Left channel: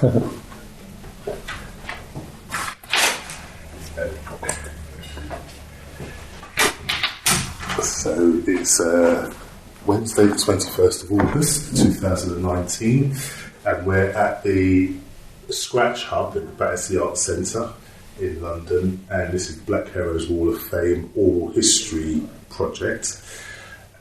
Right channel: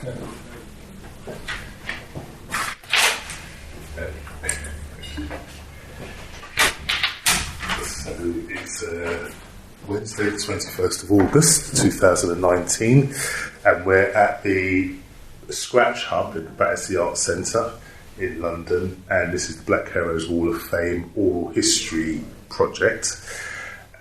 So it's Wednesday the 21st of August 2019, and we're at the Scratch Hub at the Battersea Arts Centre in London, and this is Black Heroes Wall of Fame Oral History Project.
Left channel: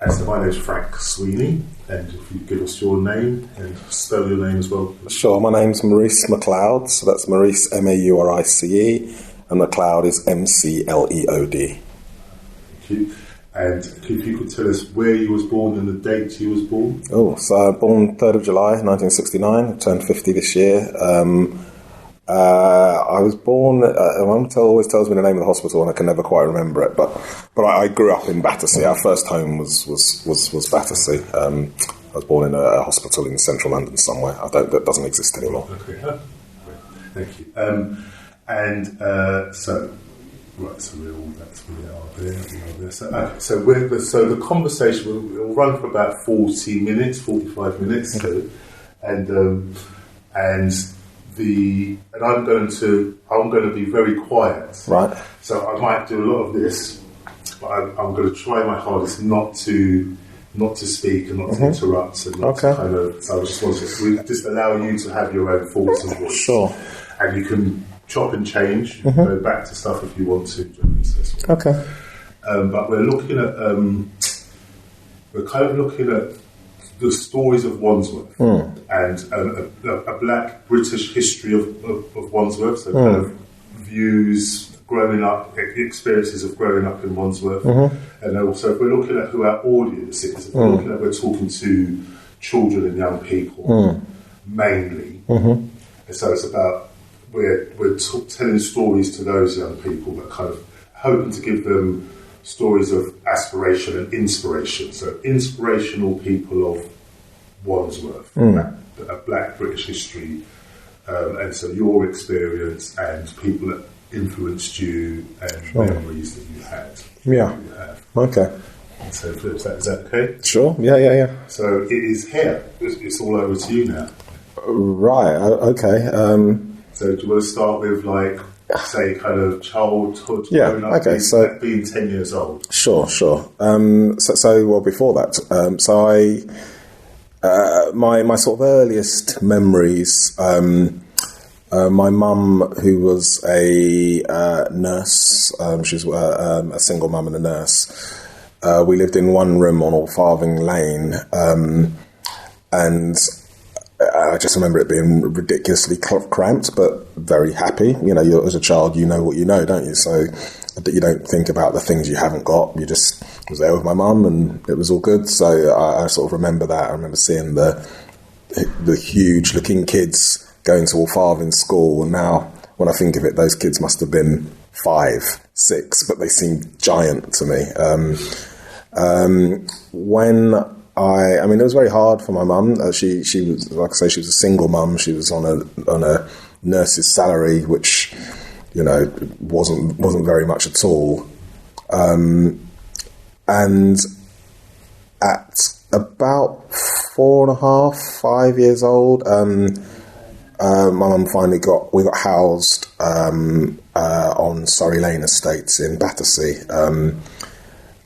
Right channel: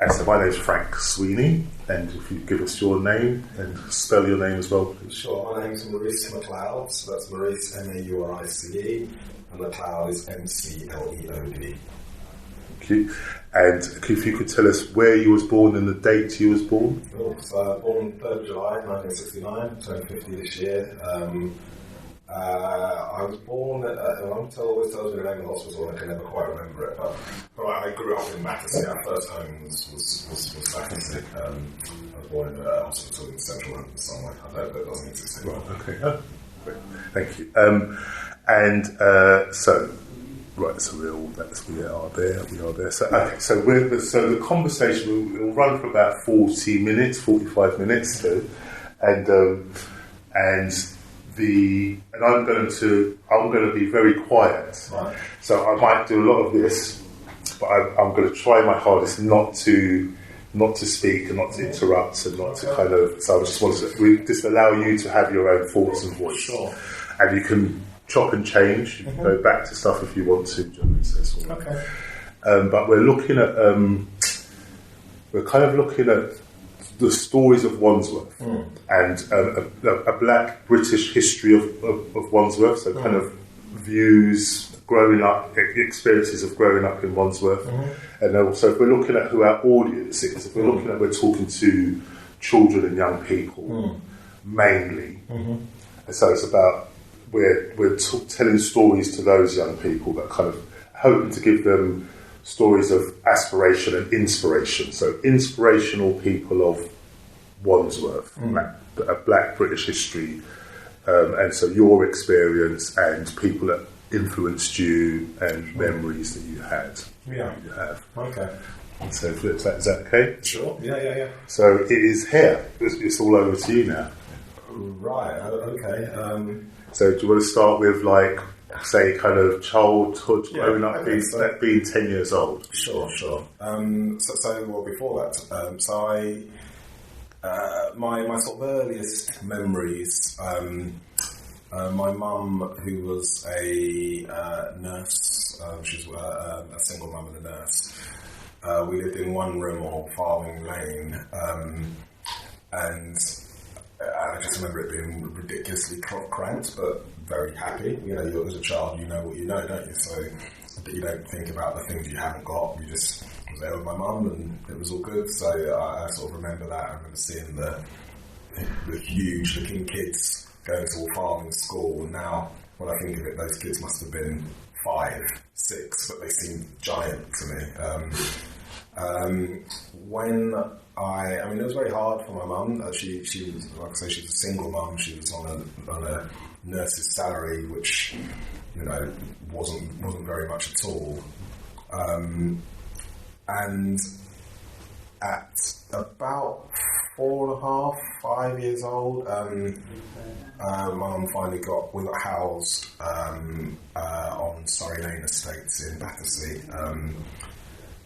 And so my name is Frank Sweeney, and if you give us your name and spell your name as well. Sure, my name's Maurice McLeod, so that's Maurice Maurice, and McLeod is McLeod. Thank you. And if you could tell us where you was born and the date you was born. Oh, so I was born 3rd of July 1969, I turned 50 this year. I was born, my mum always tells me the name of the hospital and I can never quite remember it, but I grew up in Battersea. Our first home was Battersea. I was born in a hospital in central London somewhere. That doesn't exist anymore. Okay, thank you. So we are there. So the conversation will run for about 45 minutes, and I'm going to be very quiet. Right. So I might do a lot of this, but I'm going to try my hardest not to speak and not to interrupt and not to kind of. So I just want to just allow you to have your own thoughts and voice. Sure. And you can chop and change. You can go back to stuff if you want to. Okay. But we're looking at the stories of Wandsworth and a black British history of Wandsworth, so kind of views, growing up, experiences of growing up in Wandsworth, and also if we're looking at who our audience is, if we're talking to children and young people mainly, and so it's about we're telling stories to those young people, but kind of hoping to give them stories of aspiration and inspiration. So inspirational people of Wandsworth, a black British history, and so your experience and people that influenced you and memories that you had. Yeah. You have. Okay. So is that okay? Sure. Yeah. So it is here. It's all over to you now. Right. Okay. So do you want to start with, like, say, kind of childhood, growing up, being 10 years old? Sure. So before that, my sort of earliest memories, my mum, who was a nurse, she was a single mum and a nurse, we lived in one room on Allfarthing Lane, and I just remember it being ridiculously cramped, but very happy. You know, as a child, you know what you know, don't you? So you don't think about the things you haven't got. You just was there with my mum, and it was all good. So I sort of remember that. I remember seeing the huge-looking kids going to Allfarthing School, and now when I think of it, those kids must have been 5, 6, but they seemed giant to me. I mean, it was very hard for my mum. She was, like I say, she was a single mum. She was on a nurse's salary, which, you know, wasn't very much at all. And at about 4.5, 5 years old, my mum we got housed on Surrey Lane Estates in Battersea,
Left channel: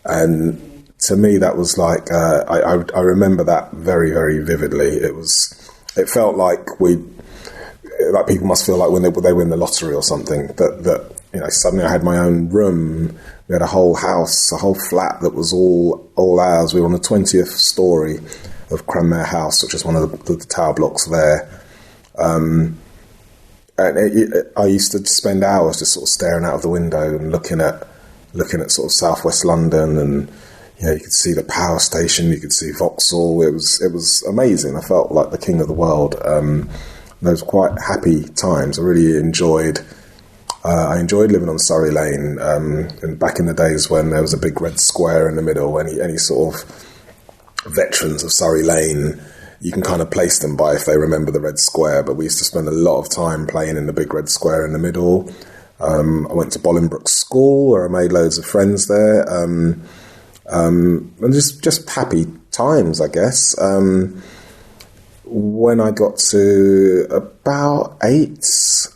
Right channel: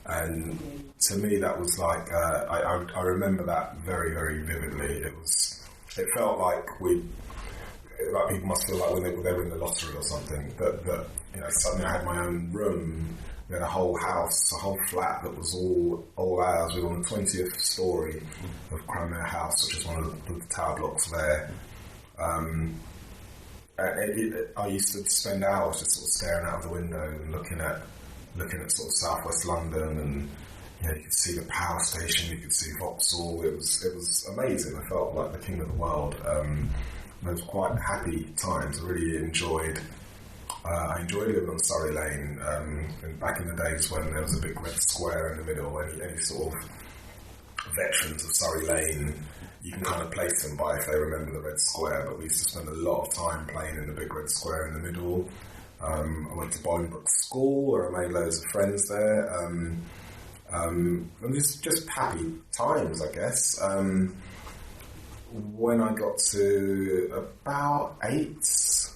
and to me, that was like I remember that very, very vividly. It felt like people must feel like when they win the lottery or something. That you know, suddenly I had my own room. We had a whole house, a whole flat that was all ours. We were on the 20th story of Cranmere House, which is one of the tower blocks there. And I used to spend hours just sort of staring out of the window and looking at sort of southwest London, and you know, you could see the power station, you could see Vauxhall. It was amazing. I felt like the king of the world. Those were quite happy times. I really enjoyed living on Surrey Lane. And back in the days when there was a big red square in the middle, any sort of veterans of Surrey Lane, you can kind of place them by if they remember the red square. But we used to spend a lot of time playing in the big red square in the middle. I went to Bolingbroke School, where I made loads of friends there. And just happy times, I guess. when I got to about 8,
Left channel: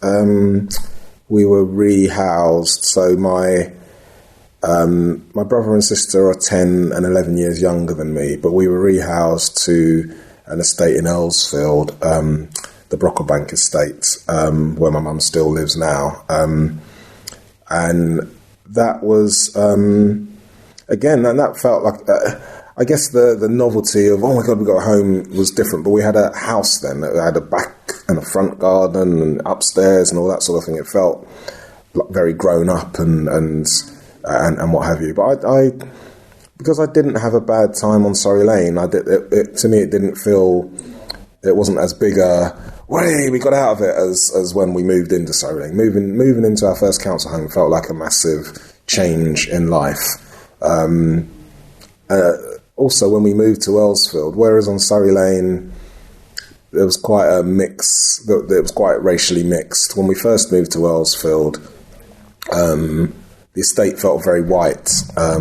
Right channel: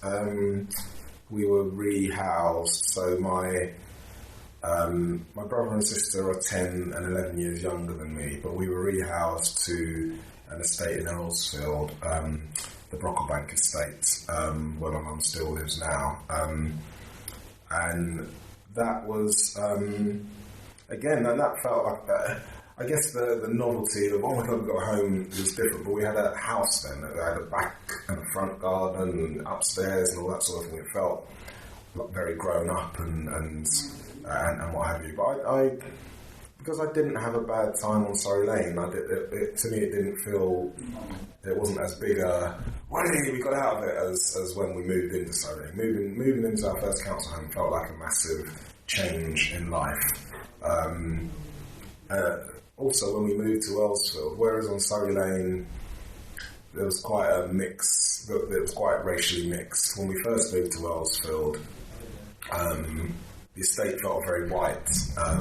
we were rehoused. So my brother and sister are 10 and 11 years younger than me, but we were rehoused to an estate in Earlsfield, the Brocklebank estate, where my mum still lives now. And that was, again, and that felt like, I guess the novelty of, oh my God, we got home was different, but we had a house then. It had a back and a front garden and upstairs and all that sort of thing. It felt like very grown up and what have you. But I because I didn't have a bad time on Surrey Lane, to me it didn't feel, it wasn't as big a, way we got out of it as when we moved into Surrey Lane. Moving into our first council home felt like a massive change in life. Also, when we moved to Earlsfield, whereas on Surrey Lane there was quite a mix, it was quite racially mixed. When we first moved to Earlsfield, the estate felt very white. I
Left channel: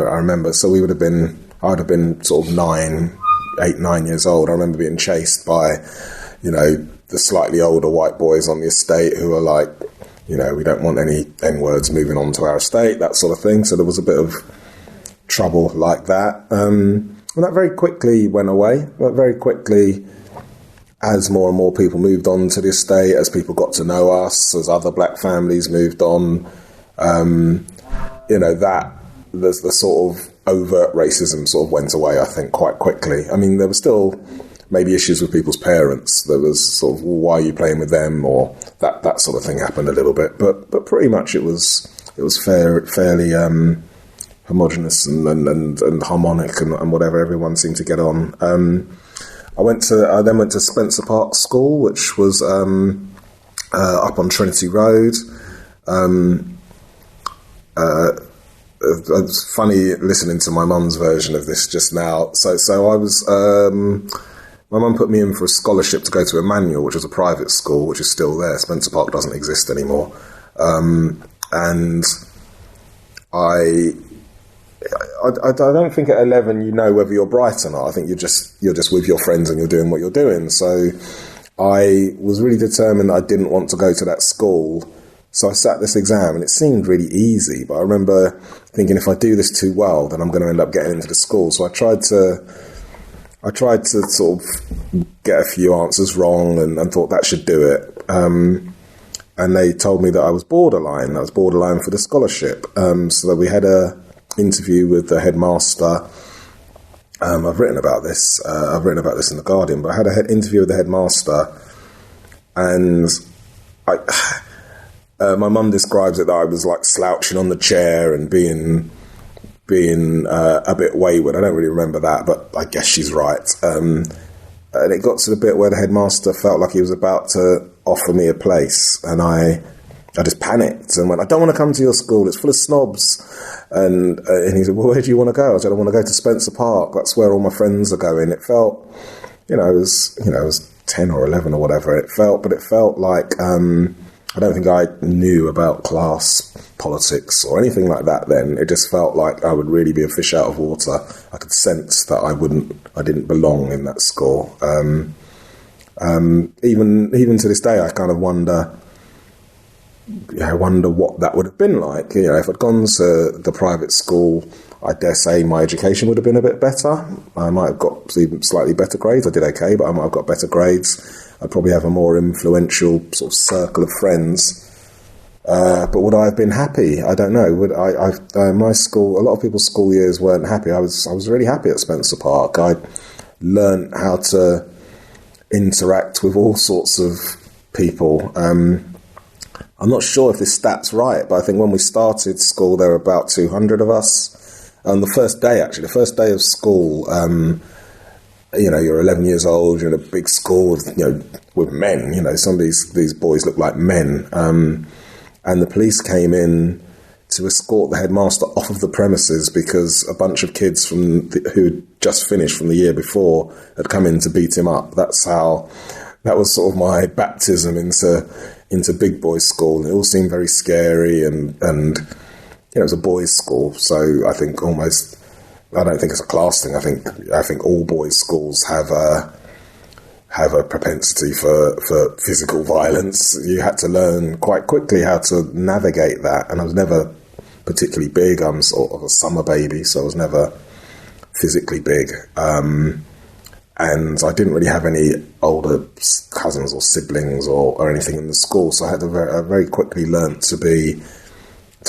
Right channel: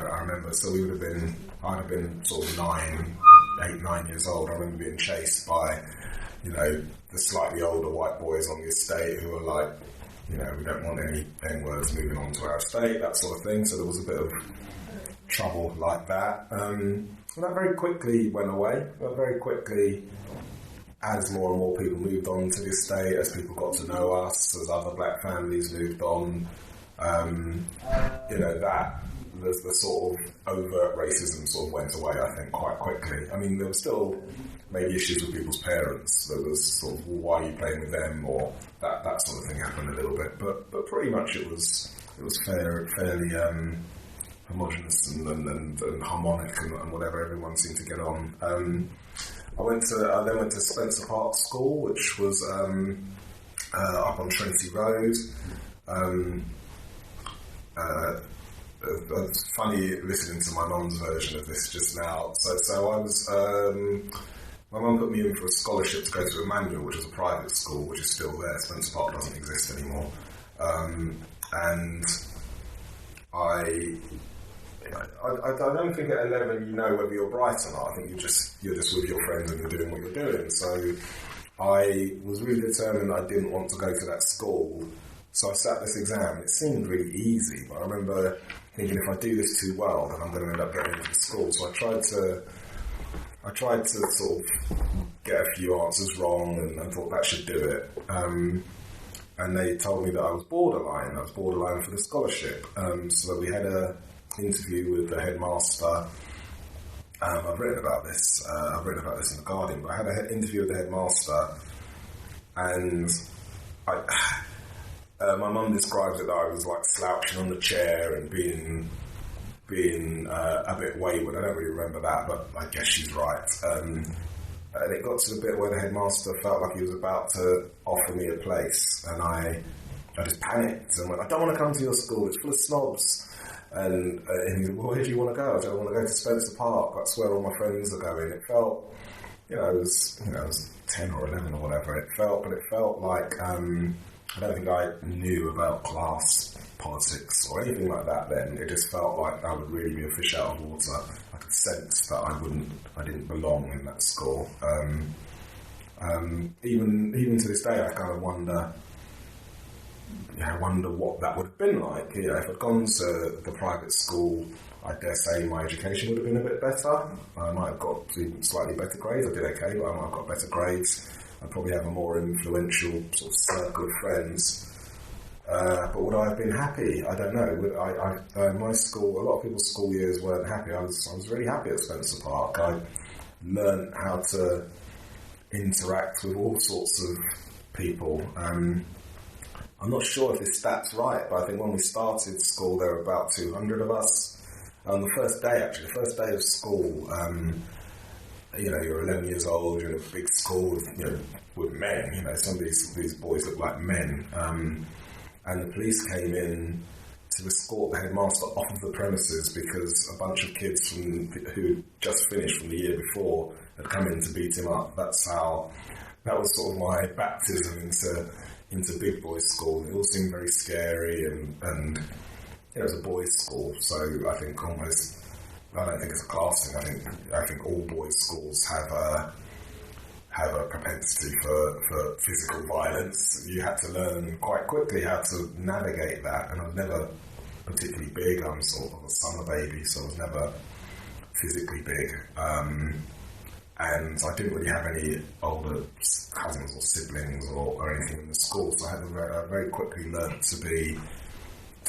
remember, so I'd have been sort of 8, 9 years old. I remember being chased by, the slightly older white boys on the estate who were like, we don't want any N-words moving on to our estate, that sort of thing. So there was a bit of trouble like that. And that very quickly went away. But very quickly, as more and more people moved on to the estate, as people got to know us, as other black families moved on, the sort of overt racism sort of went away, I think, quite quickly. I mean, there were still maybe issues with people's parents. There was sort of, why are you playing with them? Or that sort of thing happened a little bit. But pretty much it was fairly homogenous and harmonic and whatever. Everyone seemed to get on. I then went to Spencer Park School, which was up on Trinity Road. It's funny listening to my mum's version of this just now. So I was, my mum put me in for a scholarship to go to Emmanuel, which was a private school, which is still there. Spencer Park doesn't exist anymore. And I don't think at 11 you know whether you're bright or not. I think you're just with your friends and you're doing what you're doing. So I was really determined that I didn't want to go to that school. So I sat this exam and it seemed really easy, but I remember thinking if I do this too well, then I'm going to end up getting into the school. So I tried to sort of get a few answers wrong and thought that should do it. And they told me that I was borderline for the scholarship. So that we had a interview with the headmaster. I've written about this in The Guardian, but I had an interview with the headmaster, and my mum describes it that I was like slouching on the chair and being a bit wayward. I don't really remember that, but I guess she's right. And it got to the bit where the headmaster felt like he was about to offer me a place, and I just panicked and went, I don't want to come to your school, it's full of snobs. And he said, well, where do you want to go? I said, I want to go to Spencer Park. That's where all my friends are going. It felt, it was 10 or 11 or whatever. It felt like, I don't think I knew about class politics or anything like that then. It just felt like I would really be a fish out of water. I could sense that I didn't belong in that school. Even to this day, I kind of wonder what that would have been like. If I'd gone to the private school, I dare say my education would have been a bit better. I might have got even slightly better grades. I did okay, but I might have got better grades. I'd probably have a more influential sort of circle of friends. But would I have been happy? I don't know. My school, a lot of people's school years weren't happy. I was really happy at Spencer Park. I learned how to interact with all sorts of people. I'm not sure if this stat's right, but I think when we started school, there were about 200 of us. On the first day of school, you're 11 years old, you're in a big school with men, some of these boys look like men. And the police came in to escort the headmaster off of the premises because a bunch of kids who had just finished from the year before had come in to beat him up. That was sort of my baptism into big boys school. It all seemed very scary and it was a boys' school, so I think I don't think it's a class thing. I think all boys' schools have have a propensity for physical violence. You had to learn quite quickly how to navigate that. And I was never particularly big. I'm sort of a summer baby, so I was never physically big. And I didn't really have any older cousins or siblings or anything in the school, so I had to very quickly learn to be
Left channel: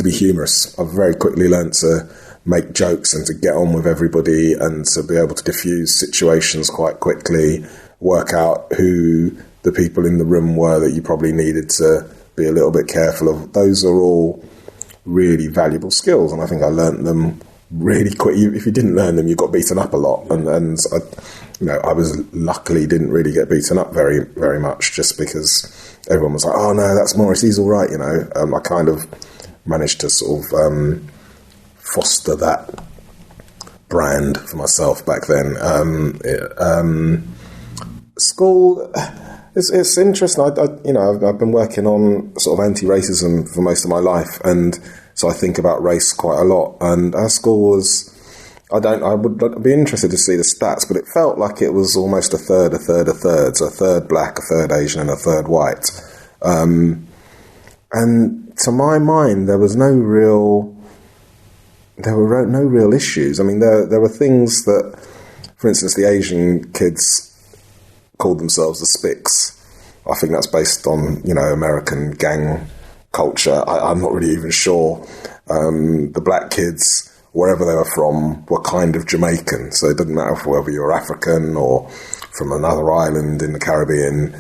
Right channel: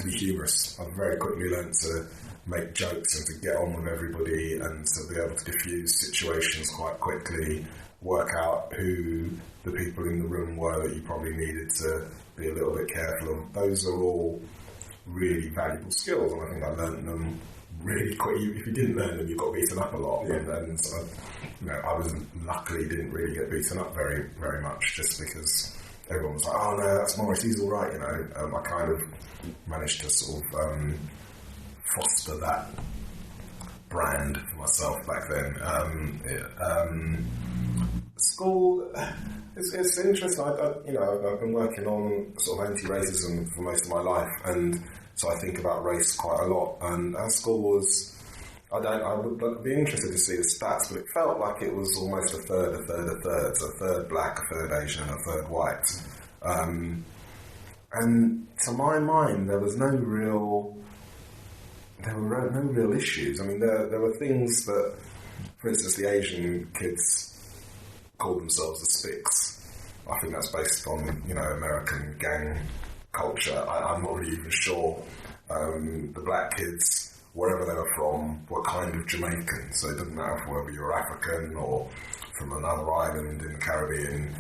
humorous. I very quickly learned to make jokes and to get on with everybody and to be able to diffuse situations quite quickly, work out who the people in the room were that you probably needed to be a little bit careful of. Those are all really valuable skills, and I think I learnt them really quick. If you didn't learn them, you got beaten up a lot. Yeah. And I was luckily didn't really get beaten up very, very much, just because everyone was like, oh no, that's Maurice, he's all right, I kind of managed to sort of foster that brand for myself back then. School, it's interesting. I've been working on sort of anti-racism for most of my life, and so I think about race quite a lot. And our school was, I would be interested to see the stats, but it felt like it was almost a third. So a third black, a third Asian, and a third white. And to my mind, there were no real issues. I mean, there were things that, for instance, the Asian kids called themselves the Spics. I think that's based on, American gang culture. I'm not really even sure. The black kids, wherever they were from, were kind of Jamaican. So it didn't matter whether you were African or from another island in the Caribbean.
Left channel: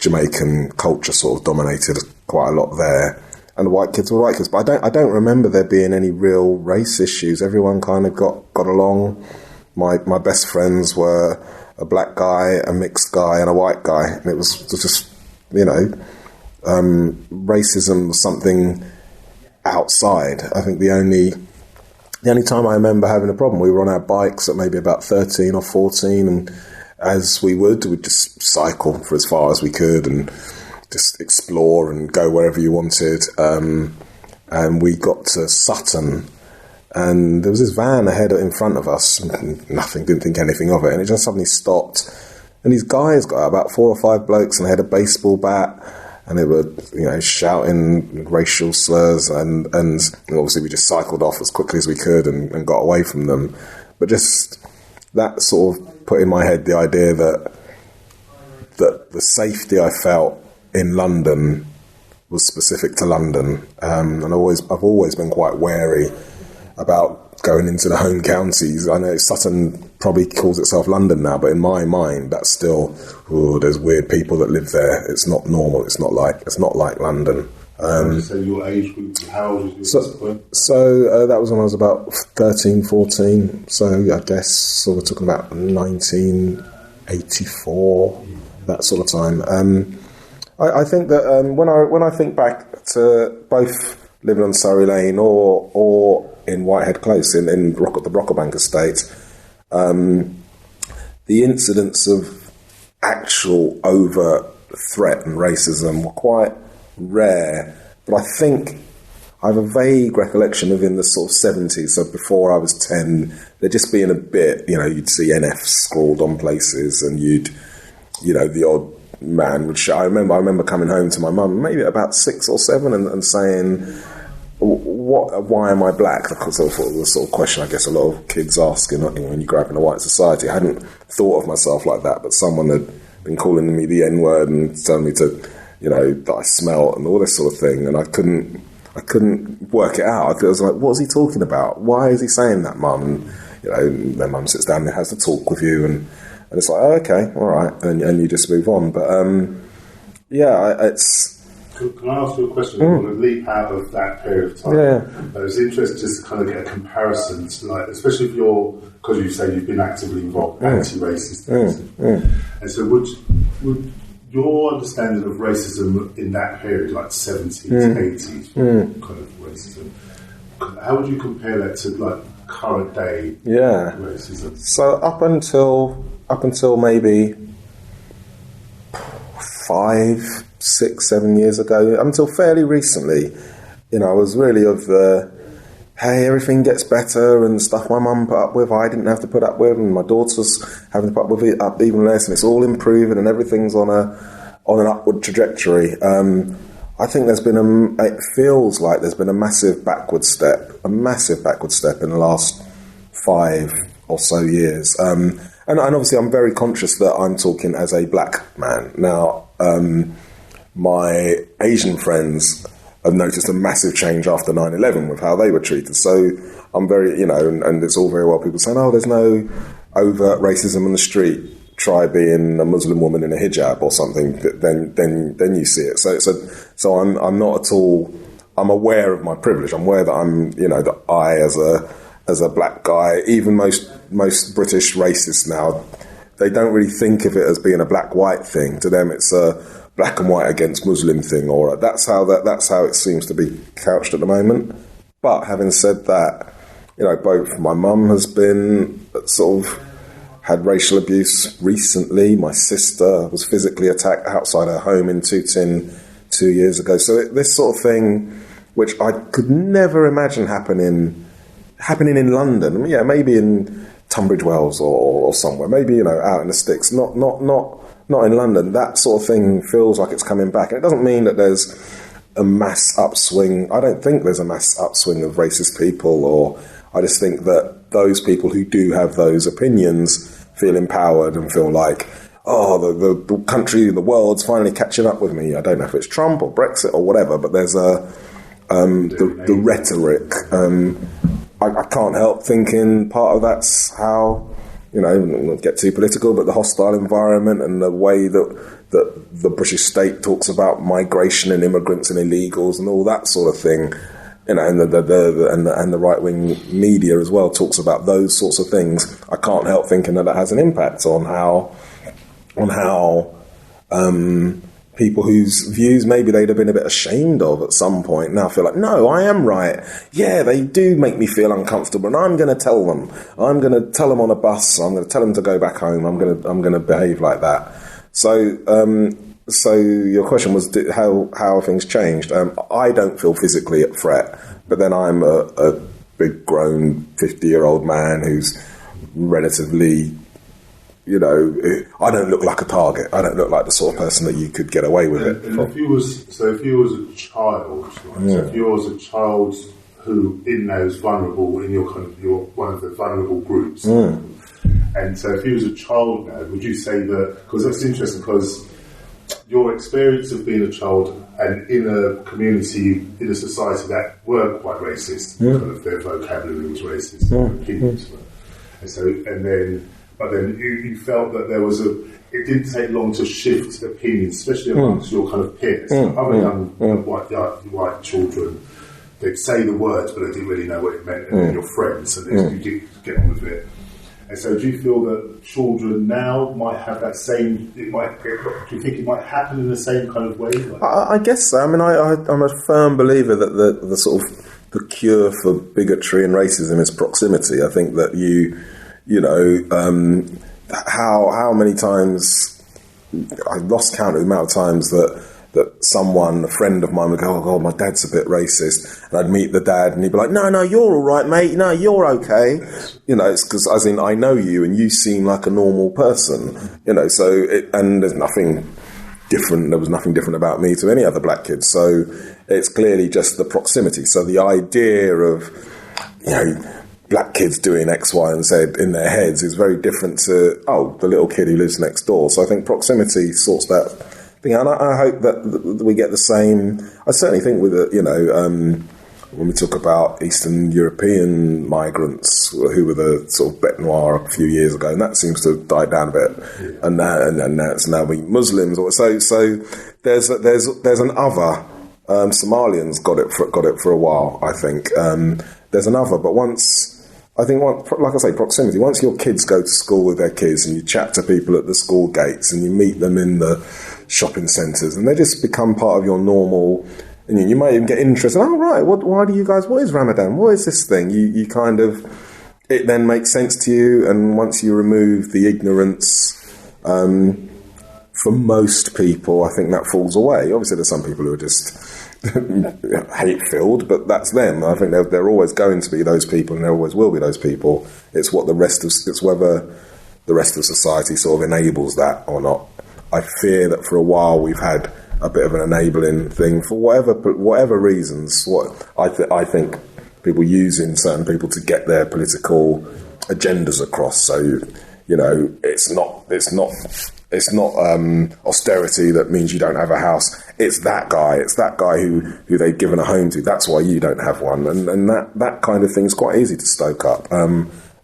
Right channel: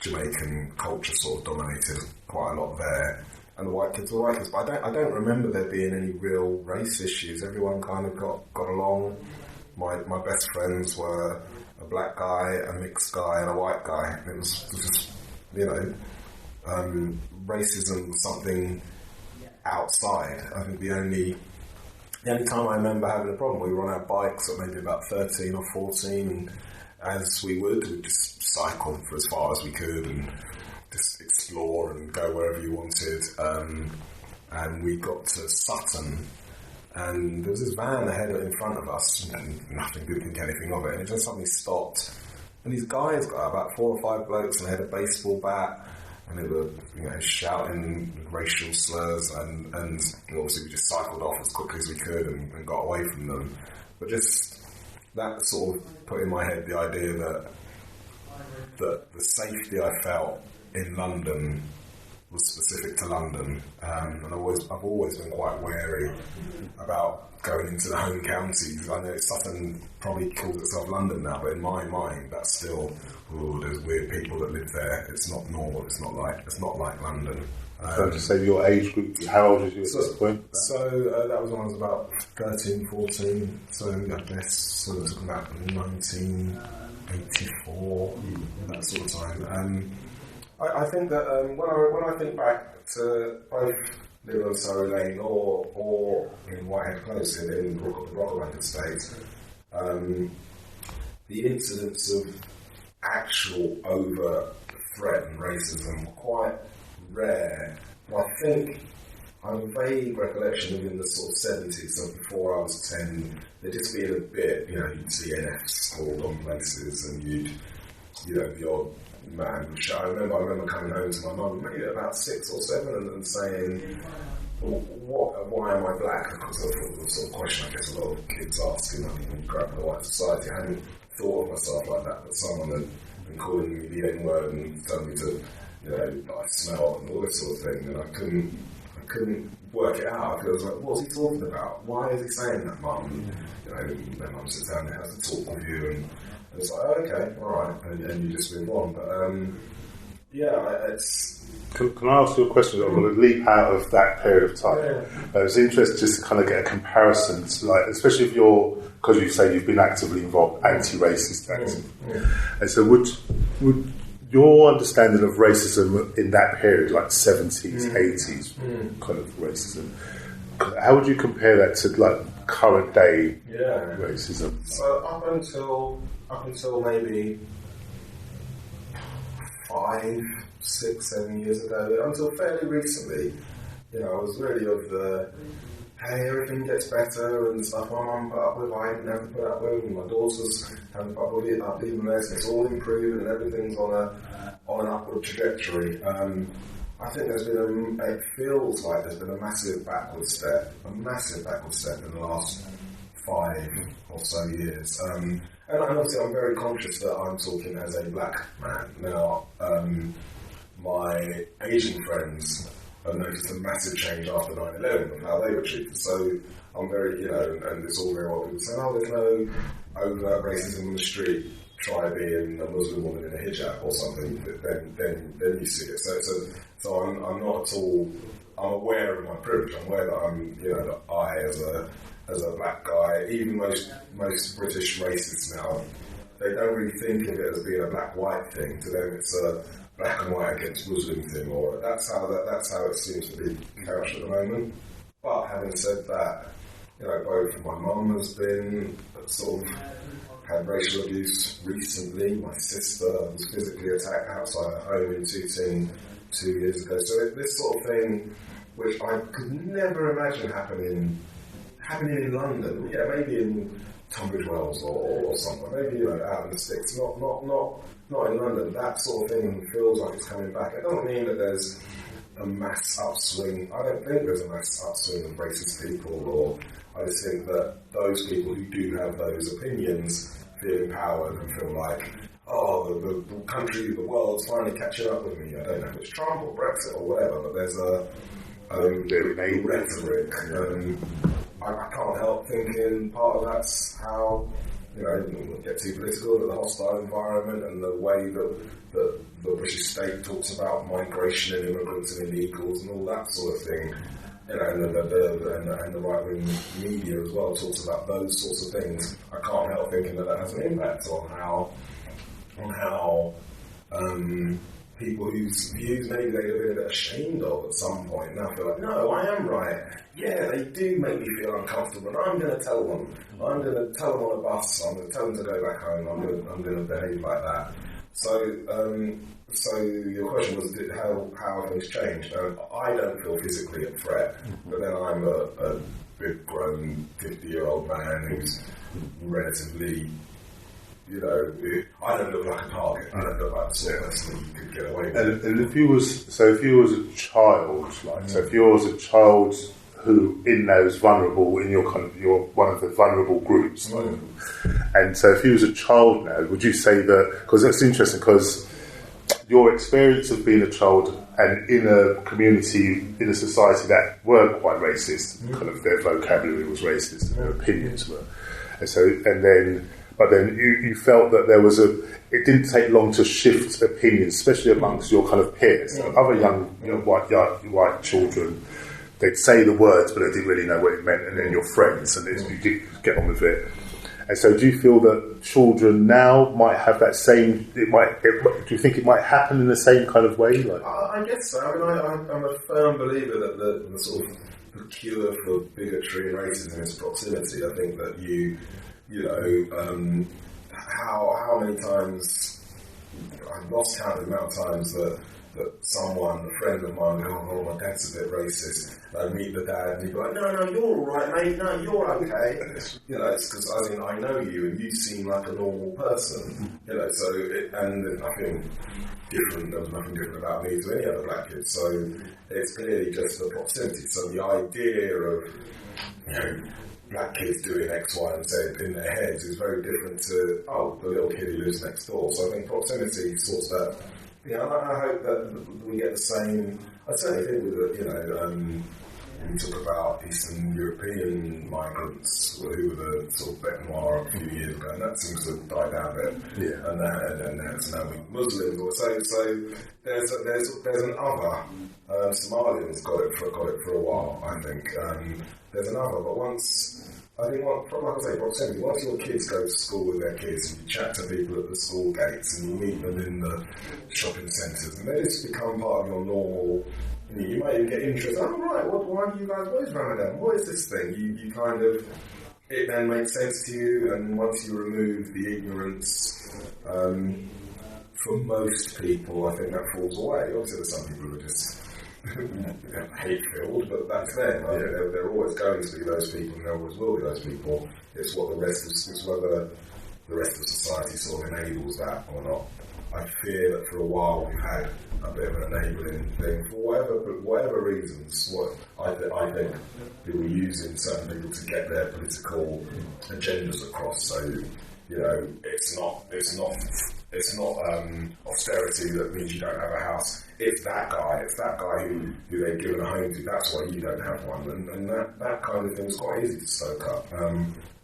Jamaican culture sort of dominated quite a lot there. And the white kids were white kids. But I don't remember there being any real race issues. Everyone kind of got along. My best friends were a black guy, a mixed guy, and a white guy. And it was just, racism was something outside. I think the only time I remember having a problem, we were on our bikes at maybe about 13 or 14, and as we'd just cycle for as far as we could and just explore and go wherever you wanted. And we got to Sutton, and there was this van ahead in front of us. Didn't think anything of it, and it just suddenly stopped. And these guys got out, about 4 or 5 blokes, and they had a baseball bat, and they were, shouting racial slurs, and obviously we just cycled off as quickly as we could and got away from them. But just that sort of put in my head the idea that the safety I felt in London was specific to London, and I've always been quite wary about going into the home counties. I know Sutton probably calls itself London now, but in my mind, that's still, there's weird people that live there. It's not normal. It's not like London. Would you say your age group? How old was you at this point? So that was when I was about 13, 14. So I guess we're talking about 1984, that sort of time. I think that when I think back to both living on Surrey Lane or in Whitehead Close in the Brocklebank estate, the incidents of actual overt threat and racism were quite rare. But I think I have a vague recollection of in the sort of 70s, so before I was 10, there just being a bit, you'd see NF scrawled on places, and the odd man would shout. I remember coming home to my mum, maybe about 6 or 7, and saying, why am I black? Because I thought it was the sort of question I guess a lot of kids ask when you grow up in a white society. I hadn't thought of myself like that, but someone had been calling me the N-word and telling me to, that I smell and all this sort of thing, and I couldn't work it out. I was like, what's he talking about? Why is he saying that, Mum? And, their mum sits down and has to talk with you, and it's like, oh, okay, all right, and you just move on. But it's. Can I ask you a question? I want to leap out of that period of time. Yeah. It was interesting just to kind of get a comparison, especially if because you say you've been actively involved, anti-racist. And so would your understanding of racism in that period, like 70s, 80s, kind of racism, how would you compare that to current day racism? So up until maybe 5, 6, 7 years ago, until fairly recently, I was really of the hey, everything gets better and stuff my mum put up with, I didn't have to put up with, and my daughter was having to put up with it up even less, and it's all improving and everything's on an upward trajectory. I think it feels like there's been a massive backward step in the last 5 or so years. And obviously I'm very conscious that I'm talking as a black man. Now, my Asian friends have noticed a massive change after 9/11 with how they were treated. So I'm very, and it's all very well people saying, oh, there's no overt racism in the street. Try being a Muslim woman in a hijab or something, then you see it. So I'm not at all. I'm aware of my privilege. I'm aware that that I as a black guy, even most British racists now, they don't really think of it as being a black-white thing. To them, it's a black and white against Muslim thing, or that's how it seems to be couched at the moment. But having said that, both my mum has been sort of had racial abuse recently. My sister was physically attacked outside her home in Tooting 2 years ago. So this sort of thing, which I could never imagine happening in London. Yeah, maybe in Tunbridge Wells or somewhere. Maybe out in the sticks. Not in London. That sort of thing feels like it's coming back. And it doesn't mean that there's a mass upswing. I don't think there's a mass upswing of racist people, or I just think that those people who do have those opinions feel empowered and feel like, the country, the world's finally catching up with me. I don't know if it's Trump or Brexit or whatever, but there's the rhetoric. I can't help thinking part of that's how, not get too political, but the hostile environment and the way that the British state talks about migration and immigrants and illegals and all that sort of thing. And the right-wing media as well talks about those sorts of things. I can't help thinking that has an impact on how people whose views maybe they'd have been a bit ashamed of at some point now feel like, no, I am right. Yeah, they do make me feel uncomfortable, and I'm going to tell them. I'm going to tell them on a bus. I'm going to tell them to go back home. I'm going to behave like that. So your question was how have things changed? I don't feel physically at threat, but then I'm a big grown 50-year-old man who's relatively, I don't look like a target. I don't look like the sort of person that you could get away with it. And if you was a child, so if you was a child who in those vulnerable, in your one of the vulnerable groups, and so if you was a child now, would you say that? Because that's interesting because your experience of being a child and in a community, in a society that were quite racist, kind of their vocabulary was racist, their opinions were, but then you felt that it didn't take long to shift opinions, especially amongst your kind of peers, other young white children. They'd say the words, but they didn't really know what it meant, and then your friends, and you did get on with it. And so do you feel that children now might have that same, do you think it might happen in the same kind of way? I guess so. I mean, I'm a firm believer that the sort of the cure for bigotry and racism is proximity. I think that how many times, I've lost count of the amount of times that someone, a friend of mine, would go, oh God, my dad's a bit racist. And I'd meet the dad and he'd be like, no, you're all right, mate. No, you're okay. It's because, as in, I know you and you seem like a normal person. And there's nothing different. There was nothing different about me to any other black kid. So it's clearly just the proximity. So the idea of, black kids doing X, Y, and Z in their heads is very different to, the little kid who lives next door. So I think proximity sorts that thing out. And I hope that we get the same. I certainly think with when we talk about Eastern European migrants who were the sort of bête noire a few years ago, and that seems to have died down a bit. Yeah. And now it's now we Muslims. So there's an other. Somalians got it for a while. I think there's another, but like I say, proximity. Once your kids go to school with their kids, and you chat to people at the school gates, and you meet them in the shopping centres, and they just become part of your normal. And you might even get interested. Oh right, why do you guys? What is Ramadan? What is this thing? You kind of, it then makes sense to you. And once you remove the ignorance, for most people, I think that falls away. Obviously, there's some people who are just hate-filled, but that's them. I think they're always going to be those people, and there always will be those people. It's whether the rest of society sort of enables that or not. I fear that for a while we've had a bit of an enabling thing for whatever reasons. I think people using certain people to get their political agendas across. So, it's not austerity that means you don't have a house. It's that guy who they've given a home to. That's why you don't have one. And that kind of thing is quite easy to stoke up.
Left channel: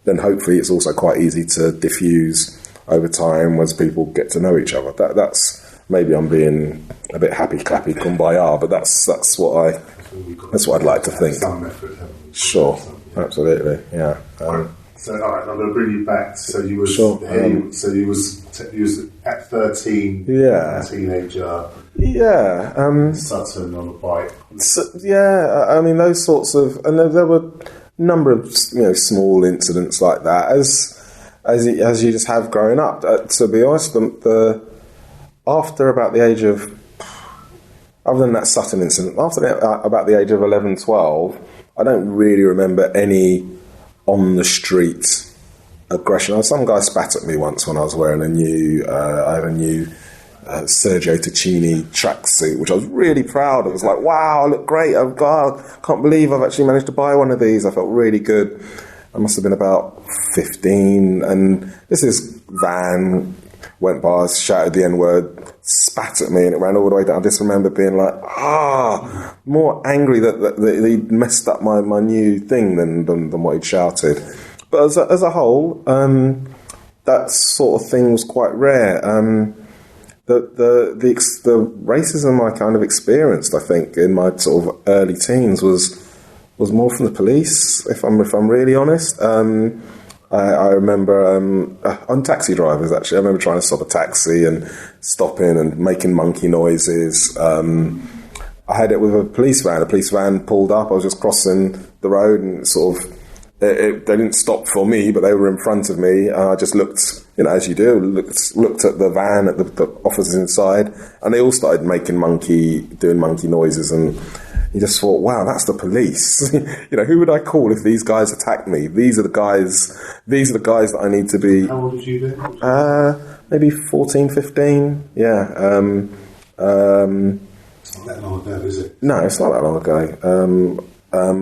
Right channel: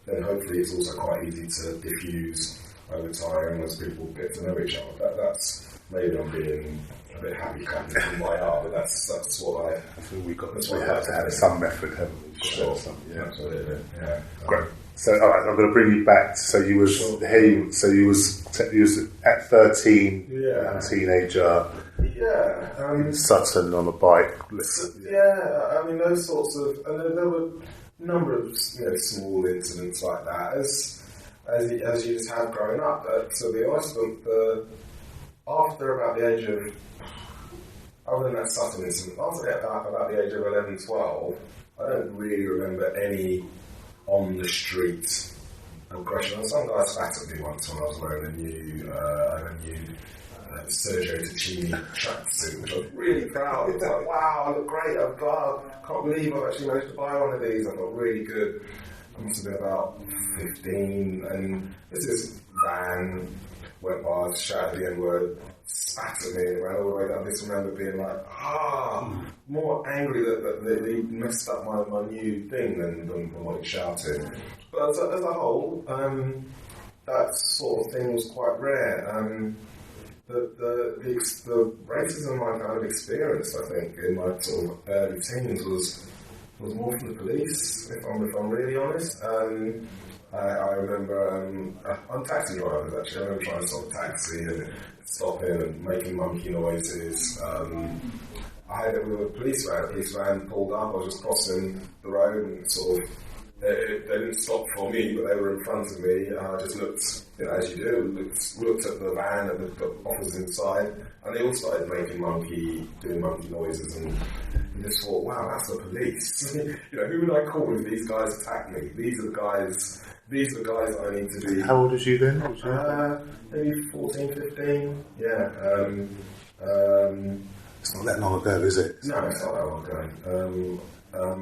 Then hopefully it's also quite easy to diffuse over time as people get to know each other. That's maybe I'm being a bit happy clappy kumbaya, but that's what I'd like to think. Some method, haven't we? Sure, absolutely, yeah. So, all right, I'm going to bring you back. So you was so you was at 13, a teenager. Yeah, Sutton on a bike. I mean those sorts of, and there were a number of small incidents like that as you just have growing up. To be honest, after about the age of, other than that Sutton incident, about the age of 11, 12, I don't really remember any on the street aggression. Some guy spat at me once when I was wearing a new Sergio Tacchini tracksuit, which I was really proud of. It was like, wow, I look great. Oh God, can't believe I've actually managed to buy one of these. I felt really good. I must have been about 15, and this van went by, shouted the N-word, spat at me, and it ran all the way down. I just remember being like, more angry that he'd messed up my new thing than what he'd shouted. But as a whole, that sort of thing was quite rare. The racism I kind of experienced, I think, in my sort of early teens was more from the police, if I'm really honest. I remember on taxi drivers, actually. I remember trying to stop a taxi and stopping and making monkey noises. I had it with a police van. A police van pulled up. I was just crossing the road and sort of, they didn't stop for me, but they were in front of me. And I just looked, as you do, looked at the van, at the officers inside, and they all started doing monkey noises, and you just thought, wow, that's the police. Who would I call if these guys attacked me? These are the guys that I need to be. How old was you then? Maybe 14, 15. Yeah. It's not that long ago, is it? No, it's not that long ago.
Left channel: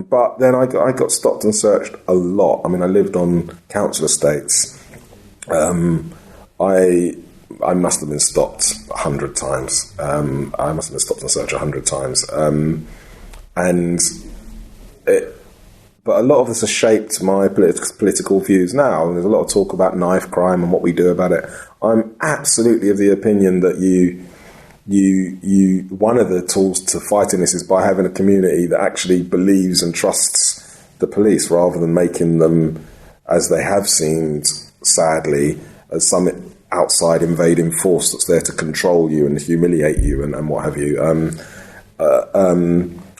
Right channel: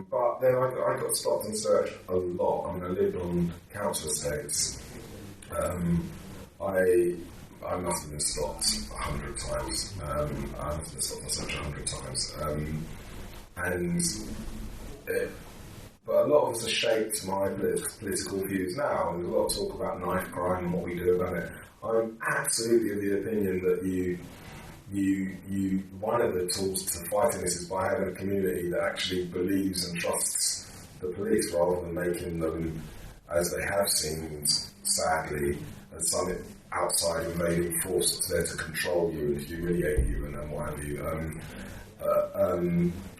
But then I got stopped and searched a lot. I mean, I lived on council estates. I must have been stopped 100 times. I must have been stopped and searched 100 times. But a lot of this has shaped my political views now. And there's a lot of talk about knife crime and what we do about it. I'm absolutely of the opinion that one of the tools to fighting this is by having a community that actually believes and trusts the police, rather than making them, as they have seemed, sadly, as some outside invading force that's there to control you and humiliate you and what have you.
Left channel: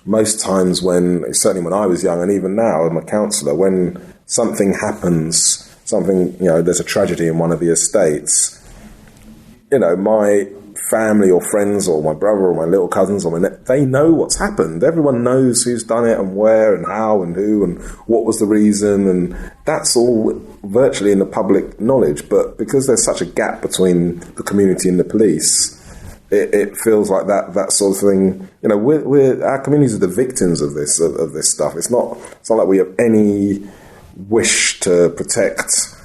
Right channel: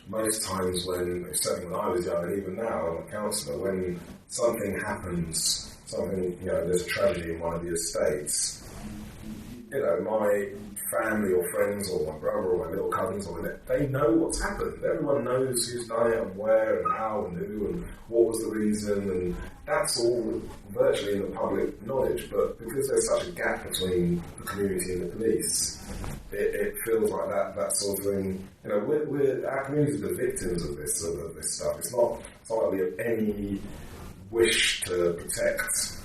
Most times certainly when I was young, and even now I'm a counsellor, when something happens, there's a tragedy in one of the estates, my family or friends or my brother or my little cousins they know what's happened. Everyone knows who's done it and where and how and who and what was the reason, and that's all virtually in the public knowledge. But because there's such a gap between the community and the police, it feels like that sort of thing. Our communities are the victims of this stuff. It's not like we have any wish to protect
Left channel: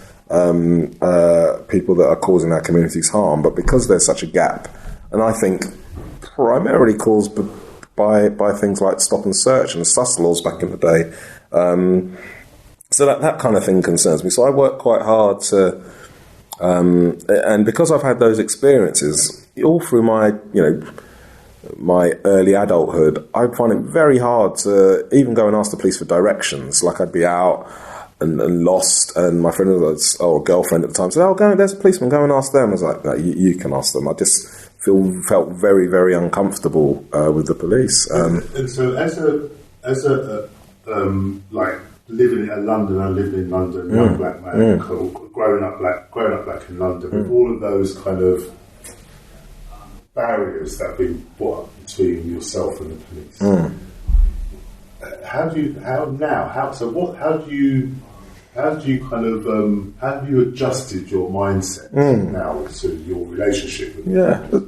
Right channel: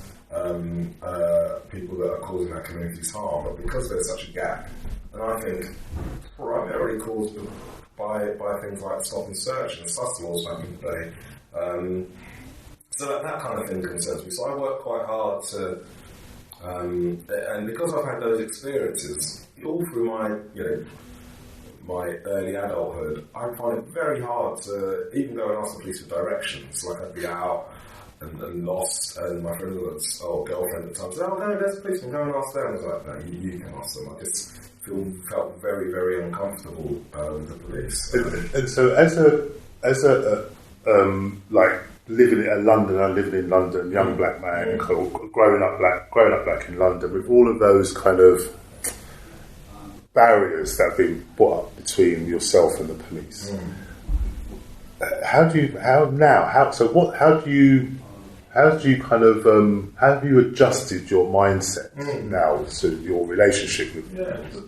people that are causing our communities harm, but because there's such a gap, and I think primarily caused by things like stop and search and sus laws back in the day, so that kind of thing concerns me. So I work quite hard to, and because I've had those experiences all through my early adulthood, I find it very hard to even go and ask the police for directions. Like, I'd be out and lost, and my friend was, girlfriend at the time, said, there's a policeman, go and ask them. I was like, no, you can ask them. I just felt very, very uncomfortable with the police. And so as a living in London, I lived in London, young black man, growing up black in London, with all of those kind of barriers that have been put up between yourself and the police. How have you adjusted your mindset now to your relationship with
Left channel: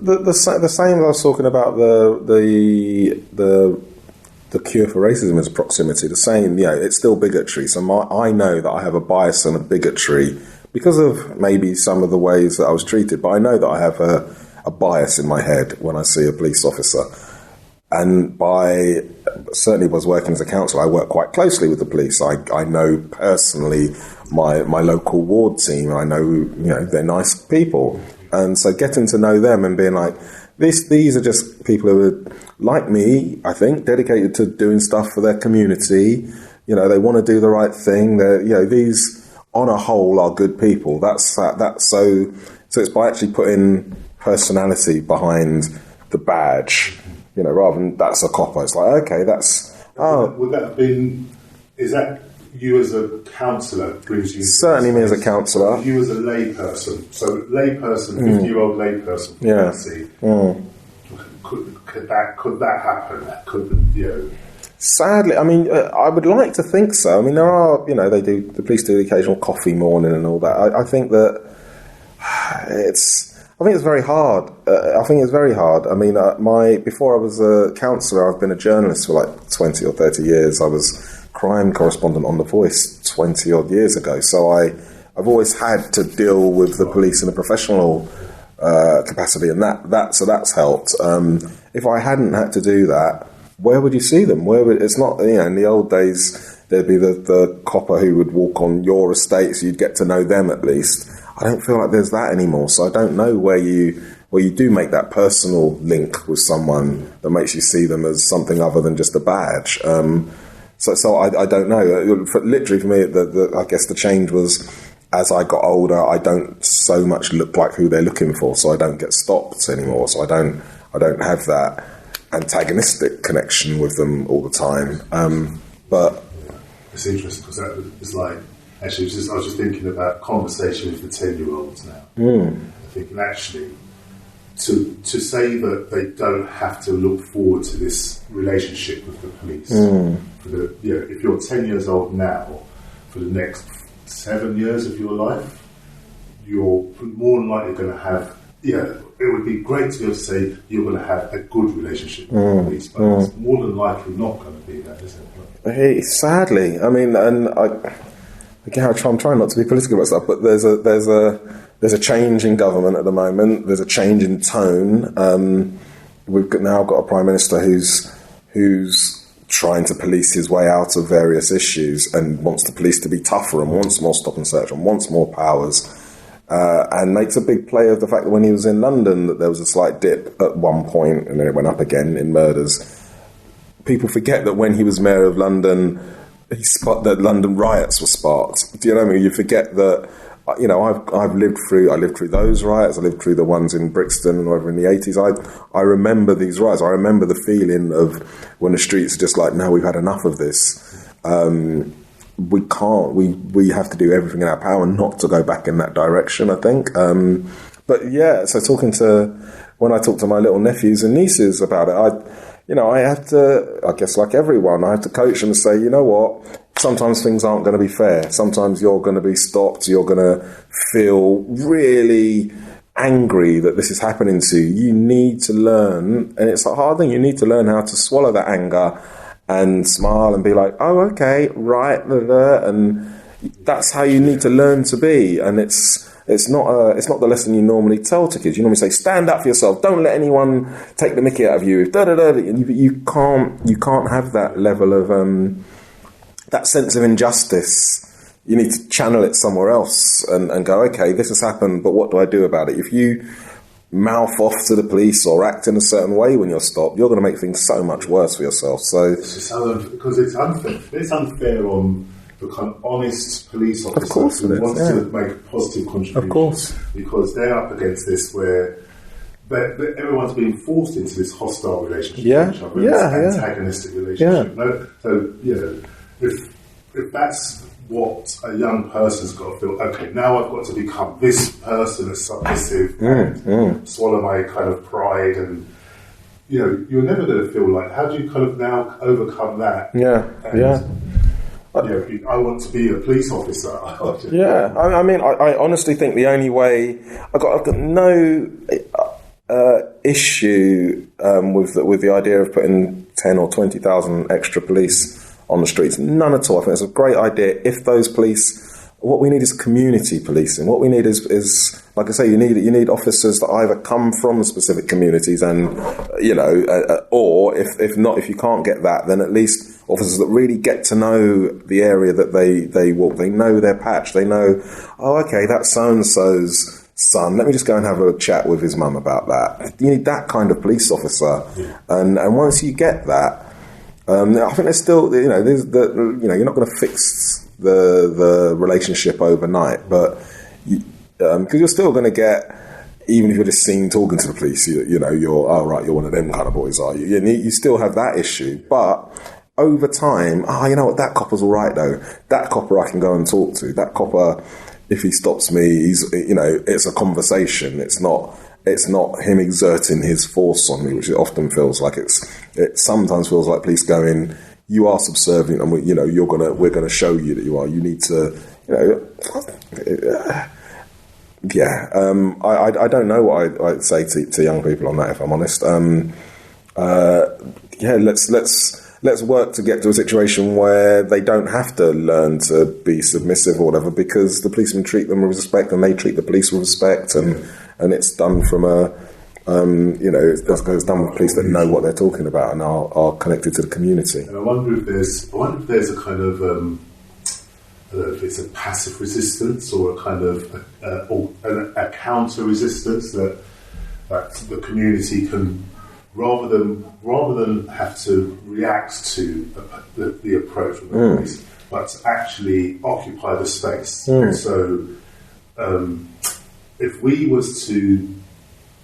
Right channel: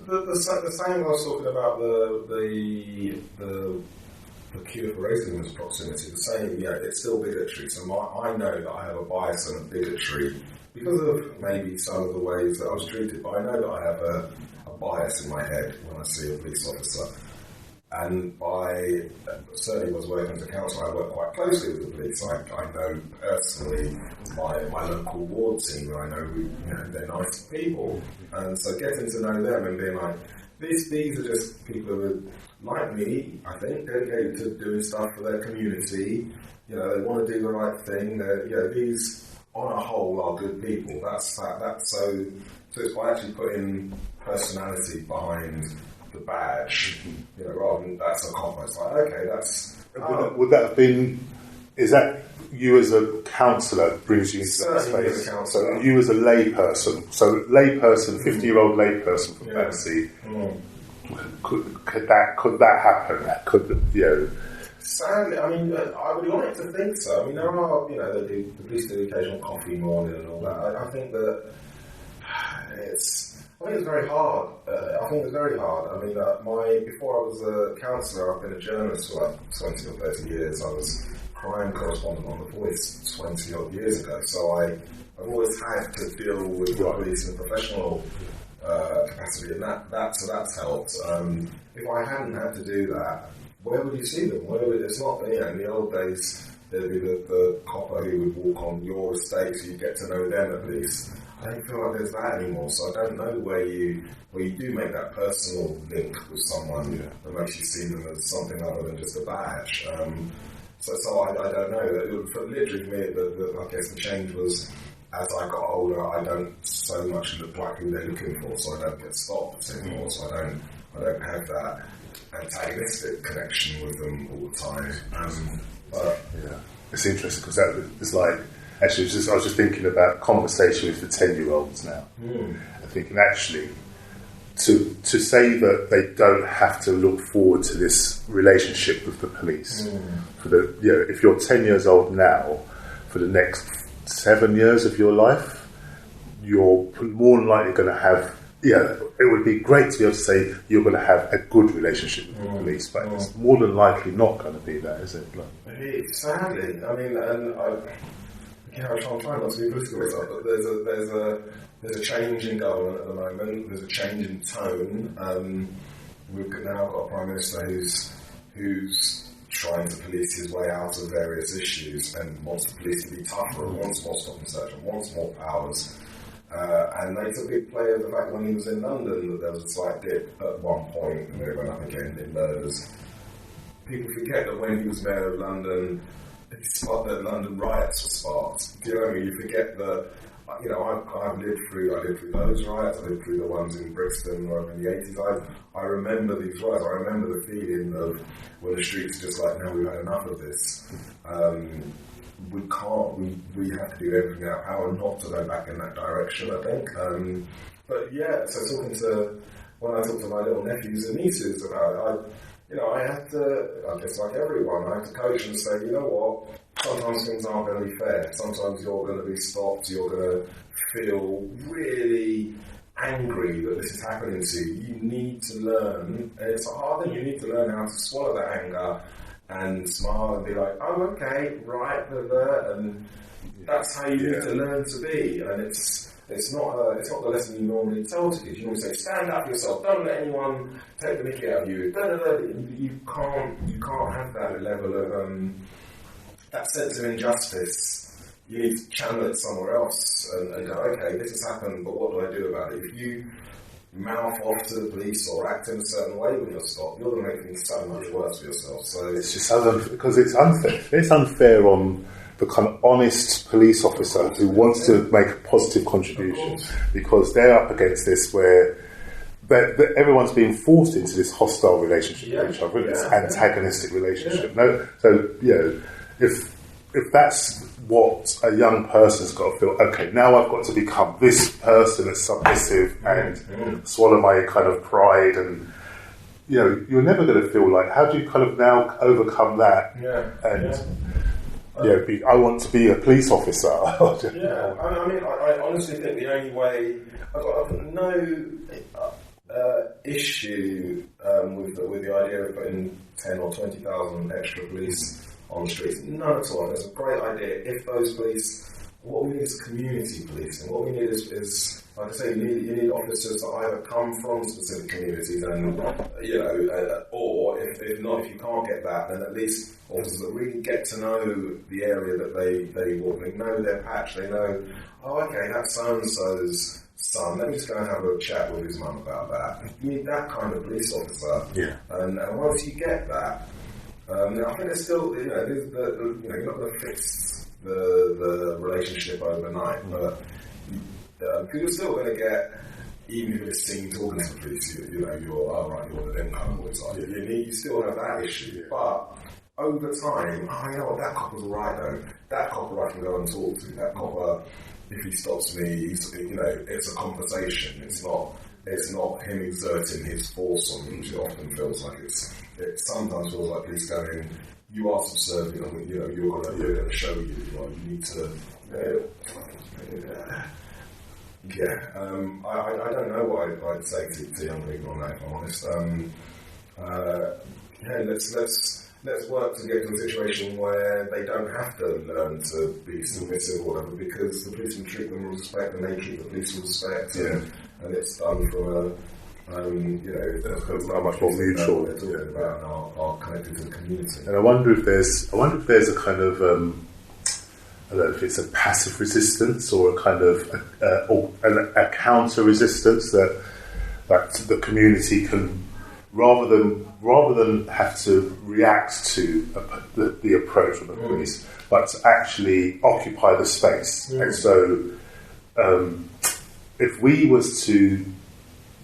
the same as I was talking about the cure for racism is proximity. The same, it's still bigotry. So I know that I have a bias and a bigotry because of maybe some of the ways that I was treated, but I know that I have a bias in my head when I see a police officer. And certainly was working as a counsellor, I work quite closely with the police. I know personally my local ward team. I know, they're nice people. And so getting to know them and being like, these are just people who are like me, I think, dedicated to doing stuff for their community. They want to do the right thing. These on a whole are good people. That's so it's by actually putting personality behind the badge, rather than that's a copper. It's like, okay, that's... Would that have been... Is that you as a counsellor brings you... Certainly me as a counsellor. You as a layperson. So layperson, 50-year-old layperson from Tennessee. Could that happen? Sadly, I mean, I would like to think so. I mean, there are, the police do the occasional coffee morning and all that. I think that it's very hard. I mean, before I was a counsellor, I've been a journalist for like 20 or 30 years. I was crime correspondent on The Voice 20 odd years ago. So I've always had to deal with the police in a professional capacity, and so that's helped. If I hadn't had to do that, where would you see them? It's not, in the old days, there'd be the copper who would walk on your estate, so you'd get to know them at least. I don't feel like there's that anymore, so I don't know where you do make that personal link with someone that makes you see them as something other than just a badge. So I don't know. Literally for me, I guess the change was as I got older, I don't so much look like who they're looking for, so I don't get stopped anymore. So I don't have that antagonistic connection with them all the time. But it's interesting because that was like. Actually, I was just thinking about conversation with the 10-year-olds now. I'm thinking, actually, to say that they don't have to look forward to this relationship with the police. If you're 10 years old now, for the next 7 years of your life, you're more than likely going to have... it would be great to be able to say you're going to have a good relationship with the police, but it's more than likely not going to be that, is it? Sadly. I mean, and Again, I'm trying not to be political about stuff, but there's a change in government at the moment. There's a change in tone. We've now got a prime minister who's trying to police his way out of various issues and wants the police to be tougher and wants more stop and search and wants more powers, and makes a big play of the fact that when he was in London that there was a slight dip at one point and then it went up again in murders. People forget that when he was mayor of London, that London riots were sparked. Do you know what I mean? You forget that, I lived through those riots. I lived through the ones in Brixton or in the 80s. I remember these riots. I remember the feeling of when the streets are just like, no, we've had enough of this. We can't. We have to do everything in our power not to go back in that direction, I think. But yeah, so when I talk to my little nephews and nieces about it, I have to, I guess like everyone, I have to coach them and say, you know what, sometimes things aren't going to be fair. Sometimes you're going to be stopped. You're going to feel really angry that this is happening to you. You need to learn, and it's a hard thing, you need to learn how to swallow that anger and smile and be like, oh, okay, right, and that's how you need to learn to be. And it's not the lesson you normally tell to kids. You normally say, stand up for yourself. Don't let anyone take the mickey out of you. You can't have that level of that sense of injustice. You need to channel it somewhere else and go, okay, this has happened, but what do I do about it? If you mouth off to the police or act in a certain way when you're stopped, you're going to make things so much worse for yourself. So it's just because it's unfair. It's unfair on the kind of honest police officer who wants to make a positive contribution, because they're up against this where everyone's being forced into this hostile relationship with each other, this antagonistic relationship. No, so if that's what a young person's got to feel. Okay, now I've got to become this person that's submissive and swallow my kind of pride, and you're never going to feel like. How do you kind of now overcome that? I want to be a police officer. I mean, I honestly think the only way I've got no issue with the idea of putting 10 or 20,000 extra police on the streets. None at all. I think it's a great idea. If those police, what we need is community policing. What we need is like I say, you need officers that either come from specific communities and or if not, if you can't get that, then at least officers that really get to know the area that they walk. They know their patch. They know, oh, okay, that's so and so's son. Let me just go and have a chat with his mum about that. You need that kind of police officer, and once you get that. I think there's still, you're not going to fix the relationship overnight, but because you're still going to get, even if you're just seen talking to the police, you're one of them kind of boys, are you? You still have that issue, but over time, you know what, that copper's all right though. That copper I can go and talk to. That copper, if he stops me, it's a conversation. It's not him exerting his force on me, which it often feels like. It sometimes feels like police going, you are subservient, and we're gonna show you that you are. You need to, I don't know what I'd say to young people on that, if I'm honest. Let's work to get to a situation where they don't have to learn to be submissive or whatever, because the policemen treat them with respect and they treat the police with respect, and it's done from it's done with police that know what they're talking about and are connected to the community. And I wonder if there's a kind of I don't know if it's a passive resistance or a kind of a counter resistance that the community can, rather than have to react to the approach of the police, but to actually occupy the space. And so, if we were to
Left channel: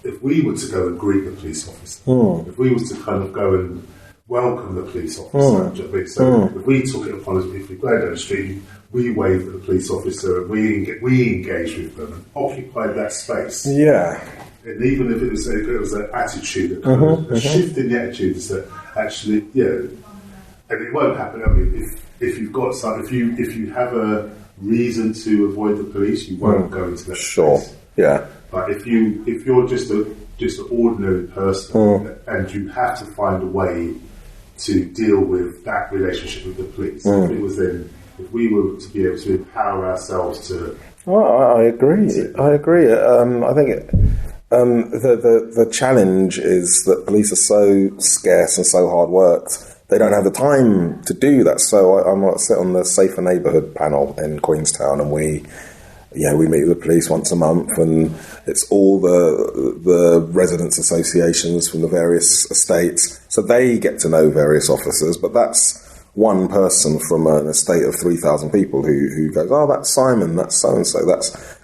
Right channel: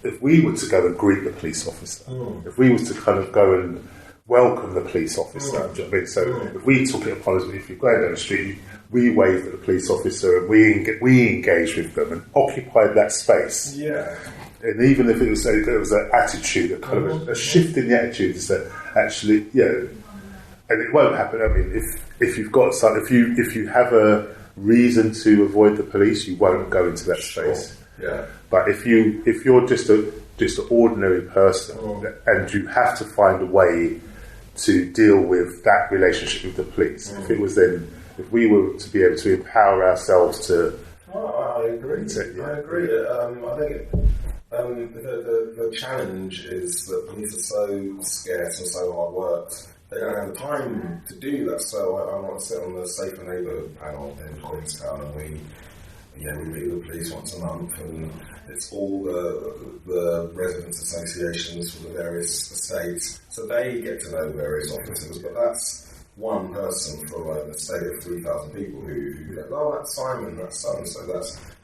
go and greet the police officer, if we was to kind of go and welcome the police officer, do you know what I mean? So if we took it upon us, if you go down the street, we wave at the police officer and we engage with them and occupied that space. Yeah. And even if it was an attitude, a kind of a shift in the attitude, is that actually, and it won't happen. I mean, if you've got if you have a reason to avoid the police, you won't go into that space. Yeah. But if you're just an ordinary person and you have to find a way to deal with that relationship with the police, if we were to be able to empower ourselves to. I agree. I think the challenge is that police are so scarce and so hard worked. They don't have the time to do that. So I sit on the Safer Neighbourhood panel in Queenstown, and we meet with the police once a month, and it's all the residents' associations from the various estates. So they get to know various officers, but that's one person from an estate of 3,000 people who goes, oh, that's Simon, that's so-and-so,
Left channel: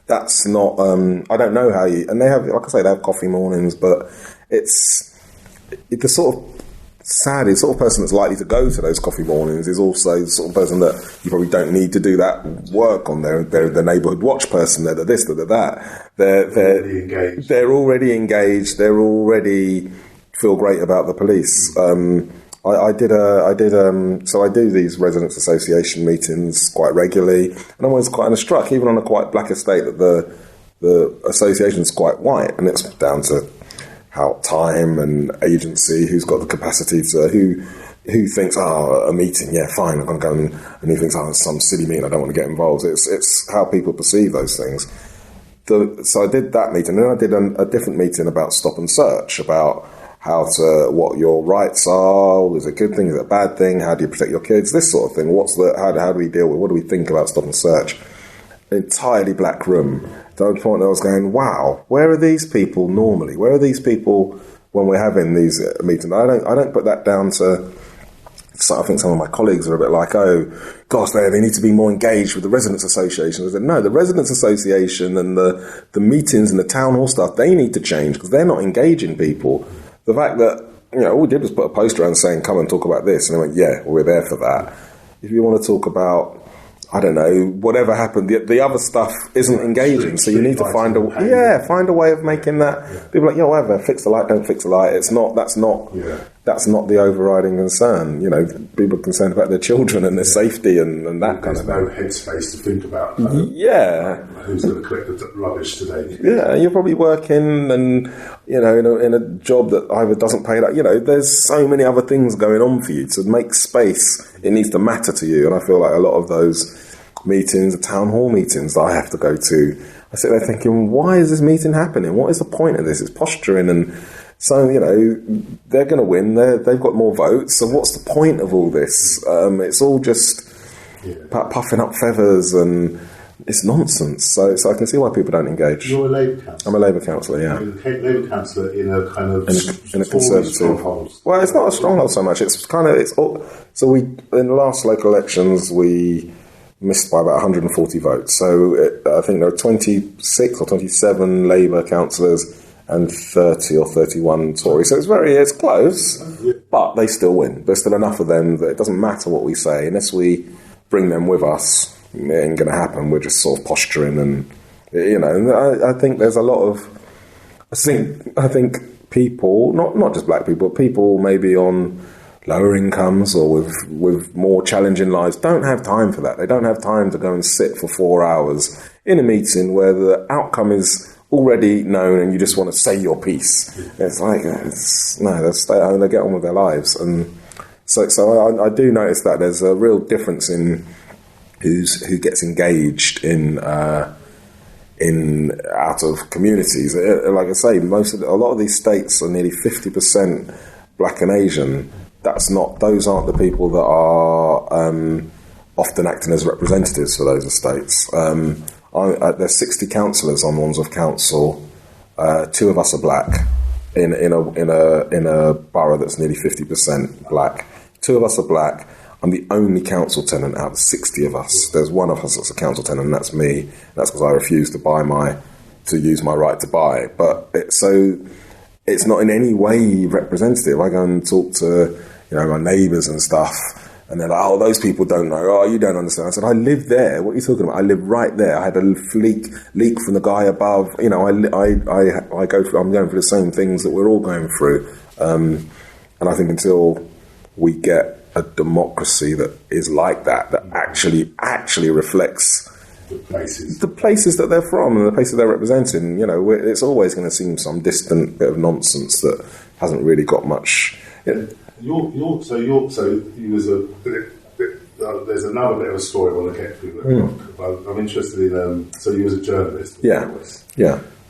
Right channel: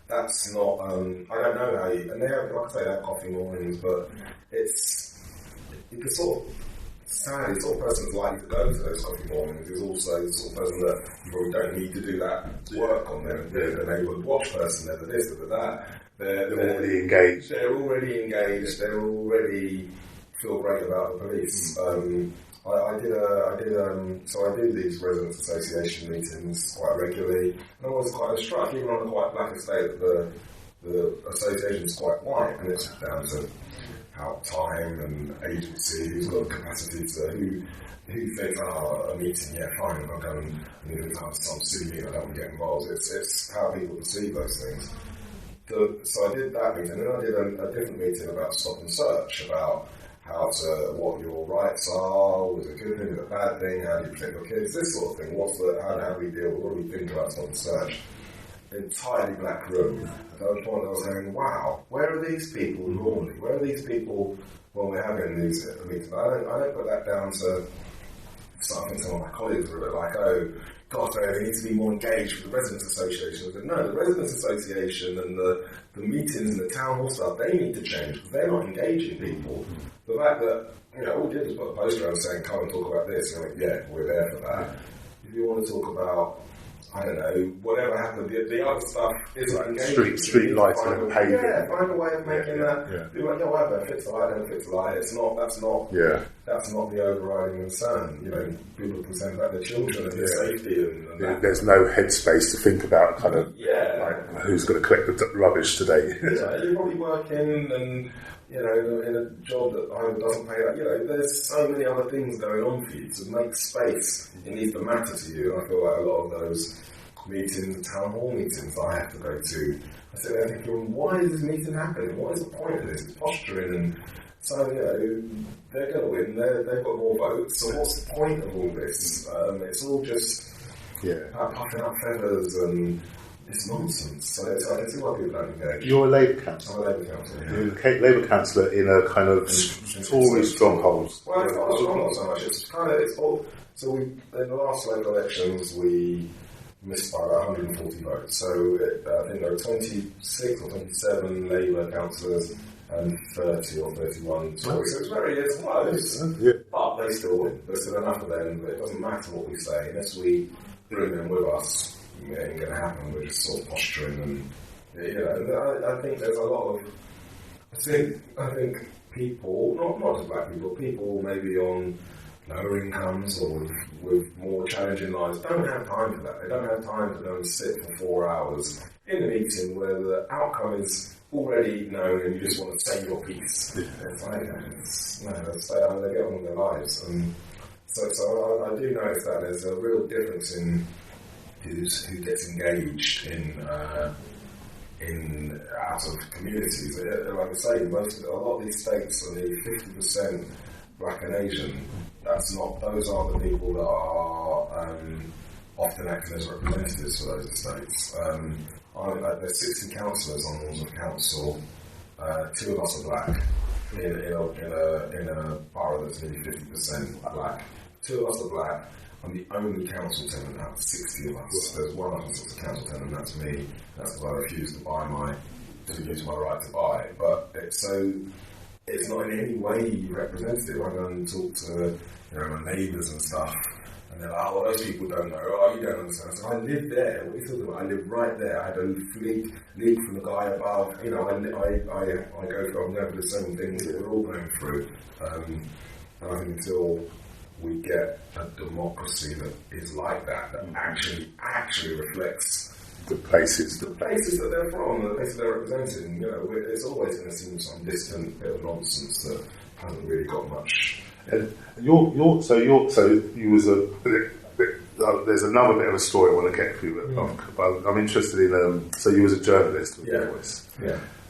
that's not, I don't know how you, and they have, like I say, they have coffee mornings, but it's the sort of sadly, the sort of person that's likely to go to those coffee mornings is also the sort of person that you probably don't need to do that work on. They're the neighbourhood watch person, they're the this, they're the that. They're already engaged. They're already engaged, they're already feel great about the police. I do these residents' association meetings quite regularly, and I'm always quite struck, even on a quite black estate, that the association's quite white, and it's down to how time and agency, who's got the capacity to, who thinks, a meeting, yeah, fine, I'm going to go, and who thinks, it's some silly meeting, I don't want to get involved. It's how people perceive those things. So I did that meeting, and then I did a different meeting about stop and search, about what your rights are, is it a good thing, is it a bad thing, how do you protect your kids, this sort of thing. How do we deal with, what do we think about stop and search? Entirely black room. To the point that I was going, wow, where are these people normally? Where are these people when we're having these meetings? I don't put that down to. So I think some of my colleagues are a bit like, oh, gosh, they need to be more engaged with the residents' association. I said, no, the residents' association and the meetings and the town hall stuff, they need to change because they're not engaging people. The fact that, all we did was put a poster around saying, come and talk about this. And they went, yeah, we're there for that. If you want to talk about I don't know, whatever happened, the other stuff isn't engaging. So you need to find a way of making that. People are like, yeah, whatever, fix the light, don't fix the light. That's not the overriding concern. You know, people are concerned about their children and their safety and that. There's no headspace to think about who's going to collect the rubbish today. Yeah, you're probably working and, you know, in a job that either doesn't pay that. You know, there's so many other things going on for you. To make space, it needs to matter to you. And I feel like a lot of those meetings, the town hall meetings that I have to go to, I sit there thinking, why is this meeting happening? What is the point of this? It's posturing, and so, you know, they're going to win. They've got more votes. So what's the point of all this? It's all just puffing up feathers, and it's nonsense. So I can see why people don't engage. You're a Labour councillor. I'm a Labour councillor, yeah. You're a Labour councillor in a kind of in a conservative stronghold. Well, it's not a stronghold so much. It's kind of so we in the last local elections we missed by about 140 votes. So I think there are 26 or 27 Labour councillors and 30 or 31 Tories. So it's close, but they still win. There's still enough of them that it doesn't matter what we say unless we bring them with us. It ain't going to happen. We're just sort of posturing, and you know. And I think there's a lot of. I think people, not just black people, but people maybe on lower incomes or with more challenging lives, don't have time for that. They don't have time to go and sit for 4 hours in a meeting where the outcome is already known and you just want to say your piece. It's like they'll stay at home, they get on with their lives, and so I do notice that there's a real difference in who gets engaged in out of communities. Like I say, a lot of these states are nearly 50% black and Asian. Those aren't the people that are often acting as representatives for those estates. There's 60 councillors on Wandsworth Council. 2 of us are black in a borough that's nearly 50% black. 2 of us are black. I'm the only council tenant out of 60 of us. There's one of us that's a council tenant, and that's me. That's because I refuse to use my right to buy. But it's not in any way representative. I go and talk to, you know, my neighbours and stuff, and they're like, "Oh, those people don't know. Oh, you don't understand." I said, "I live there. What are you talking about? I live right there. I had a leak from the guy above. You know, I'm going through the same things that we're all going through." And I think until we get a democracy that is like that actually reflects the places that they're from and the places they're representing, you know, it's always going to seem some distant bit of nonsense that hasn't really got much. You was there's another bit of a story I want to get through, but I'm interested in. So you was a journalist. Yeah.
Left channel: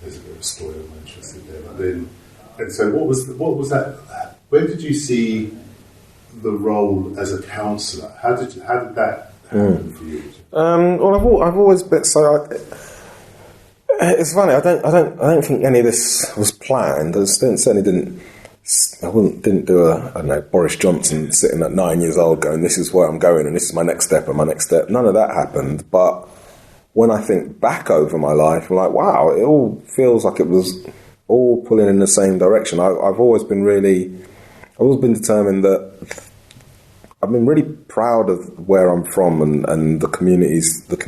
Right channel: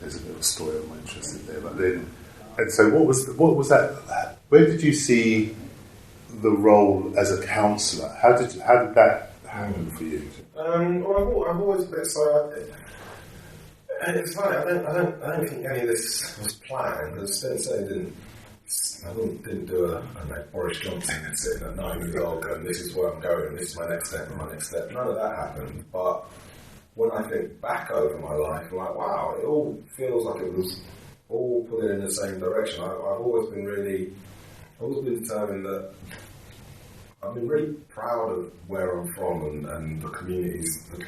There's a bit of a story I'm interested in there, but then, and so what was that? Where did you see the role as a counsellor? How did that happen for you? Well, I've always been so. It's funny. I don't think any of this was planned. I certainly didn't. I didn't do I don't know, Boris Johnson sitting at 9 years old going, "This is where I'm going, and this is my next step, and my next step." None of that happened. But when I think back over my life, I'm like, wow, it all feels like it was all pulling in the same direction. I've always been determined that I've been really proud of where I'm from and the communities that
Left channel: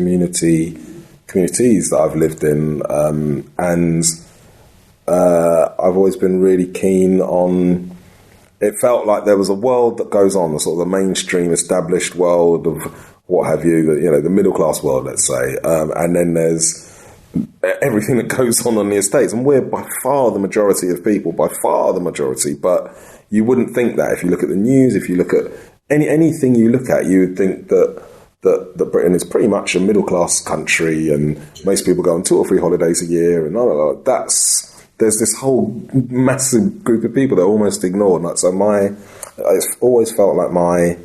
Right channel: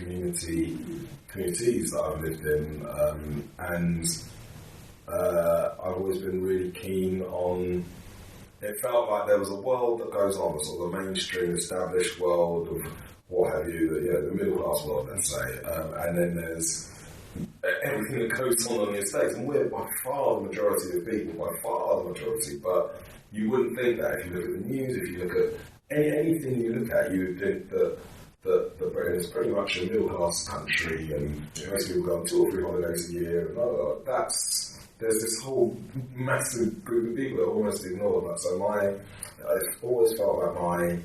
I've lived in, and I've always been really keen on. It felt like there was a world that goes on, the sort of the mainstream established world of what have you, the middle class world, let's say, and then there's everything that goes on the estates, and we're by far the majority of people, but you wouldn't think that if you look at the news, if you look at anything you look at, you would think that Britain is pretty much a middle class country, and most people go on 2 or 3 holidays a year, and there's this whole massive group of people that are almost ignored. Like, so it's always felt like my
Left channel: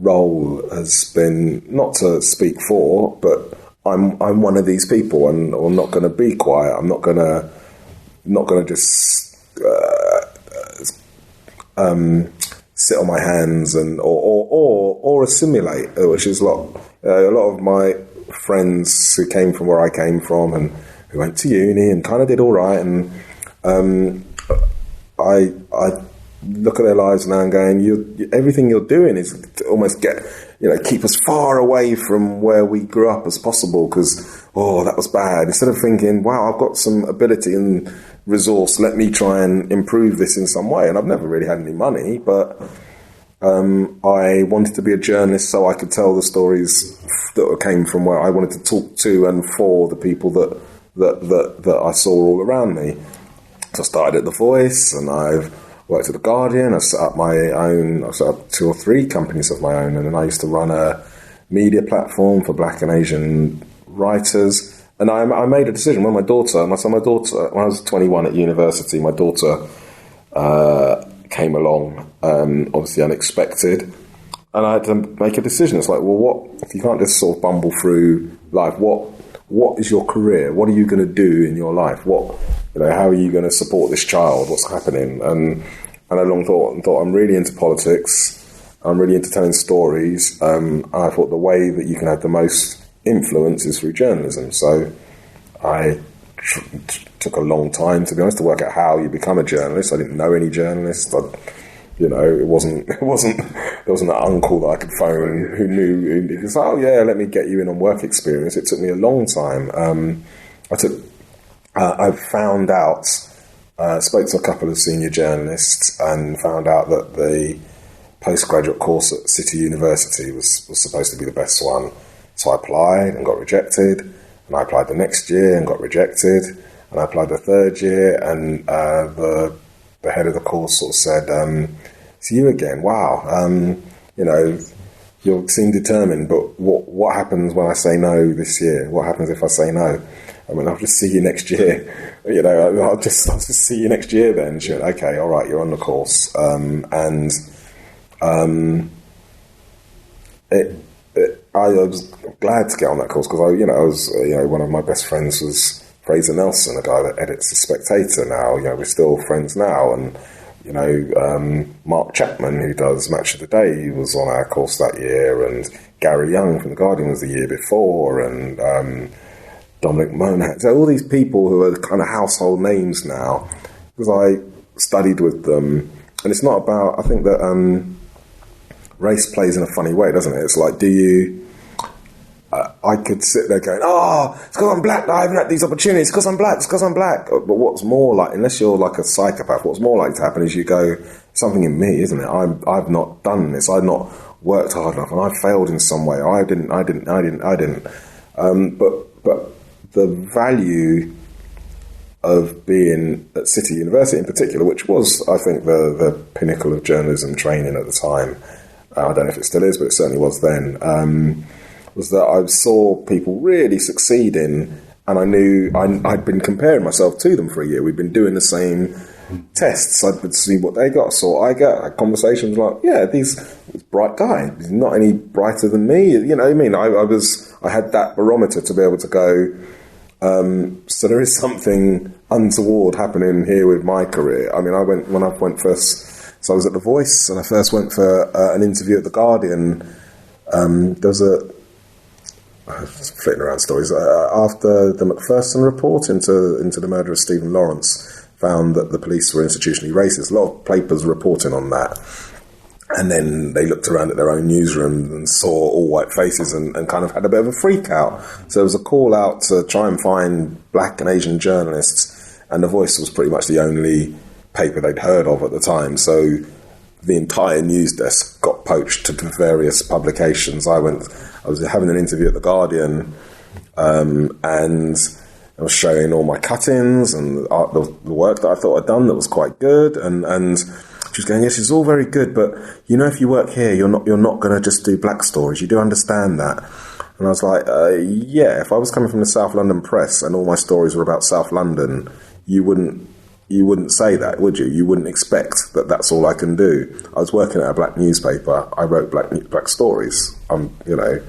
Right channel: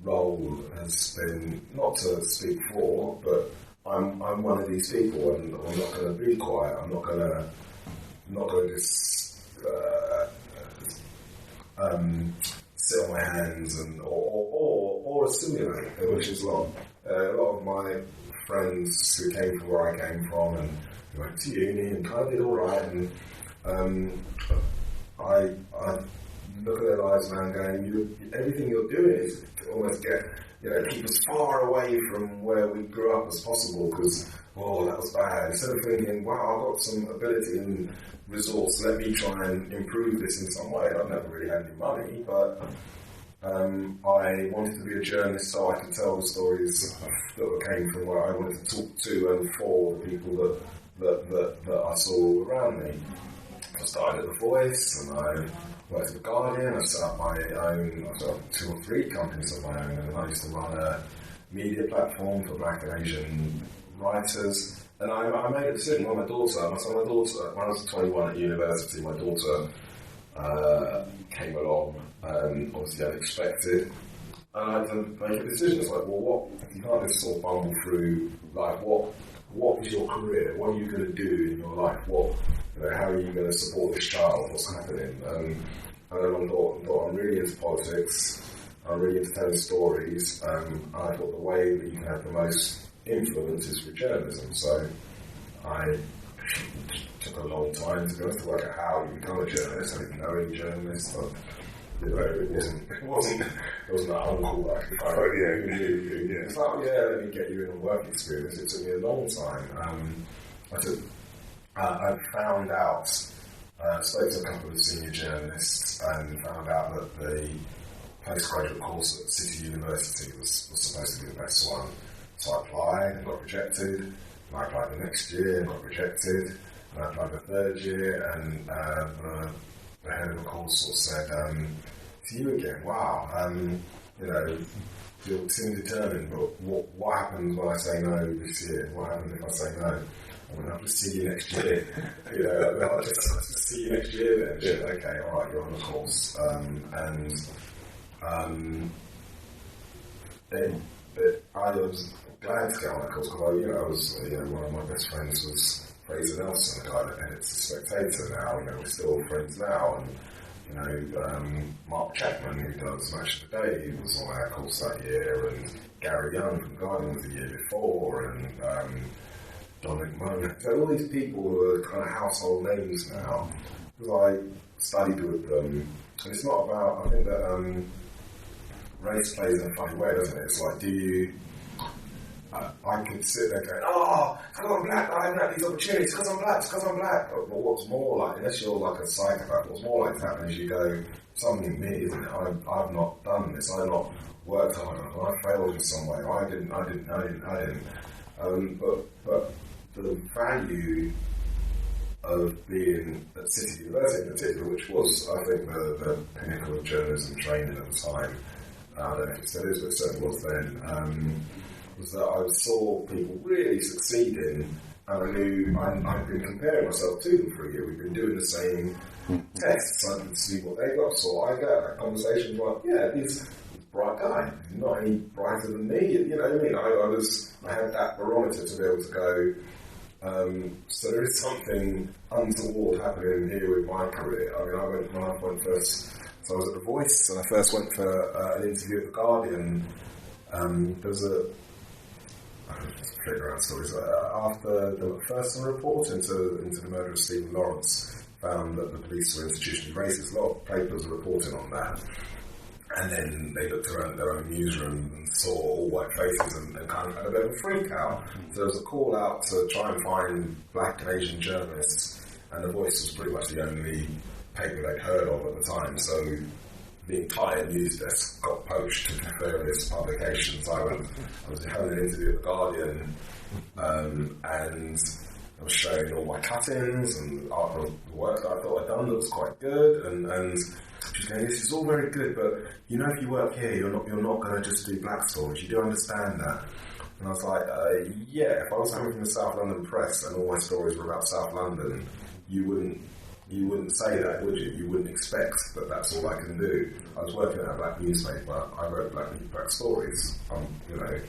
role has been not to speak for, but I'm one of these people, and I'm not going to be quiet. I'm not going to just sit on my hands or assimilate, which is a lot of my friends who came from where I came from and who went to uni and kind of did all right, and I look at their lives now and going, everything you're doing is to almost keep us far away from where we grew up as possible, because, that was bad. Instead of thinking, wow, I've got some ability and resource, let me try and improve this in some way. And I've never really had any money, but I wanted to be a journalist so I could tell the stories that came from where I wanted to talk to and for the people that I saw all around me. So I started at The Voice, and I've worked at The Guardian. I set up 2 or 3 companies of my own, and then I used to run a media platform for Black and Asian writers. And I made a decision when my daughter, when I was 21 at university, my daughter came along, obviously unexpected, and I had to make a decision. It's like, well, what if you can't just sort of bumble through life? What is your career? What are you going to do in your life? How are you going to support this child? What's happening? And I long thought, I'm really into politics. I'm really into telling stories. I thought the way that you can have the most influence is through journalism. So I took a long time, to be honest, to work out how you become a journalist. I didn't know any journalists. It wasn't an uncle that I could phone who knew. He was like, let me get you in on work experience. It took me a long time. I found out, spoke to a couple of senior journalists and found out that the postgraduate course at City University was supposed to be the best one. So I applied and got rejected, and I applied the next year and got rejected, and I applied the third year, and the head of the course sort of said, it's you again, wow, you seem determined, but what happens when I say no this year? What happens if I say no? I'll just see you next year. I'll just see you next year then. She went, okay, all right, you're on the course. I was glad to get on that course because I was one of my best friends was Fraser Nelson, a guy that edits The Spectator now. We're still friends now, and Mark Chapman, who does Match of the Day, he was on our course that year, and Gary Young from The Guardian was the year before, and Dominic Monaghan. So all these people who are kind of household names now, because I studied with them. And it's not about, I think that race plays in a funny way, doesn't it? It's like, I could sit there going, it's because I'm black that I haven't had these opportunities, it's because I'm black. But what's more like, unless you're like a psychopath, what's more likely to happen is you go, something in me, isn't it? I've not done this, I've not worked hard enough, and I failed in some way. I didn't. But the value of being at City University in particular, which was, I think, the pinnacle of journalism training at the time, I don't know if it still is, but it certainly was then, was that I saw people really succeeding, and I knew I'd been comparing myself to them for a year. We'd been doing the same tests. I would see what they got, saw what I got. I had conversations like, this bright guy, he's not any brighter than me. You know what I mean? I had that barometer to be able to go, so there is something untoward happening here with my career. I mean, when I went first, so I was at The Voice, and I first went for an interview at The Guardian. There was just flitting around stories. After the Macpherson report into the murder of Stephen Lawrence found that the police were institutionally racist, a lot of papers reporting on that. And then they looked around at their own newsroom and saw all white faces and kind of had a bit of a freak out. So there was a call out to try and find black and Asian journalists, and The Voice was pretty much the only paper they'd heard of at the time. So the entire news desk got poached to various publications. I was having an interview at The Guardian, and I was showing all my cuttings and the work that I thought I'd done that was quite good, and she was going, yes, it's all very good, but if you work here, you're not going to just do black stories. You do understand that? And I was like, if I was coming from the South London Press and all my stories were about South London, you wouldn't say that, would you? You wouldn't expect that that's all I can do. I was working at a black newspaper. I wrote black stories. And I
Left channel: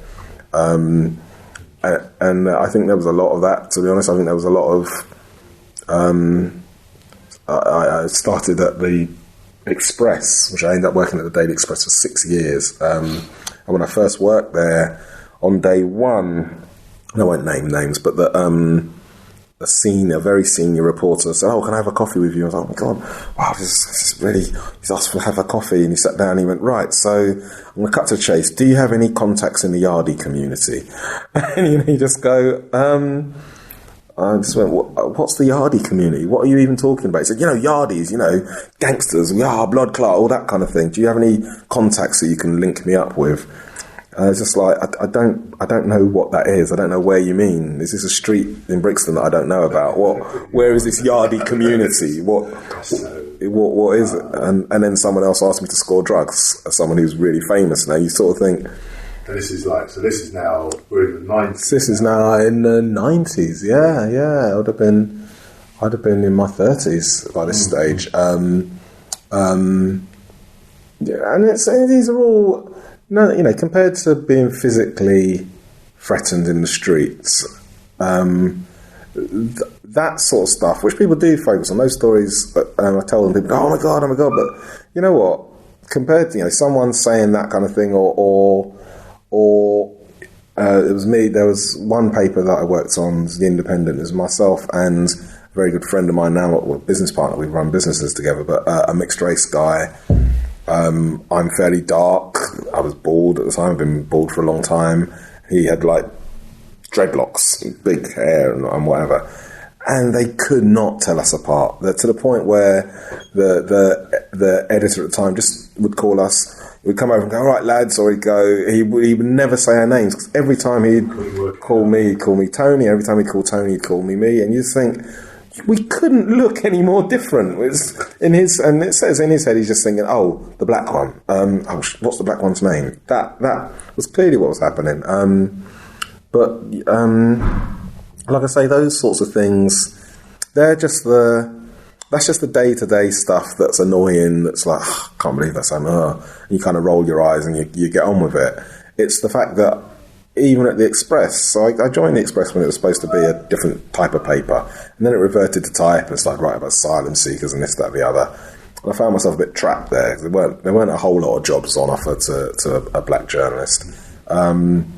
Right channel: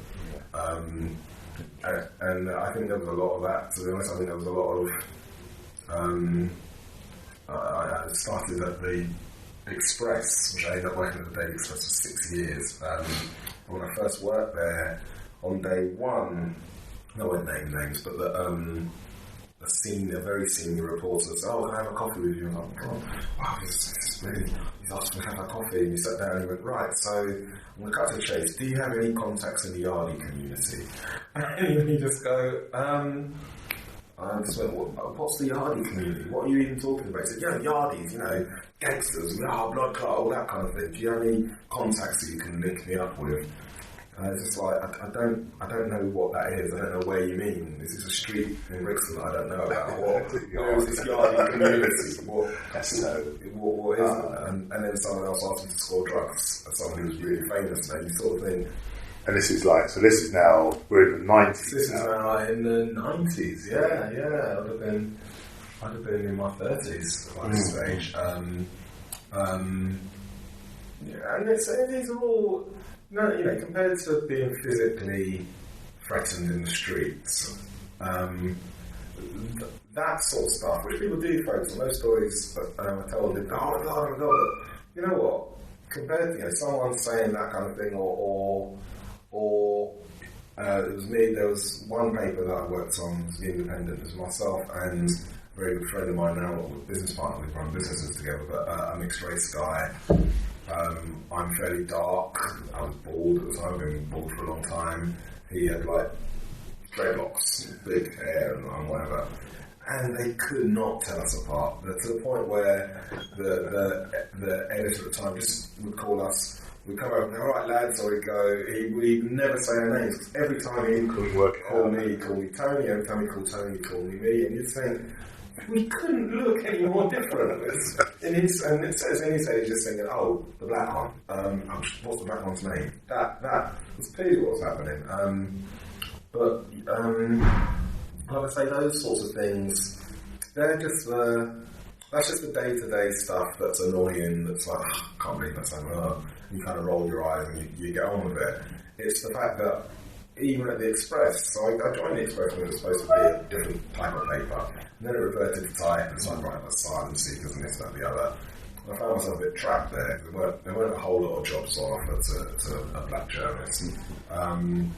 think there was a lot of that, to be honest. I think there was a lot of... I started at the Express, which I ended up working at the Daily Express for 6 years. And when I first worked there, on day one, I won't name names, but a very senior reporter said, "Oh, can I have a coffee with you?" I was like, "Oh my God, wow, this is really." He's asked to have a coffee, and he sat down and he went, "Right, so I'm going to cut to the chase. Do you have any contacts in the Yardie community?" And you just go, I just went, "What's the Yardie community? What are you even talking about?" He said, Yardies, gangsters, blood clot, all that kind of thing. Do you have any contacts that you can link me up with? It's just like, I don't know what that is. I don't know where you mean. Is this a street in Brixton that I don't know about? Where is this Yardie community? What is it? And then someone else asked me to score drugs, as someone who's really famous now. You sort of think... And this is now, we're in the 90s. This is now in the 90s, yeah. I'd have been in my 30s by this stage. And these are all... No, compared to being physically threatened in the streets, that sort of stuff, which people do focus on, those stories, I tell them, people go, oh my God, but you know what? Compared to, someone saying that kind of thing, or it was me, there was one paper that I worked on, The Independent, it was myself and a very good friend of mine now, a business partner, we run businesses together, but a mixed race guy. I'm fairly dark. I was bald at the time. I've been bald for a long time. He had dreadlocks, big hair and whatever. And they could not tell us apart. To the point where the editor at the time just would call us. We'd come over and go, all right, lads, or he'd go, he would never say our names. Because every time he'd call me Tony. Every time he'd call Tony, he'd call me. And you think... We couldn't look any more different. And it says in his head, he's just thinking, "Oh, the black one. What's the black one's name?" That was clearly what was happening. But like I say, those sorts of things, that's just the day-to-day stuff that's annoying. That's like, oh, I can't believe that's happening. And you kind of roll your eyes and you get on with it. It's the fact that even at the Express, so I joined the Express when it was supposed to be a different type of paper, and then it reverted to type and started writing about asylum seekers and this, that, the other. And I found myself a bit trapped there. There weren't a whole lot of jobs on offer to a black journalist, and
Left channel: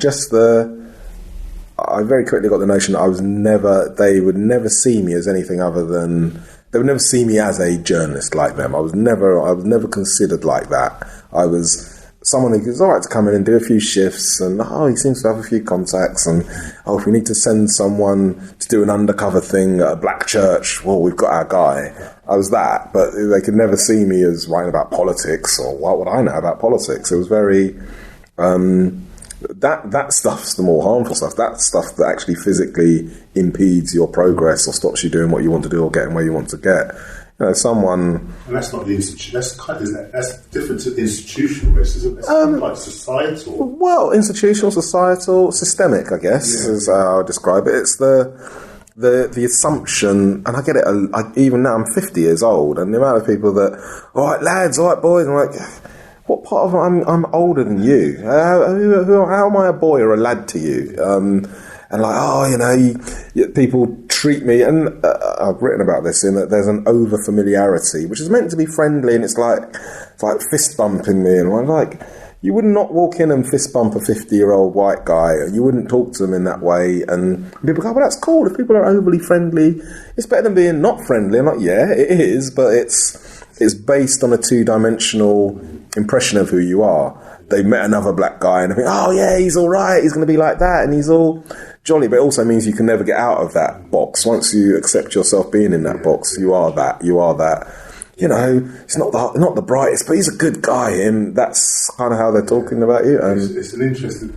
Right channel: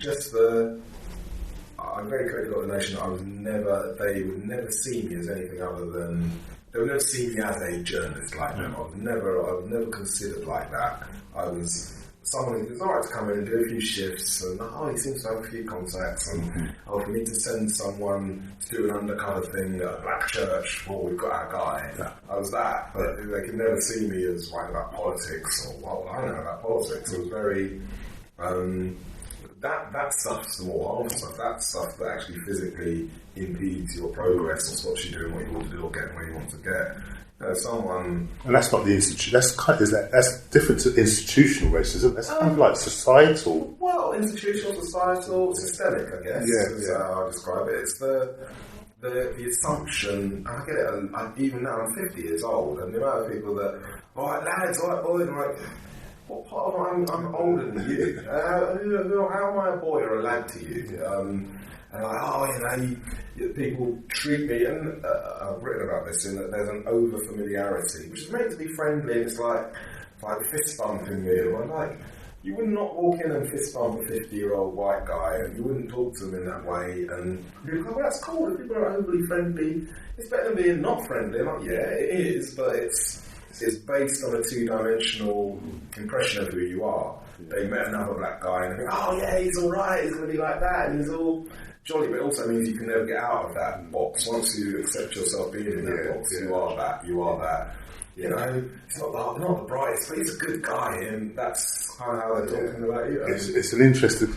just I very quickly got the notion that they would never see me as anything other than, they would never see me as a journalist like them. I was never considered like that. I was someone who was all right to come in and do a few shifts, and he seems to have a few contacts, and if we need to send someone to do an undercover thing at a black church, well, we've got our guy. I was that, but they could never see me as writing about politics, or what would I know about politics? It was very that stuff's the more harmful stuff. That stuff that actually physically impedes your progress or stops you doing what you want to do or getting where you want to get. Someone... And that's not the institution. That's different to institutional racism. That's kind of like societal. Well, institutional, societal, systemic, I guess, is how I describe it. It's the assumption, and I get it. Even now, I'm 50 years old, and the amount of people that, all right, lads, all right, boys, I'm like, what part of I'm older than you? How am I a boy or a lad to you? And people treat me, and I've written about this, in that there's an over-familiarity, which is meant to be friendly, and it's like fist bumping me, and I'm like, you would not walk in and fist bump a 50-year-old white guy, and you wouldn't talk to them in that way, and people go, well, that's cool, if people are overly friendly, it's better than being not friendly. I'm like, yeah, it is, but it's based on a two-dimensional impression of who you are. They met another black guy, and they think, oh yeah, he's all right, he's going to be like that, and he's all jolly, but it also means you can never get out of that box. Once you accept yourself being in that box, you are that. He's not the brightest, but he's a good guy, and that's kind of how they're talking about you. It's an interesting...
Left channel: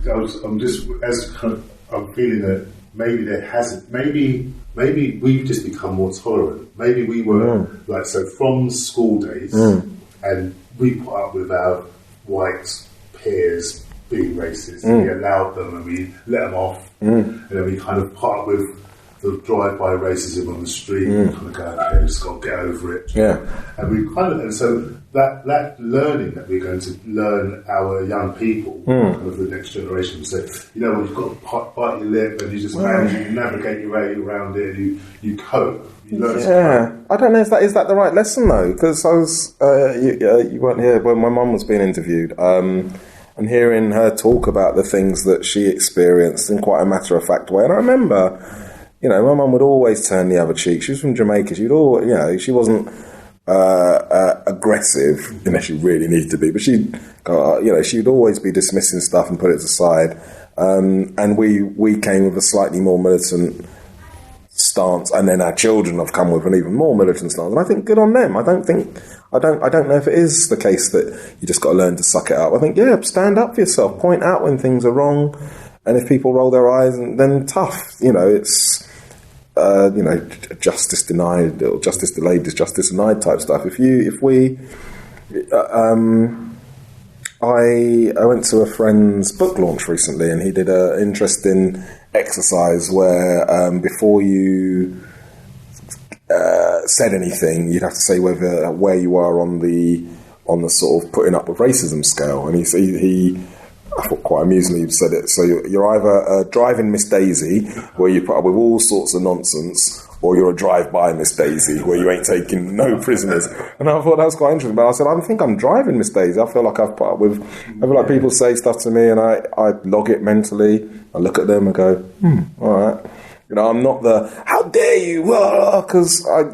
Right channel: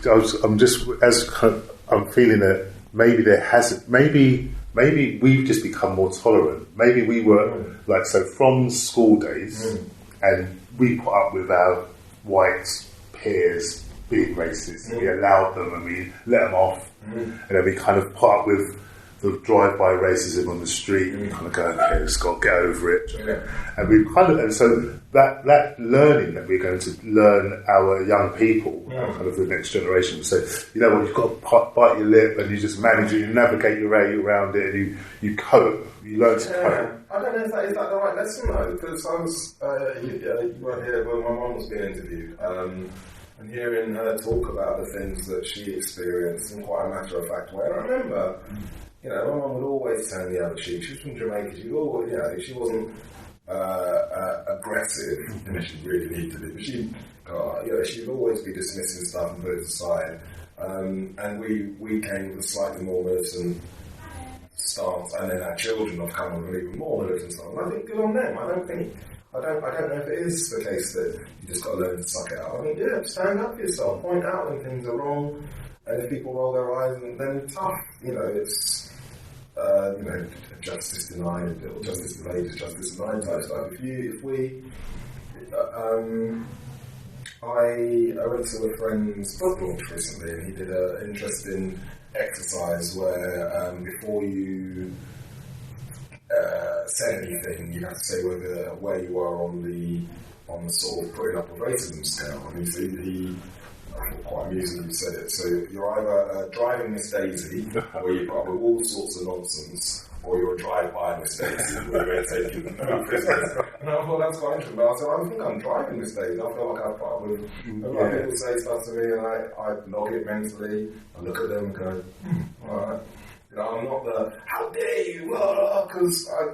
I'm feeling that maybe we've just become more tolerant. Maybe we were from school days, and we put up with our white peers being racist, and we allowed them and we let them off, and then we kind of put up with the drive-by racism on the street and kind of go, okay, just got to get over it. Yeah. And we kind of, and so that learning that we're going to learn our young people, kind of the next generation, will say, you know what, you've got to bite your lip, and you just manage it, you navigate your way around it, and you cope. You learn to cope. I don't know if that is that the right lesson though, because I was you weren't here when my mum was being interviewed. And hearing her talk about the things that she experienced in quite a matter-of-fact way. And I remember, my mum would always turn the other cheek. She was from Jamaica. She'd always, she wasn't aggressive, unless she really needed to be, but she'd always be dismissing stuff and put it aside. And we came with a slightly more militant stance, and then our children have come with an even more militant stance. And I think good on them. I don't know if it is the case that you just got to learn to suck it up. I think, stand up for yourself, point out when things are wrong, and if people roll their eyes, then tough. It's justice denied, or justice delayed is justice denied type stuff. I went to a friend's book launch recently, and he did an interesting exercise where before you said anything, you'd have to say where you are on the sort of putting up with racism scale. And he I thought quite amusingly said it. So you're either driving Miss Daisy, where you put up with all sorts of nonsense, or you're a drive-by Miss Daisy, where you ain't taking no prisoners. And I thought that was quite interesting. But I said, I think I'm driving Miss Daisy. I feel like I've put up with... I feel like people say stuff to me, and I log it mentally. I look at them and go, all right. I'm not the, how dare you, because I've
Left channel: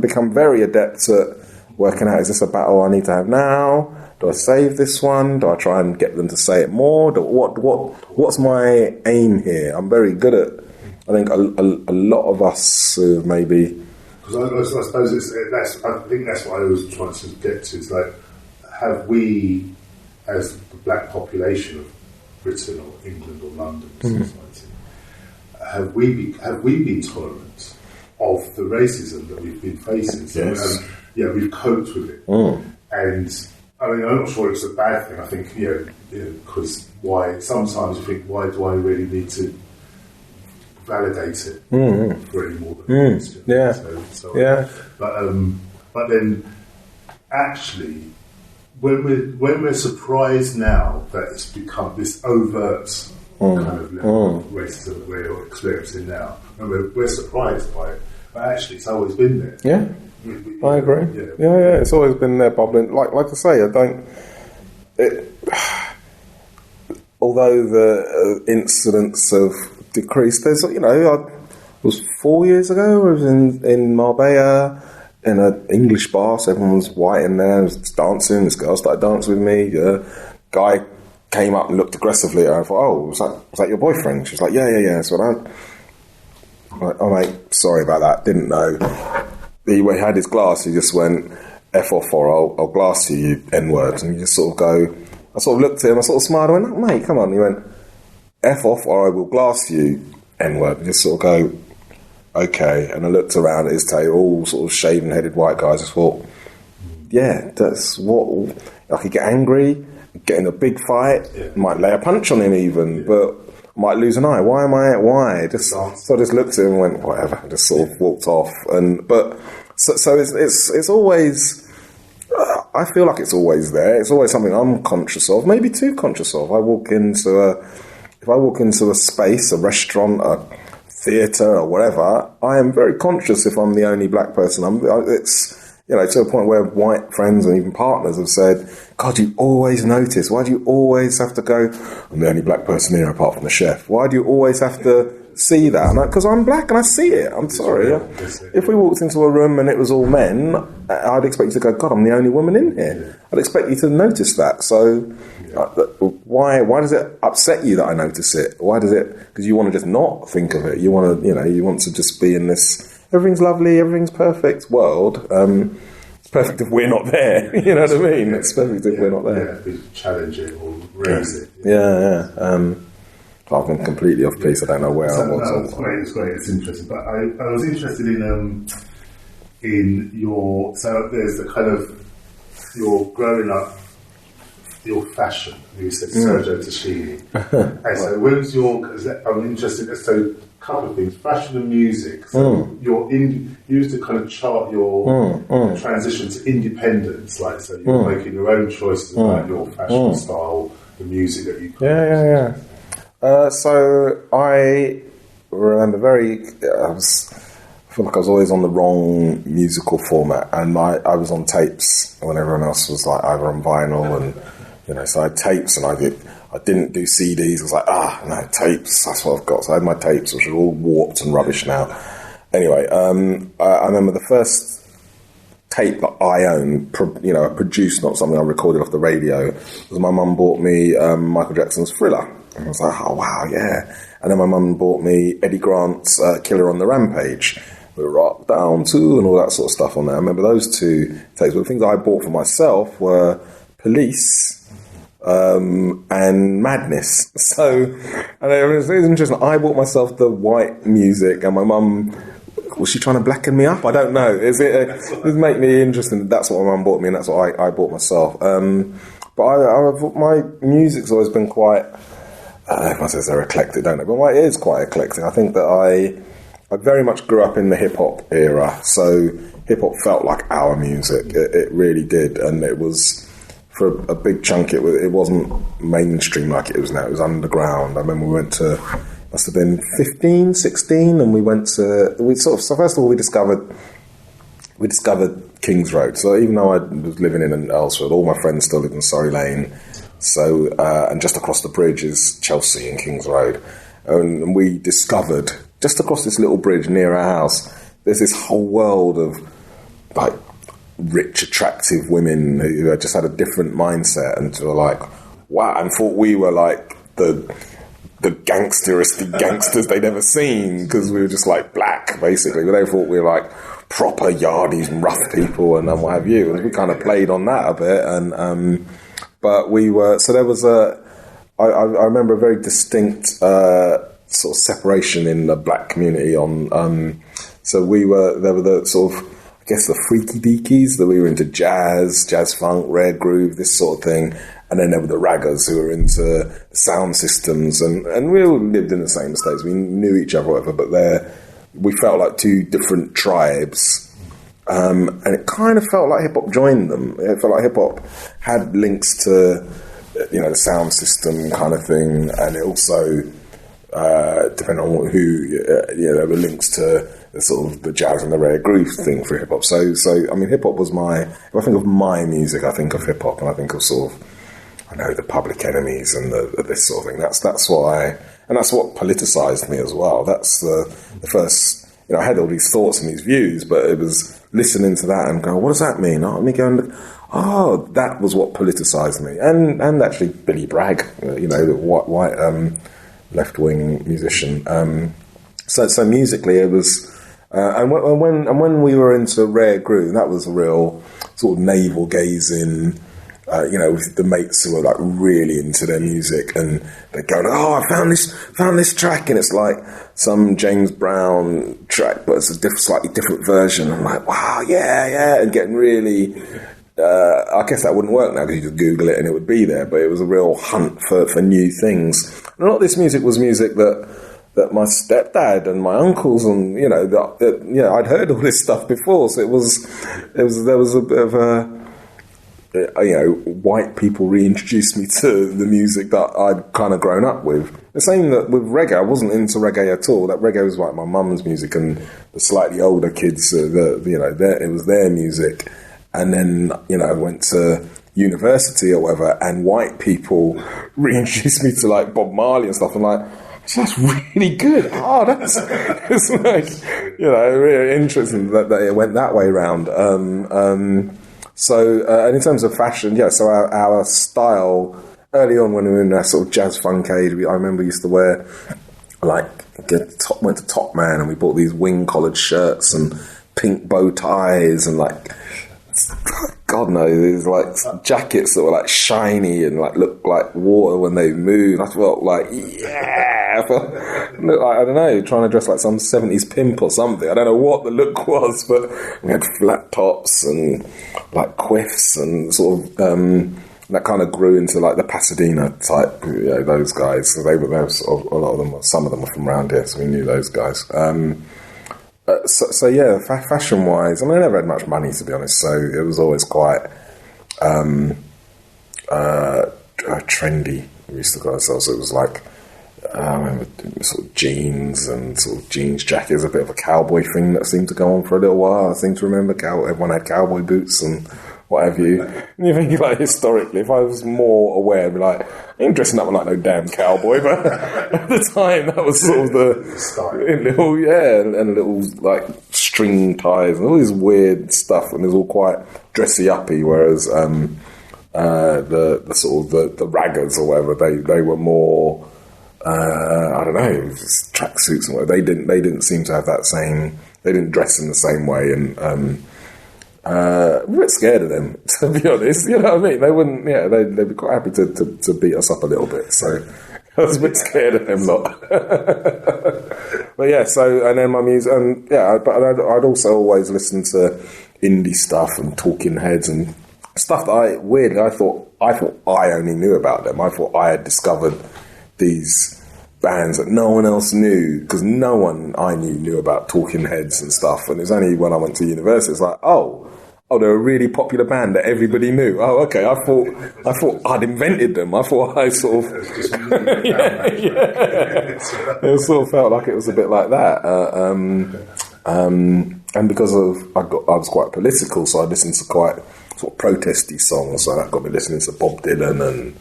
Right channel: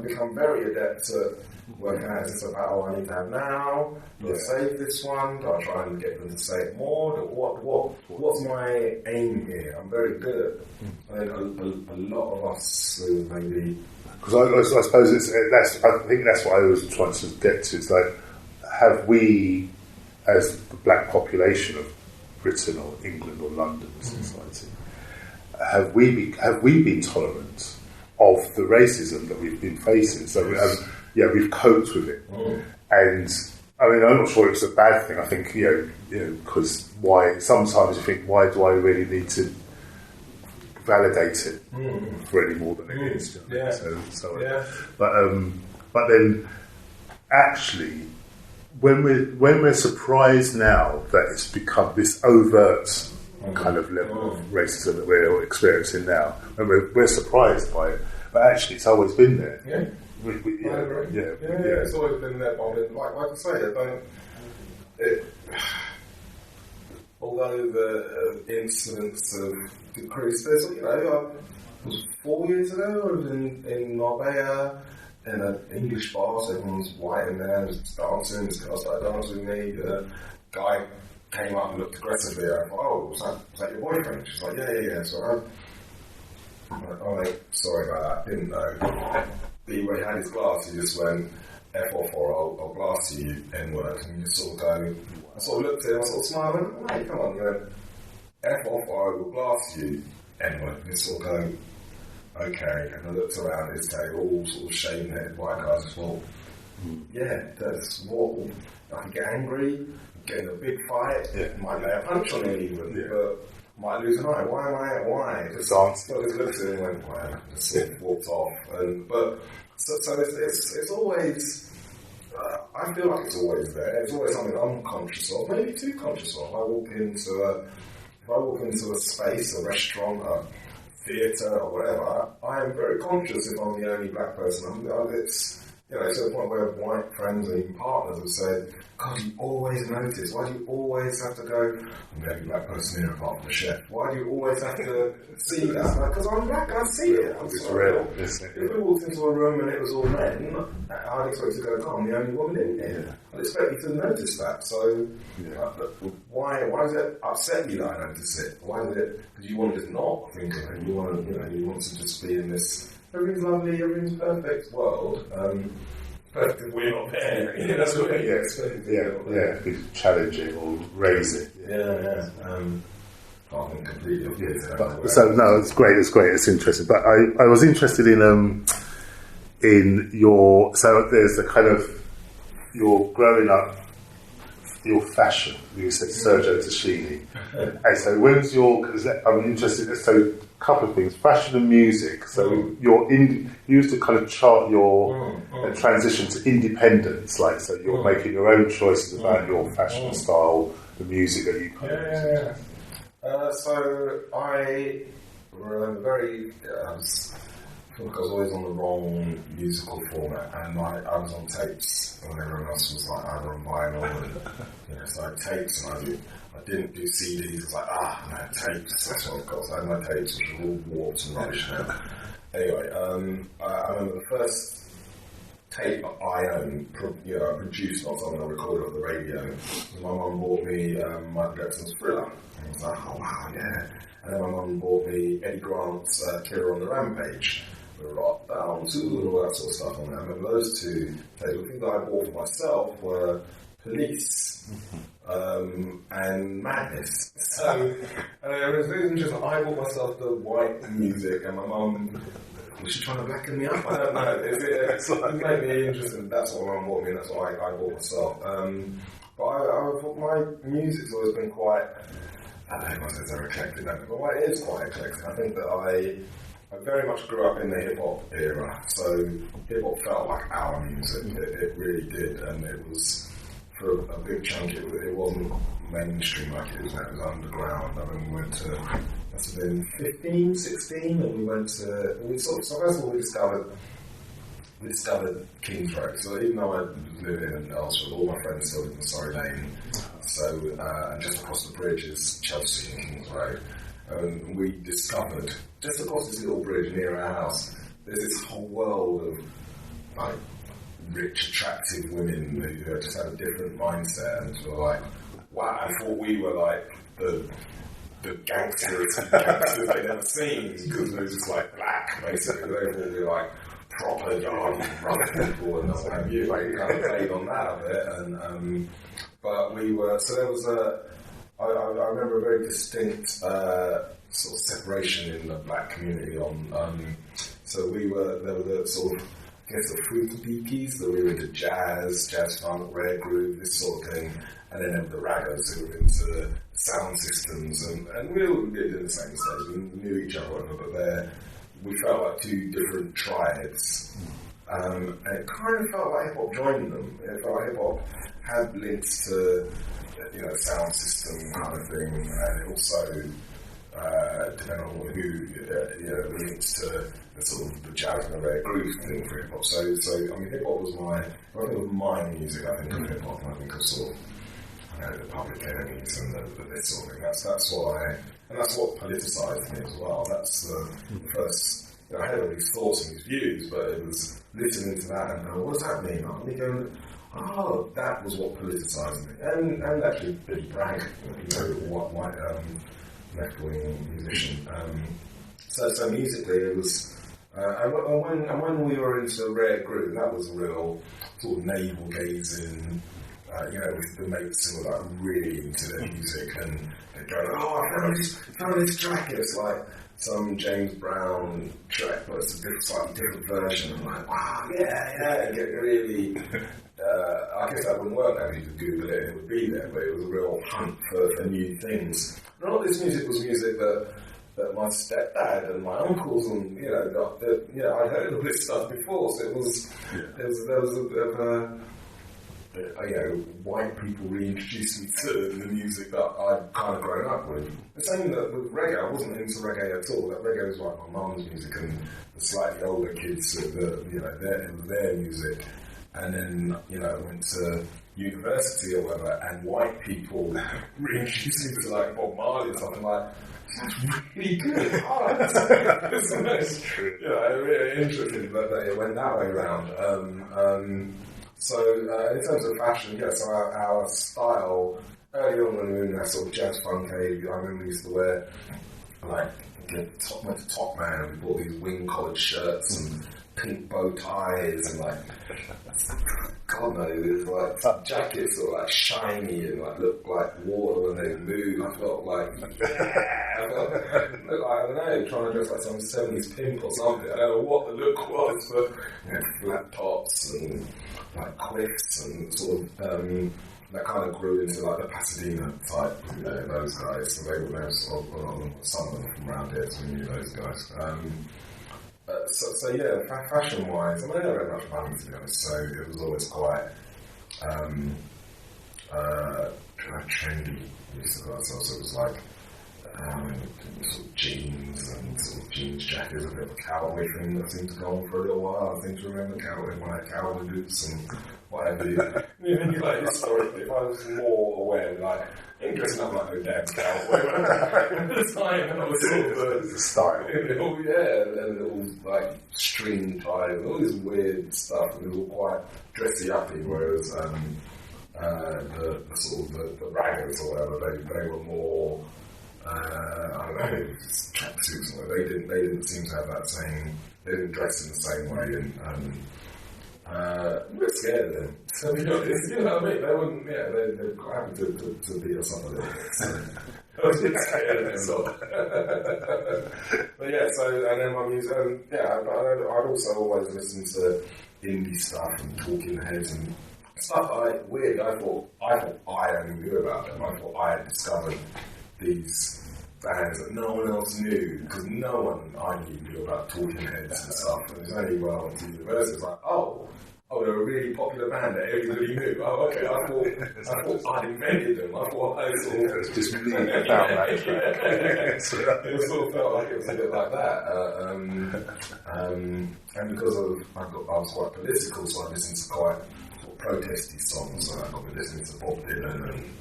become very adept at working out, is this a battle I need to have now? Do I save this one? Do I try and get them to say it more? What's my aim here? I'm very good at, I think, a lot of us maybe... Because I suppose I think that's what I was trying to get to. It's like, have we, as the black population of Britain or England or London society, have we been tolerant of the racism that we've been facing? So, we've coped with it. And I mean, I'm not sure it's a bad thing. I think, because sometimes you think, why do I really need to validate it for any more than it is? But then, actually, when we're surprised now that it's become this overt kind of level of racism that we're experiencing now, and we're surprised by it, but actually it's always been there. Yeah. I agree. Yeah. It's always been there, bubbling. Like I say, although the incidents have decreased, there's, it was 4 years ago, I was in Marbella in an English bar, so everyone was white in there, was dancing, this girl started dancing with me, guy came up and looked aggressively at her. I thought, was that your boyfriend? She was like, yeah. So I'm like, oh mate, sorry about that, didn't know. He had his glass, he just went, F off, or I'll glass you N-word. And you just sort of go, I sort of looked at him, I sort of smiled, I went, oh, mate, come on. He went, F off, or I will glass you N-word. And just sort of go, okay. And I looked around at his table, all sort of shaven-headed white guys. I thought, that's what... I could get angry, get in a big fight, might lay a punch on him even, but I might lose an eye. Why? So I just looked at him and went, whatever, and just sort of walked off. So it's always... I feel like it's always there. It's always something I'm conscious of, maybe too conscious of. If I walk into a space, a restaurant, a theatre or whatever, I am very conscious if I'm the only black person. It's to a point where white friends and even partners have said, God, you always notice. Why do you always have to go, I'm the only black person here apart from the chef? Why do you always have to see that? Because I'm black and I see it. I'm sorry. If we walked into a room and it was all men, I'd expect you to go, God, I'm the only woman in here. I'd expect you to notice that. So why does it upset you that I notice it? Why does it? Because you want to just not think of it. You want to just be in this everything's lovely, everything's perfect world. It's perfect if we're not there. You know what I mean? It's perfect if we're not there. Yeah, challenge it or raise it. Yeah. I've gone completely off piece. I don't know where. So no, it's great. It's interesting. But I was interested in your. So there's the kind of your growing up, your fashion. You said Sergio Tacchini, and so when's your? Because I'm interested. So a couple of things: fashion and music. So you used to kind of chart your transition to independence. Like, so you're making your own choices about your fashion style, the music that you produce. Yeah. So I remember I feel like I was always on the wrong musical format, and I was on tapes when everyone else was like either on vinyl, and so I had tapes, and I didn't do CDs. I was like, no, tapes, that's what I've got. So I had my tapes, which are all warped and rubbish now. Anyway, I remember the first tape that I owned, produced, not something I recorded off the radio, was my mum bought me Michael Jackson's Thriller. And I was like, oh, wow, yeah. And then my mum bought me Eddie Grant's Killer on the Rampage, with Rock Down To and all that sort of stuff on there. I remember those two tapes. But the things I bought for myself were Police and Madness. So, and it was interesting. I bought myself the white music, and my mum, was she trying to blacken me up? I don't know. It make me interesting. That's what my mum bought me, and that's what I bought myself. But my music's always been quite, everyone says they're eclectic, don't they? But it is quite eclectic. I think that I very much grew up in the hip-hop era, so hip-hop felt like our music. It really did, and it was, for a big chunk, it wasn't mainstream like it is now. It was underground. I remember we went to, must have been 15, 16, and so first of all, we discovered Kings Road. So even though I was living in Earlsford, all my friends still lived in Surrey Lane. So, and just across the bridge is Chelsea and Kings Road. And we discovered, just across this little bridge near our house, there's this whole world of like rich, attractive women who just had a different mindset and were like, wow, and thought we were like the gangsterest gangsters they'd ever seen, because we were just like black, basically. But they thought we were like proper yardies and rough people and what have you. And we kind of played on that a bit. And but we were, so there was I remember a very distinct sort of separation in the black community on, so there were the sort of, I guess, the freaky deakies, that we were into jazz funk, rare groove, this sort of thing. And then there were the raggers who were into sound systems, and we all lived in the same estates. We knew each other, whatever, but we felt like two different tribes. And it kind of felt like hip-hop joined them. It felt like hip-hop had links to, the sound system kind of thing, and it also, depending on who, there were links to the sort of the jazz and the rare groove thing for hip-hop. So I mean, hip-hop was if I think of my music, I think of hip-hop, and I think of sort of, the Public Enemies and this sort of thing. That's what that's what politicized me as well. That's the first, I had all these thoughts and these views, but it was listening to that and going, what does that mean? And me going, oh, that was what politicized me. And actually Billy Bragg, the white left-wing musician. So musically it was, and when we were into rare groove, that was a real sort of navel gazing, with the mates who were like really into their music, and they're going, oh, I found this track, and it's like some James Brown track, but it's a slightly different version. I'm like, wow, yeah, and getting really, I guess that wouldn't work now because you just Google it and it would be there, but it was a real hunt for new things. And a lot of this music was music that my stepdad and my uncles and, I'd heard all this stuff before, so there was a bit of a, white people reintroduced me to the music that I'd kind of grown up with. The same that with reggae, I wasn't into reggae at all. That reggae was like my mum's music, and the slightly older kids, it was their music. And then, I went to university or whatever, and white people reintroduced me to like Bob Marley and stuff. I'm like, that's really good. Oh, that's nice. Really interesting that it went that way round. So, and in terms of fashion, so our style, early on when we were in that sort of jazz funk age, I remember we used to wear, went to Top Man, and we bought these wing-collared shirts and pink bow ties and God knows, these like jackets that were like shiny and like looked like water when they moved. I felt like, I don't know, trying to dress like some 70s pimp or something. I don't know what the look was, but we had flat tops and like quiffs and sort of that kind of grew into like the Pasadena type, those guys. So they were sort of, a lot of them, some of them were from around here, so we knew those guys. Fashion wise, I mean, I never had much money, to be honest, so it was always quite trendy. We used to call ourselves, it was like I remember sort of jeans and sort of jeans jackets, a bit of a cowboy thing that seemed to go on for a little while. I seem to remember everyone had cowboy boots and what have you. And you think, like, historically, if I was more aware, I'd be like, I ain't dressing up like no damn cowboy, but at the time, that was sort of the style. Little, and little, like, string ties and all this weird stuff, and it was all quite dressy-uppy, whereas the sort of the raggers or whatever, they were more, I don't know, tracksuits and whatever. They didn't seem to have that same, they didn't dress in the same way, and we're a bit scared of them, to be honest. You know what I mean? They wouldn't. Yeah, they'd be quite happy to beat us up a little bit. So I was a bit scared of them lot. But yeah. So and then my music, but I'd also always listen to indie stuff and Talking Heads and stuff that I thought I only knew about them. I thought I had discovered these bands that no one else knew, because no one I knew about Talking Heads and stuff. And it was only when I went to university, it's like, oh, they're a really popular band that everybody knew. Oh, okay. I thought I'd invented them. I thought I sort of it sort of felt like it was a bit like that. And because I was quite political, so I listened to quite sort of protesty songs. So that got me listening to Bob Dylan and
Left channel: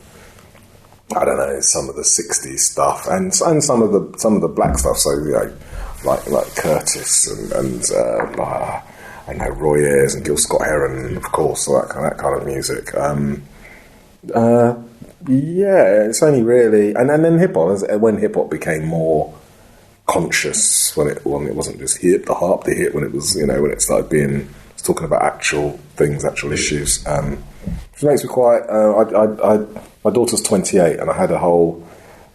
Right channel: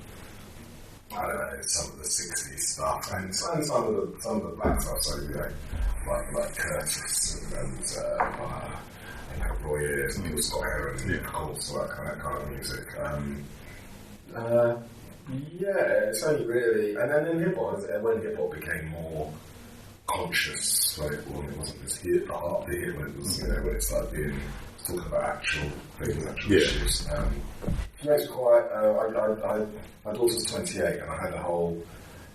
I don't know, some of the '60s stuff and some of the black stuff. So you know, like Curtis and I know Roy Ayers and Gil Scott-Heron, of course, so that kind of music. It's only really, and then hip hop. When hip hop became more conscious, when it wasn't just hip when it was, you know, when it started being talking about actual things, actual issues. Which makes me quite. My daughter's 28, and I had and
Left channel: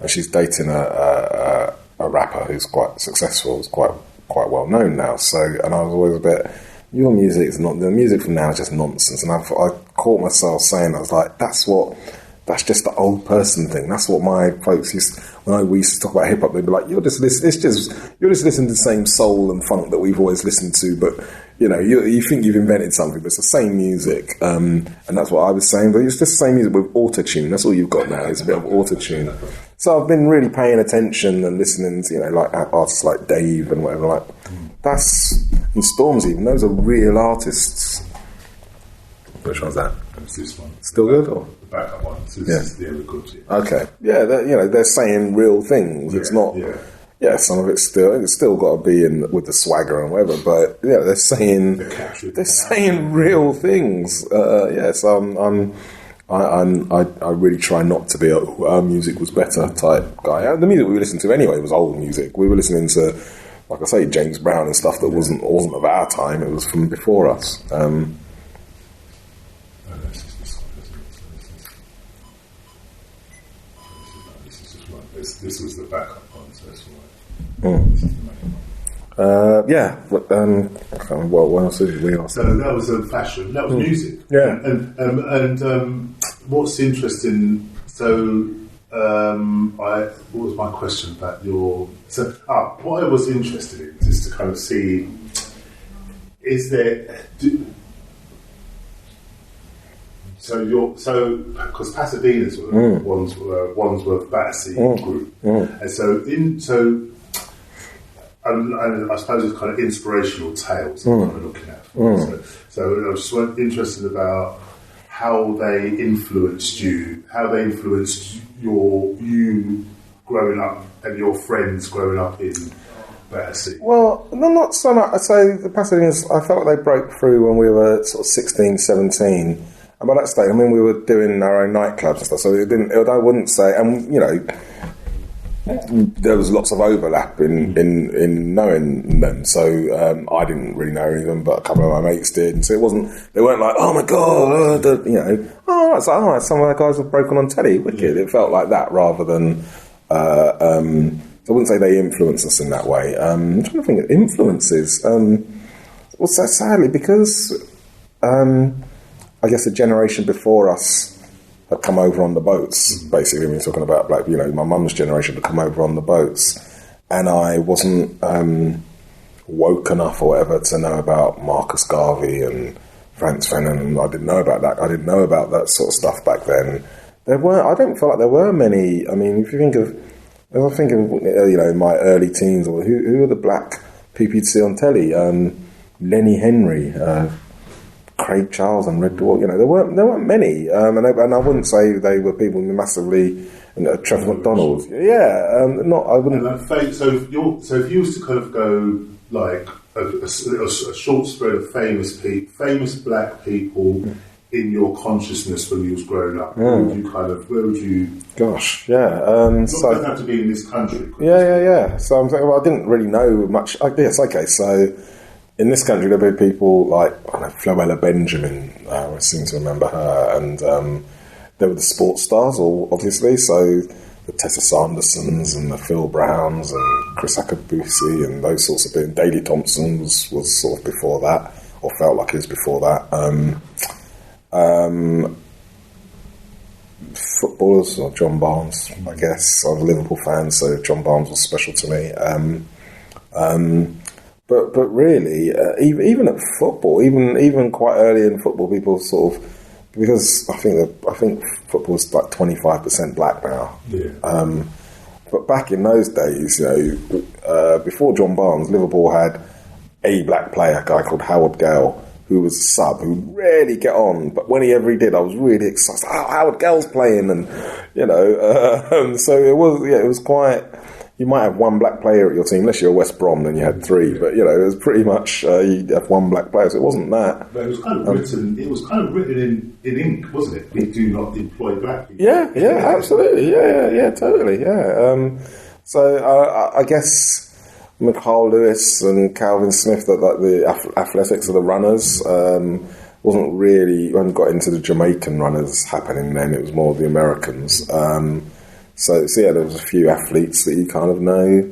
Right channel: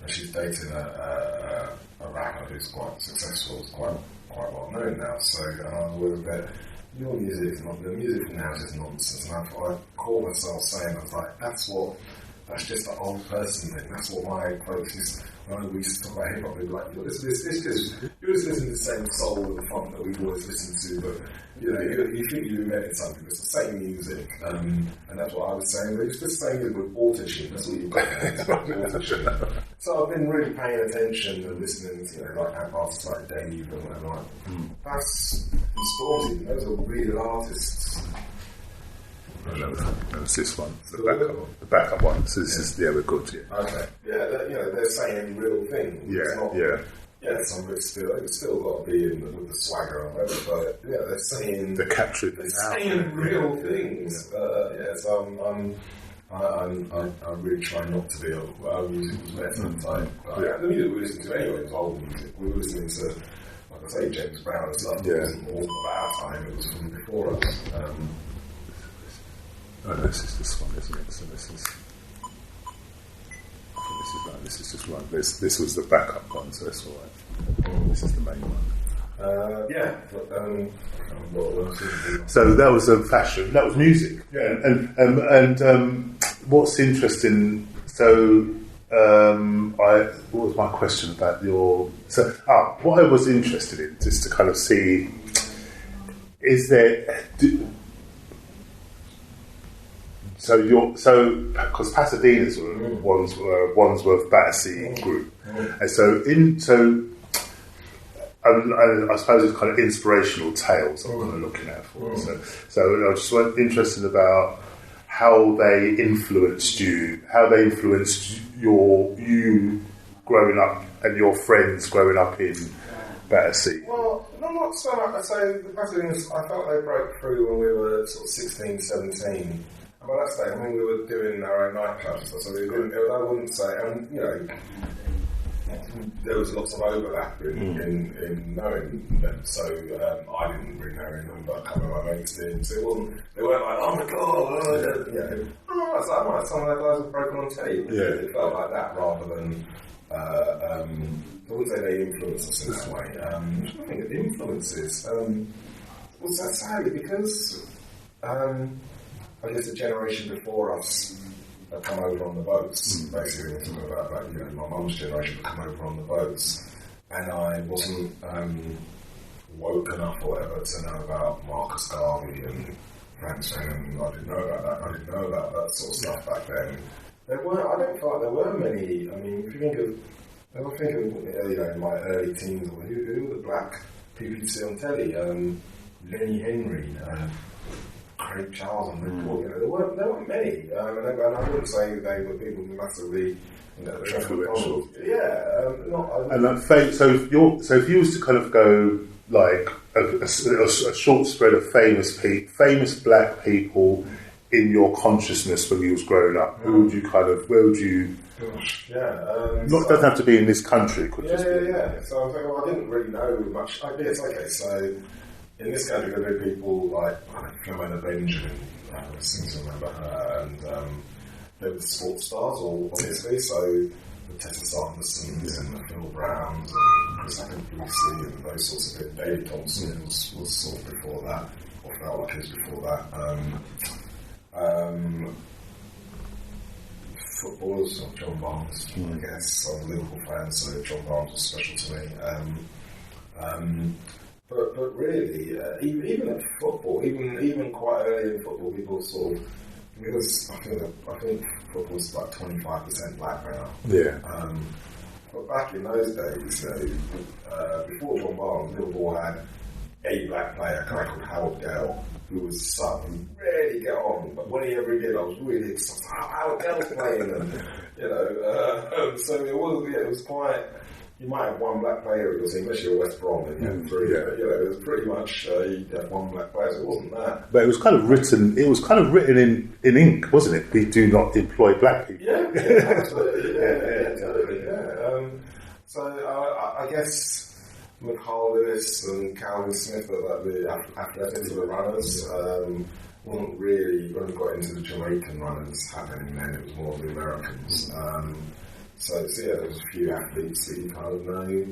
she's dating a rapper who's quite successful, is quite well known now. So, and I was always a bit. Your music is not the music from now is just nonsense, and I caught myself saying, I was like, that's just the old person thing. That's what my folks we used to talk about hip hop. They'd be like, you're just listening to the same soul and funk that we've always listened to, but you know, you think you've invented something, but it's the same music, and that's what I was saying. But it's just the same music with auto-tune. That's all you've got now. It's a bit of auto-tune. So I've been really paying attention and listening to, you know, like artists like Dave and whatever. Like and Storms, even those are real artists. Which one's that? It's this one. Still good? The backup one. We're good. Yeah. Okay. Yeah, they're saying real things. Yeah, it's not. Yeah. Yeah, some of it's still got to be in with the swagger and whatever, but yeah, they're saying real things. So I really try not to be our music was better type guy. The music we listened to anyway was old music. We were listening to, like I say, James Brown and stuff that wasn't of our time. It was from before us. This is this one, isn't it? So this is just one. This was the backup one, so that's all right. This is the main one. What else is it? So that was fashion. That was music. Yeah. And what's interesting? So what was my question about your? So what I was interested in is to kind of see, is there? Because Pasadena's were Wandsworth Battersea group, and and I suppose it's kind of inspirational tales I'm kind of looking at. So I was just interested about how they influenced you, you growing up and your friends growing up in Battersea. Well, not so much. So the Pasadena's, I felt they broke through when we were sort of 16, 17. And by that stage, I mean, we were doing our own nightclubs and stuff, so I wouldn't say, and you know, there was lots of overlap in knowing them. So I didn't really know any of them, but a couple of my mates did. And so they weren't like, oh my god, you know, it's like, some of the guys have broken on telly. Wicked. Yeah. It felt like that rather than. I wouldn't say they influenced us in that way. I'm trying to think of influences. Well, so sadly, because I guess the generation before us had come over on the boats, basically. We're talking about, like, you know, my mum's generation had come over on the boats, and I wasn't woke enough or whatever to know about Marcus Garvey and Frantz Fanon. I didn't know about that. I didn't know about that sort of stuff back then. I don't feel like there were many. I mean, if you think of, I was thinking, you know, in my early teens, or who were the black people you'd see on telly? Lenny Henry, Craig Charles and Red Dwarf. There weren't many, and I wouldn't say they were people massively. Trevor McDonald, not. I wouldn't. So if you was to kind of go like a short spread of famous black people in your consciousness when you was growing up, where would you? Gosh, yeah. Doesn't have to be in this country. Yeah. So I'm thinking, I didn't really know much. Yes, okay. So in this country, there were people like Floella Benjamin. I seem to remember her, and there were the sports stars, obviously. So the Tessa Sandersons and the Phil Browns and Chris Akabusi and those sorts of things. Daley Thompson was sort of before that, or felt like he was before that. Footballers, or John Barnes, I guess. I'm a Liverpool fan, so John Barnes was special to me. But really, even at football, even quite early in football, people sort of, because I think football's like 25% black now. Yeah. But back in those days, before John Barnes, Liverpool had a black player, a guy called Howard Gale, who was a sub, who rarely get on, but when he ever did, I was really excited. Oh, Howard Gale's playing, and so it was quite. You might have one black player at your team, unless you're West Brom, then you had three. Yeah. But it was pretty much you'd have one black player, so it wasn't that. But it was kind of written. It was kind of written in ink, wasn't it? They do not employ black people. Yeah, absolutely, yeah, totally, yeah. So I guess McCall Lewis and Calvin Smith, that like the athletics of the runners, wasn't really when you got into the Jamaican runners happening. Then it was more of the Americans. So there was a few athletes that you kind of know,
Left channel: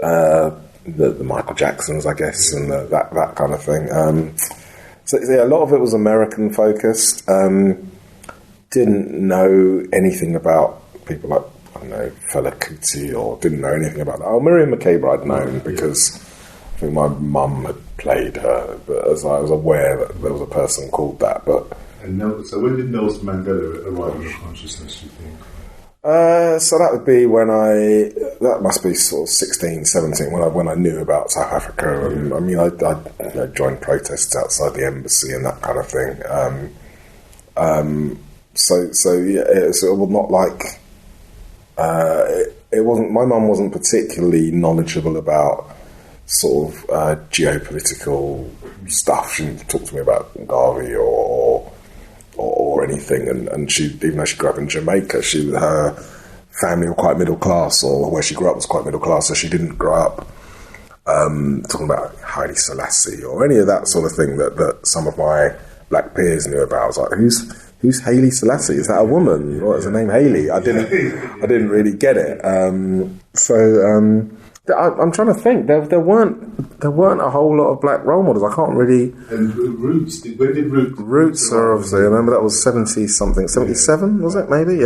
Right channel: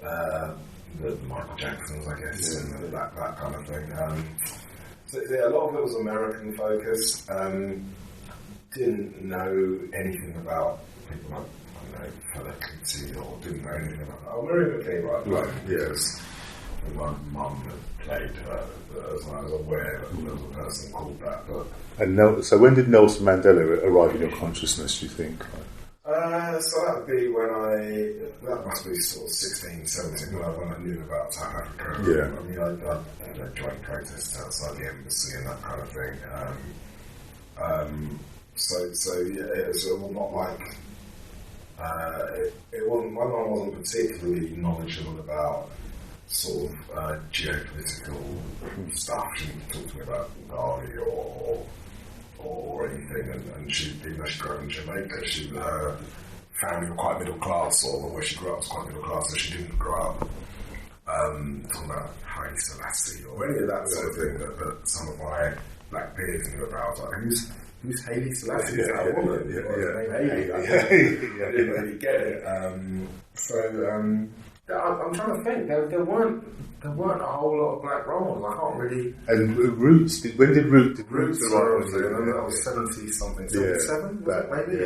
the Michael Jacksons, I guess, and that kind of thing. A lot of it was American focused. Didn't know anything about people like, I don't know, Fela Kuti, or didn't know anything about that. Oh, Miriam Makeba I'd known because I think my mum had played her, but as I was aware that there was a person called that. So when did Nelson Mandela arrive in your consciousness, do you think? So that would be that must be sort of 16, 17 when I knew about South Africa. Yeah. I mean, I joined protests outside the embassy and that kind of thing. It was not like it wasn't. My mum wasn't particularly knowledgeable about sort of geopolitical stuff. She didn't talk to me about Garvey or anything, and she, even though she grew up in Jamaica, her family were quite middle class, or where she grew up was quite middle class, so she didn't grow up talking about Haile Selassie or any of that sort of thing that some of my black peers knew about. I was like, who's Haile Selassie? Is that a woman? What is her name? Haile? I didn't really get it. I'm trying to think. There weren't a whole lot of black role models. I can't really. And Roots. When did Roots? Roots are obviously. I remember that was 70 something, 77 was it? Maybe,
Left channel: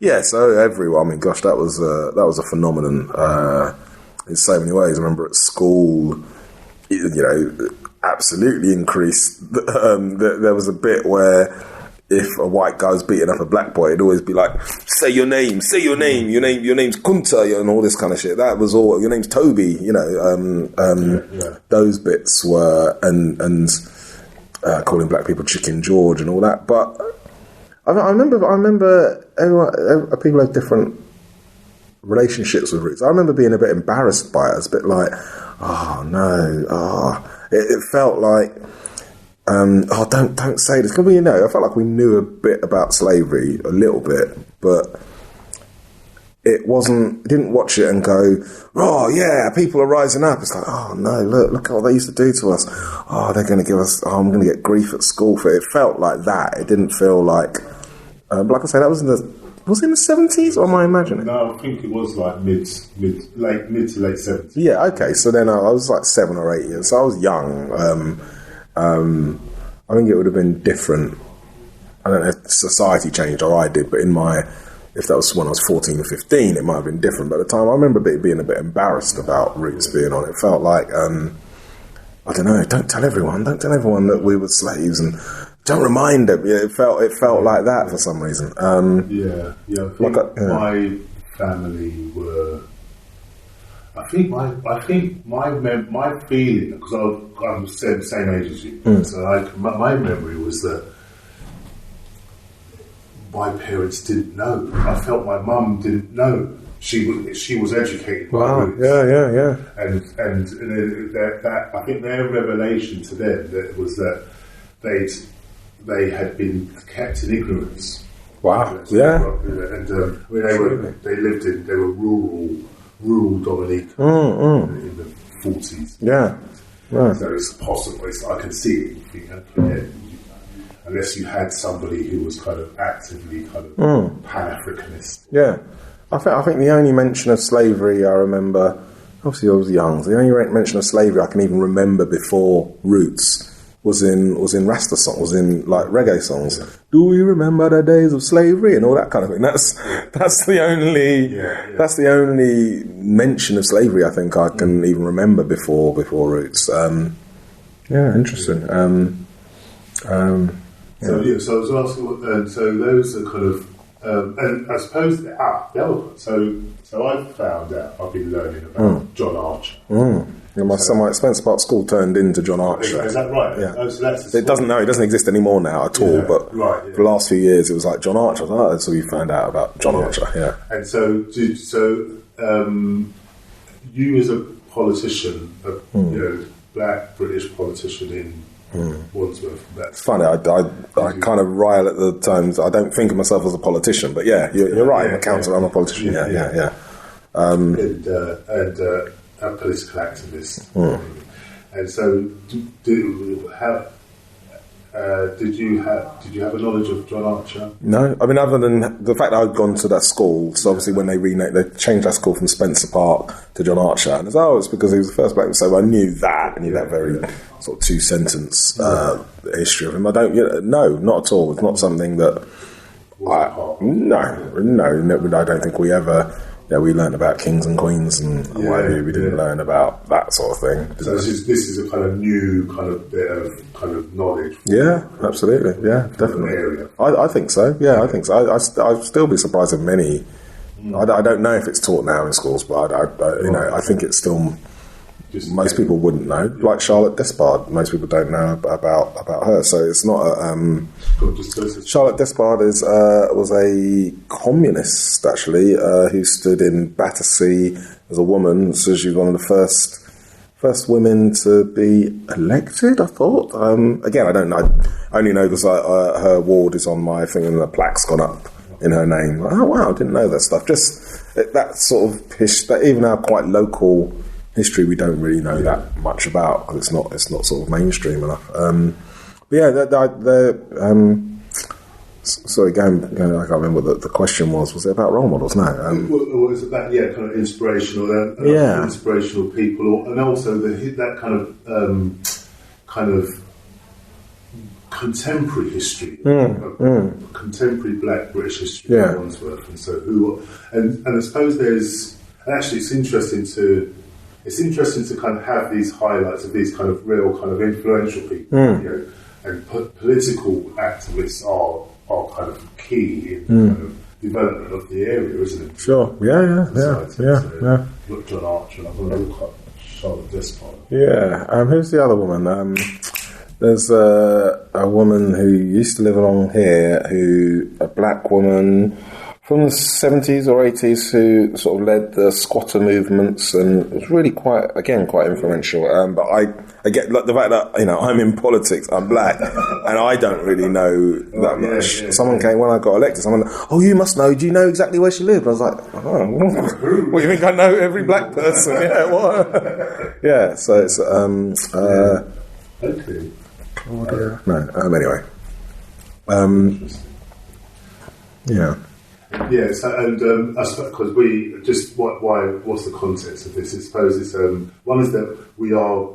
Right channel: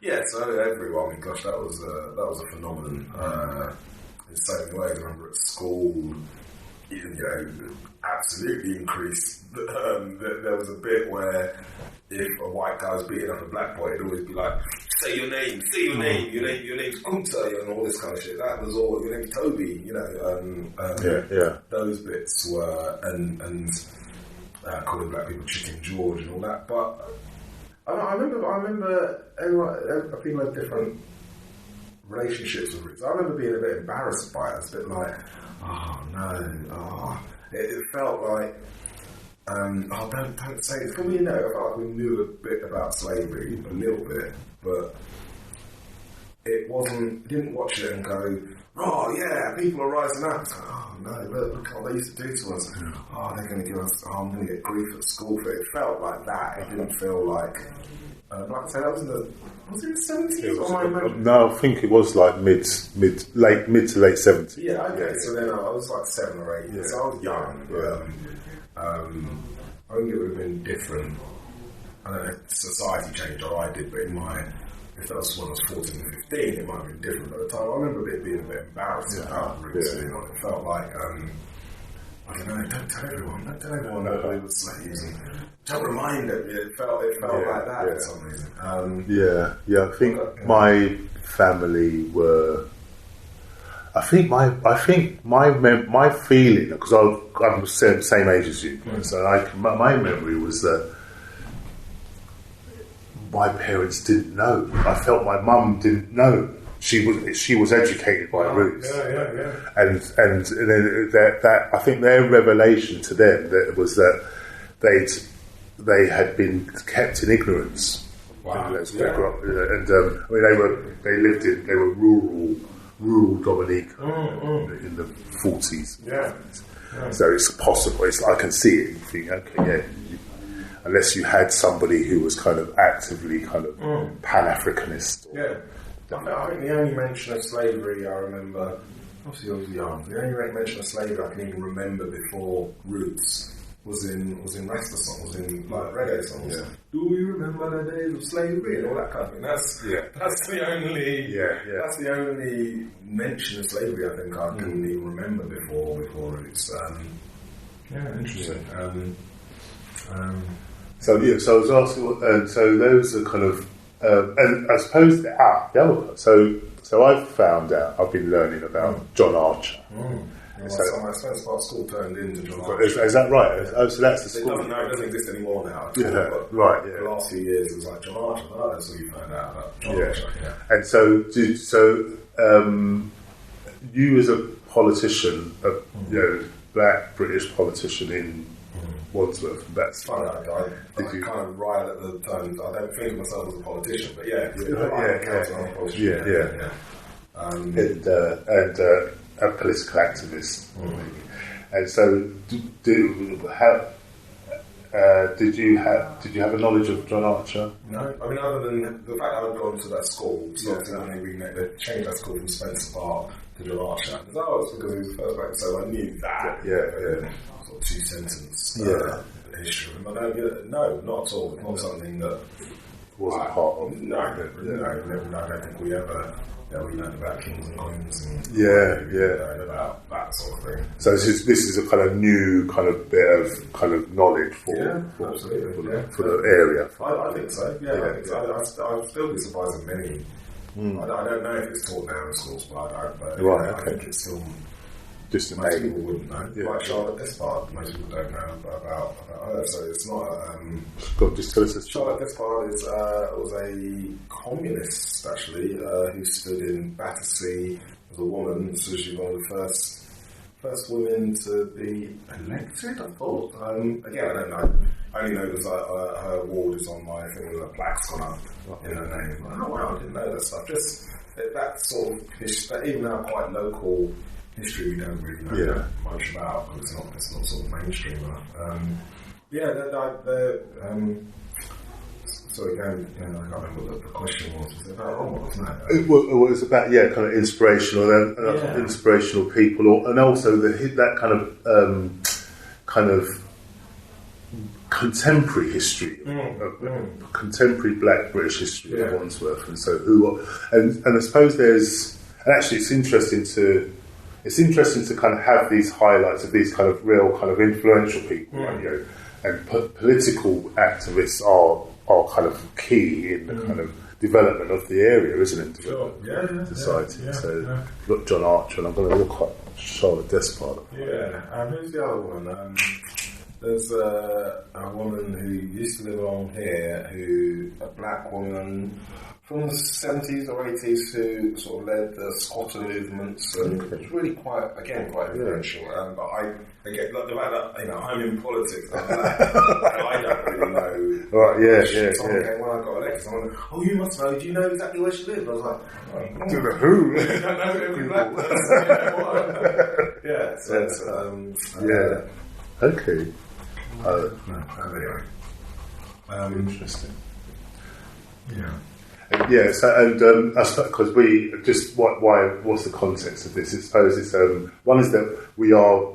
yeah. So everyone. I mean, gosh, that was a phenomenon in so many ways. I remember at school, absolutely increased. There was a bit where, if a white guy was beating up a black boy, it'd always be like, say your name, your name's Kunta, and all this kind of shit. That was all, your name's Toby, those bits were, and calling black people Chicken George and all that. But I remember everyone, people have different relationships with Roots. I remember being a bit embarrassed by it. It's a bit like, it felt like, don't say this. Because I felt like we knew a bit about slavery, a little bit, but it didn't watch it and go, oh yeah, people are rising up. It's like, oh no, look what they used to do to us. Oh, they're going to give us, I'm going to get grief at school for it. It felt like that. It didn't feel like, like I say, that was in the 70s, or am I imagining? No, I think it was like mid to late 70s. Yeah, okay. So then I was like 7 or 8 years. So I was young. I think it would have been different. I don't know if society changed or I did, but if that was when I was 14 or 15, it might have been different. But at the time, I remember being a bit embarrassed about Roots being on. It felt like, I don't know, don't tell everyone that we were slaves, and don't remind them. Yeah, it felt like that for some reason. I think my family were. I think my feeling, because I'm the same age as you, so my memory was that my parents didn't know. I felt my mum didn't know. She was educated by Roots. Yeah. And that I think their revelation to them was that they had been kept in ignorance. Wow. And they were rural Dominica in the 40s. Yeah. Right. So it's possible. I can see it. You think, okay, unless you had somebody who was kind of actively kind of Pan-Africanist. Yeah. I think the only mention of slavery I remember, obviously I was young, so the only mention of slavery I can even remember before Roots was in Rasta songs, was in like reggae songs. Yeah. Do we remember the days of slavery and all that kind of thing? That's the only mention of slavery I think I can even remember before Roots. Interesting. So I was asking, so those are kind of, and I suppose so I've found out, I've been learning about John Archer. My Spencer Park School turned into John Archer. Is that right? Yeah. Oh, so that's the it doesn't exist anymore now at all. But for the last few years, it was like John Archer. So we found out about John Archer. Yeah. And so you as a politician, black British politician in Wandsworth. That's funny. I kind of rile at the times. I don't think of myself as a politician, but you're right. I'm a councillor. I'm a politician. Yeah. And a political activist. And so, did you have a knowledge of John Archer? No, I mean other than the fact that I'd gone to that school. So obviously when they changed that school from Spencer Park to John Archer, and it's because he was the first black. So I knew that. That very sort of 2-sentence history of him. I don't. No, not at all. It's not something that. No. I don't think we ever. Yeah, we learned about kings and queens and we didn't learn about that sort of thing. So this is a kind of new kind of bit of kind of knowledge. Absolutely. For the area. I think so. Yeah, I think so. I'd still be surprised if many. I don't know if it's taught now in schools, but I think it's still. Most people wouldn't know. Like Charlotte Despard, most people don't know about her. So it's not Charlotte Despard was a communist actually who stood in Battersea as a woman. So she was one of the first women to be elected. I thought. Again, I don't know. I only know because her ward is on my thing and the plaque's gone up in her name. Oh wow, I didn't know that stuff. Just that sort of even our quite local history we don't really know that much about because it's not sort of mainstream enough. Sorry, going, I can't remember what the question was. Was it about role models? No. It was about kind of inspirational, inspirational people, and also that kind of contemporary history, contemporary Black British history of Wandsworth, and so and I suppose actually it's interesting to kind of have these highlights of these kind of real kind of influential people, and political activists are kind of key in the kind of development of the area, isn't it? Sure. Yeah. Look, John Archer, and I'm going to look up Charlotte Despard. Yeah. Who's the other woman? There's a woman who used to live along here, a black woman from the 70s or 80s who sort of led the squatter movements and was really quite influential. But I get like the fact that I'm in politics, I'm black, and I don't really know that much. Someone came when I got elected. Someone, you must know. Do you know exactly where she lived? I was like, what do you think? I know every black person. What? So it's okay. Anyway. Interesting. Yeah. Yeah, so, because what's the context of this? I suppose it's one is that we are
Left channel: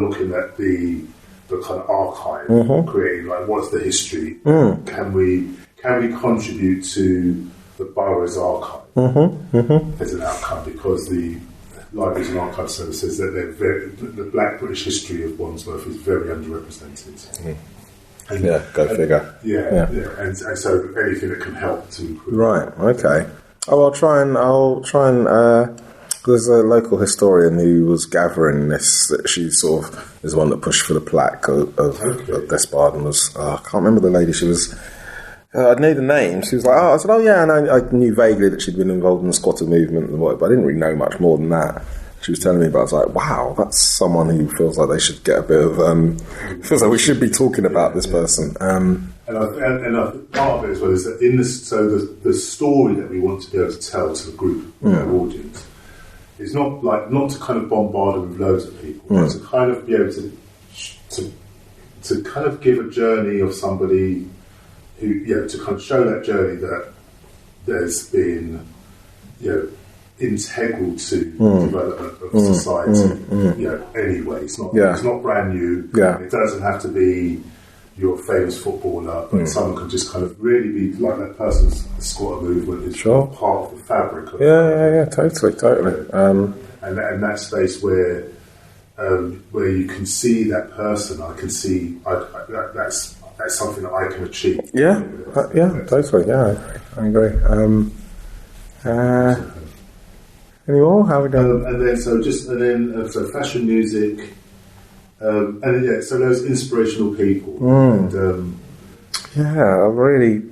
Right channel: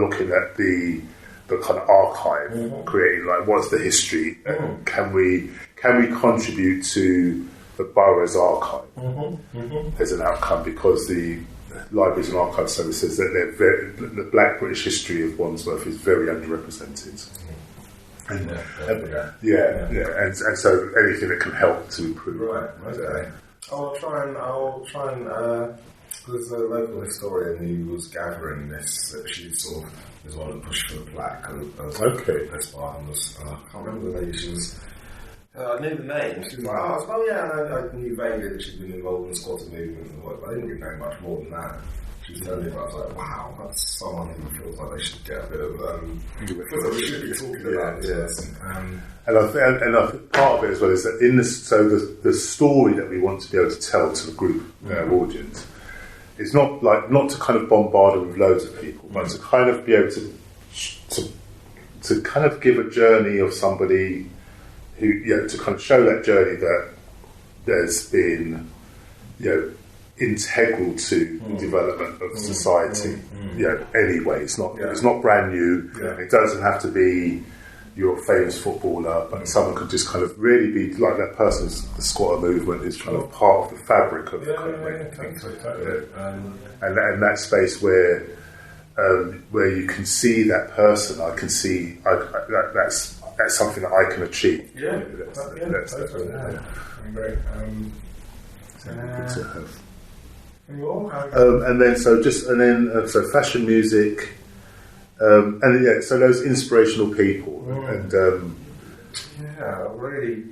looking at the kind of archive, creating like what's the history? Can we contribute to the borough's archive as an outcome? Because the Libraries and Archive Service says that the Black British history of Wandsworth is very underrepresented. And, go figure. And so anything that can help to improve. Right. Okay. I'll try and There's a local historian who was gathering this, that she sort of is the one that pushed for the plaque of Despard, and was, I can't remember the lady, she was, I knew the name, she was like, I said, and I knew vaguely that she'd been involved in the squatter movement and what, but I didn't really know much more than that. She was telling me about it. I was like, wow, that's someone who feels like they should get a bit of, feels like we should be talking about this person. And I think part of it as well is that the story that we want to be able to tell to the group, our audience, it's not to kind of bombard them with loads of people, but to kind of be able to kind of give a journey of somebody who, to kind of show that journey that there's been, integral to the development of society. Anyway, it's not brand new. It doesn't have to be you're a famous footballer, but someone could just kind of really be like that person's the squatter movement is kind of part of the fabric of totally. And that space where you can see that person, I can see that's something that I can achieve. Totally. I agree. Any more? How we go? So fashion, music, so those inspirational people, I really.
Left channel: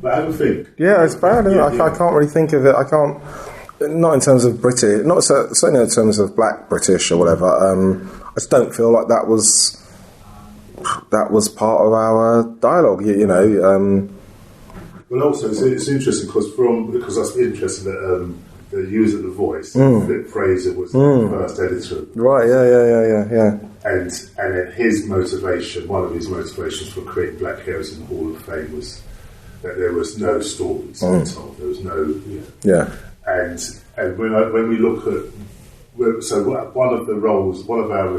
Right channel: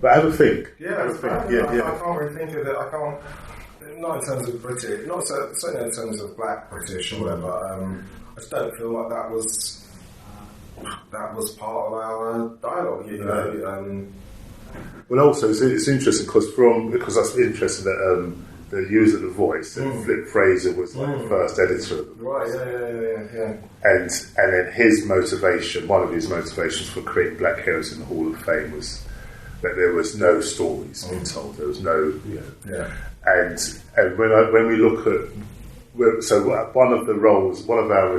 But have a think. Yeah, it's bad. I can't really think of it. I can't. Not in terms of British. Not certainly in terms of Black British or whatever. I just don't feel like that was part of our dialogue. Well, also it's interesting because that's interesting that. The user of the voice, Flip Fraser was the first editor of the Right, yeah. And then his motivation, one of his motivations for creating Black Heroes in the Hall of Fame was that there was no stories being told. There was no, And when we look at, so one of our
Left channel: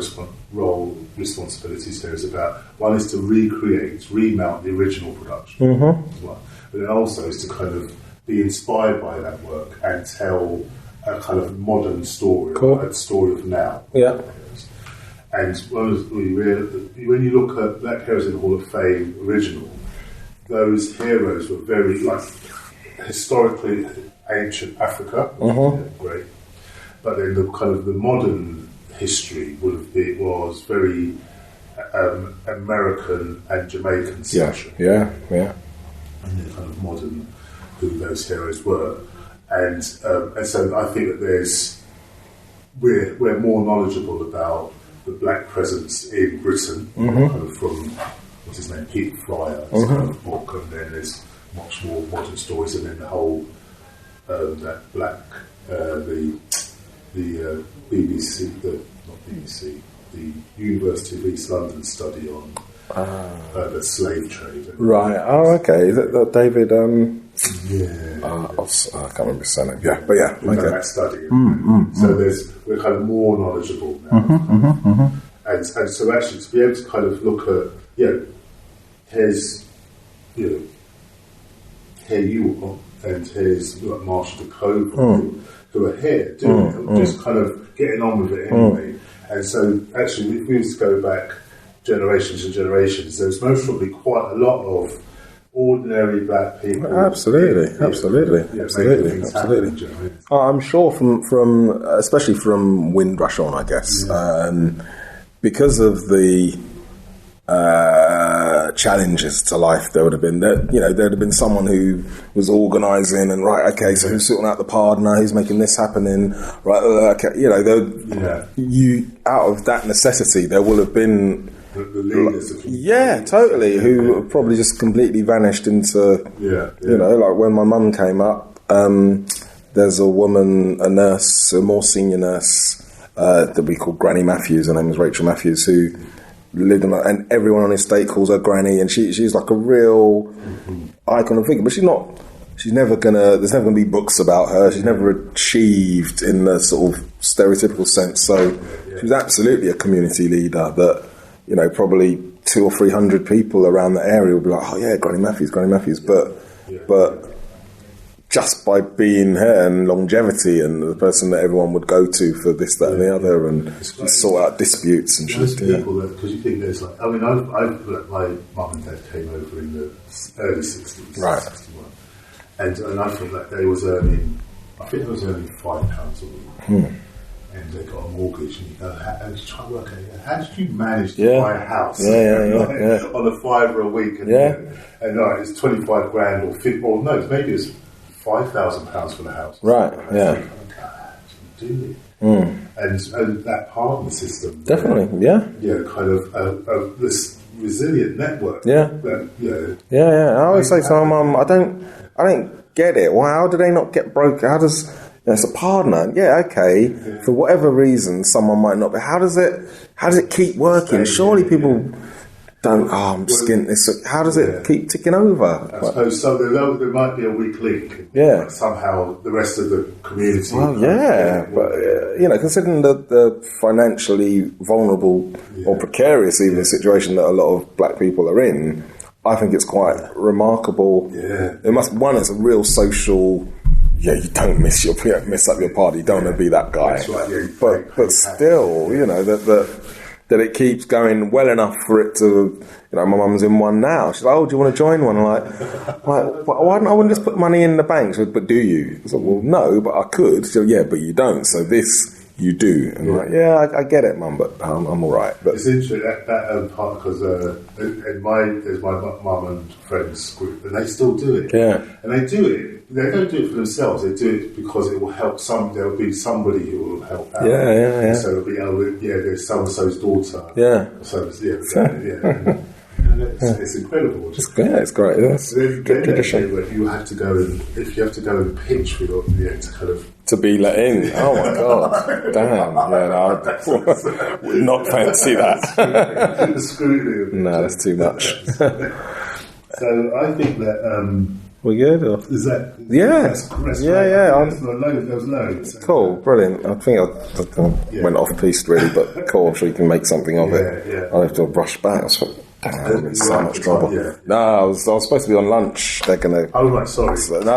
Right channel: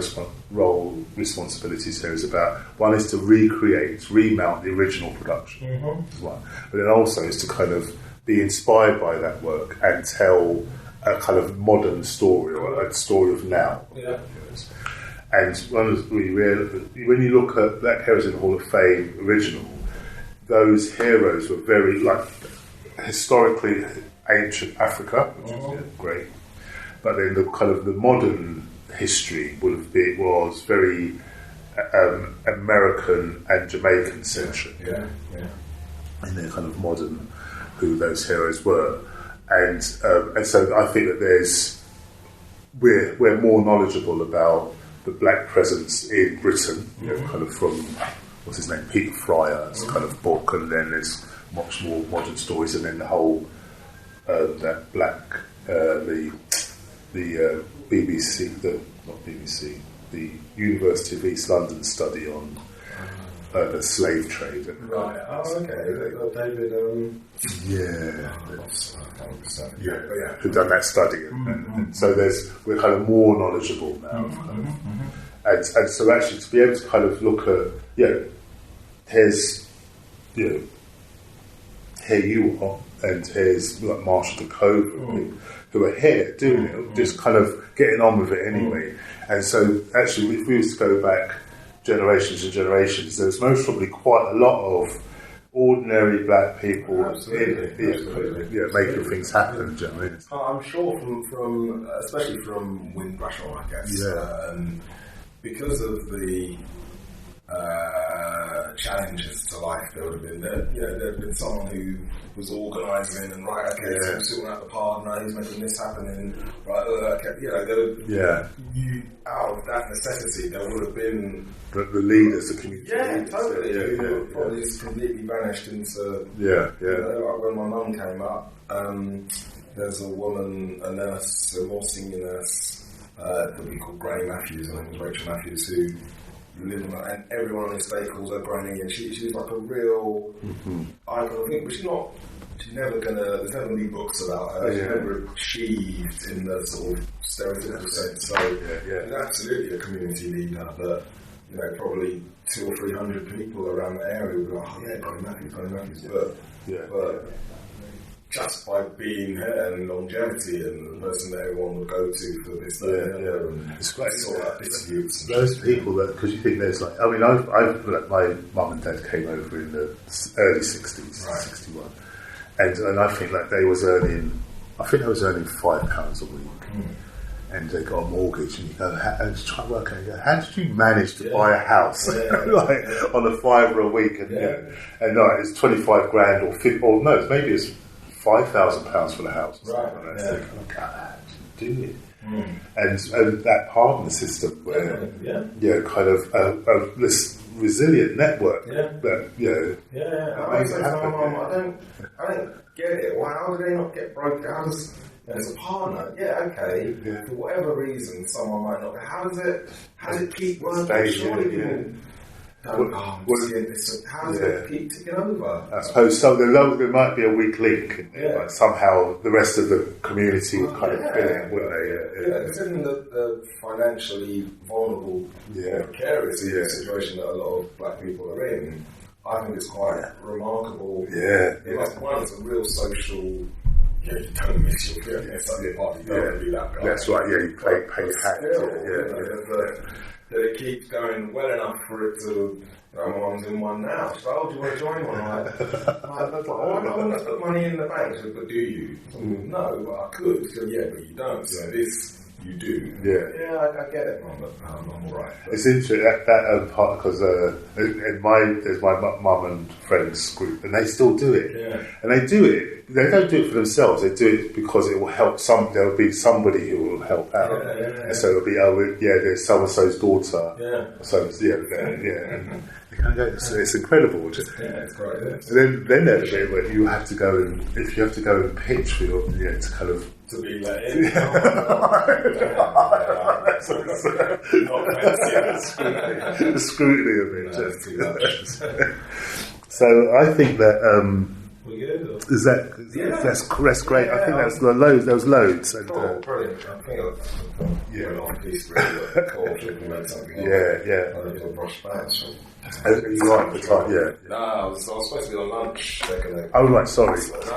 role responsibilities there is about, one is to remount the original production, as well. But then also is to kind of be inspired by that work and tell a kind of modern story, a story of now. Yeah. And when you look at Black Heroes in the Hall of Fame original, those heroes were very historically ancient Africa, great. But then the kind of the modern history was very American and Jamaican centric. Yeah. In their kind of modern. Who those heroes were, and so I think that we're more knowledgeable about the Black presence in Britain, kind of from what's his name, Peter Fryer's kind of book, and then there's much more modern stories, and then the whole that Black the University of East London study on the slave trade. Right. Oh, okay. Is it David? I can't remember his surname. Yeah, but yeah, we've done that study. So we're kind of more knowledgeable now. And so actually to be able to kind of look at, here's, here you are, and here's like Marshall de Cove, who are here doing it, just kind of getting on with it anyway. And so actually, if we was to go back generations and generations, there's most probably quite a lot of ordinary Black people. Absolutely. Making things happen. I'm sure from especially from Windrush on, I guess, because of the challenges to life, there would have been there'd have been someone who was organising and so who's sorting out the partner, who's making this happening, you out of that necessity, there will have been the leaders, totally, who probably just completely vanished into like when my mum came up, there's a woman, a nurse, a more senior nurse that we call Granny Matthews. Her name was Rachel Matthews, who lived and everyone on his estate calls her Granny, and she's like a real icon of figure. But there's never gonna be books about her. She's never achieved in the sort of stereotypical sense. So she's absolutely a community leader that, probably 200 or 300 people around the area will be like, oh yeah, Granny Matthews. But just by being her and longevity and the person that everyone would go to for this, that, and the other, and sort out disputes and those people because you think there's like, I mean, I've my mum and dad came over in the early 60s, right. 61, and I think like they was earning I think it was only £5 a week. And they got a mortgage, and you go, and try to work out, how did you manage to buy a house on a £5 a week? And, it's 25 grand or 50, or no, maybe it's £5,000 for the house. Right. How do you do it? And that partner system, definitely, kind of this resilient network. I always say to my mum, I don't get it. Well, how do they not get broken? How does it's a partner? For whatever reason, someone might not be. How does it keep working? Surely people don't. I'm skint this. How does it keep ticking over? I suppose so. There might be a weak link. Like somehow the rest of the community. But considering the financially vulnerable or precarious even situation that a lot of black people are in, I think it's quite remarkable. It's a real social. You don't mess up your party. You don't want to be that guy. That's right. But still, that it keeps going well enough for it to. My mum's in one now. She's like, "Oh, do you want to join one?" I'm like, why don't I want to just put money in the bank? She said, "But do you?" I said, "Well, no, but I could." She said, "Yeah, but you don't. So this you do." And I'm like, I get it, Mum, but I'm all right. But it's interesting that part because there's my mum and friends group, and they still do it. And they do it. They don't do it for themselves. They do it because it will help there will be somebody who will help out. So it'll be there's so and so's daughter. It's incredible. It's great. Then you have to go and if you have to go and pitch for your to kind of to be let in. Oh my god! Damn! I would not fancy that. The scrutiny of it. No, it's too much. So I think that. We good? Or? Is that? That's great. That's the loads. There was loads. Cool, brilliant. I think I went off piste really, but cool. So we can make something of it. I have to brush back. So much trouble. No, I was supposed to be on lunch. They're gonna. Oh right, sorry. No,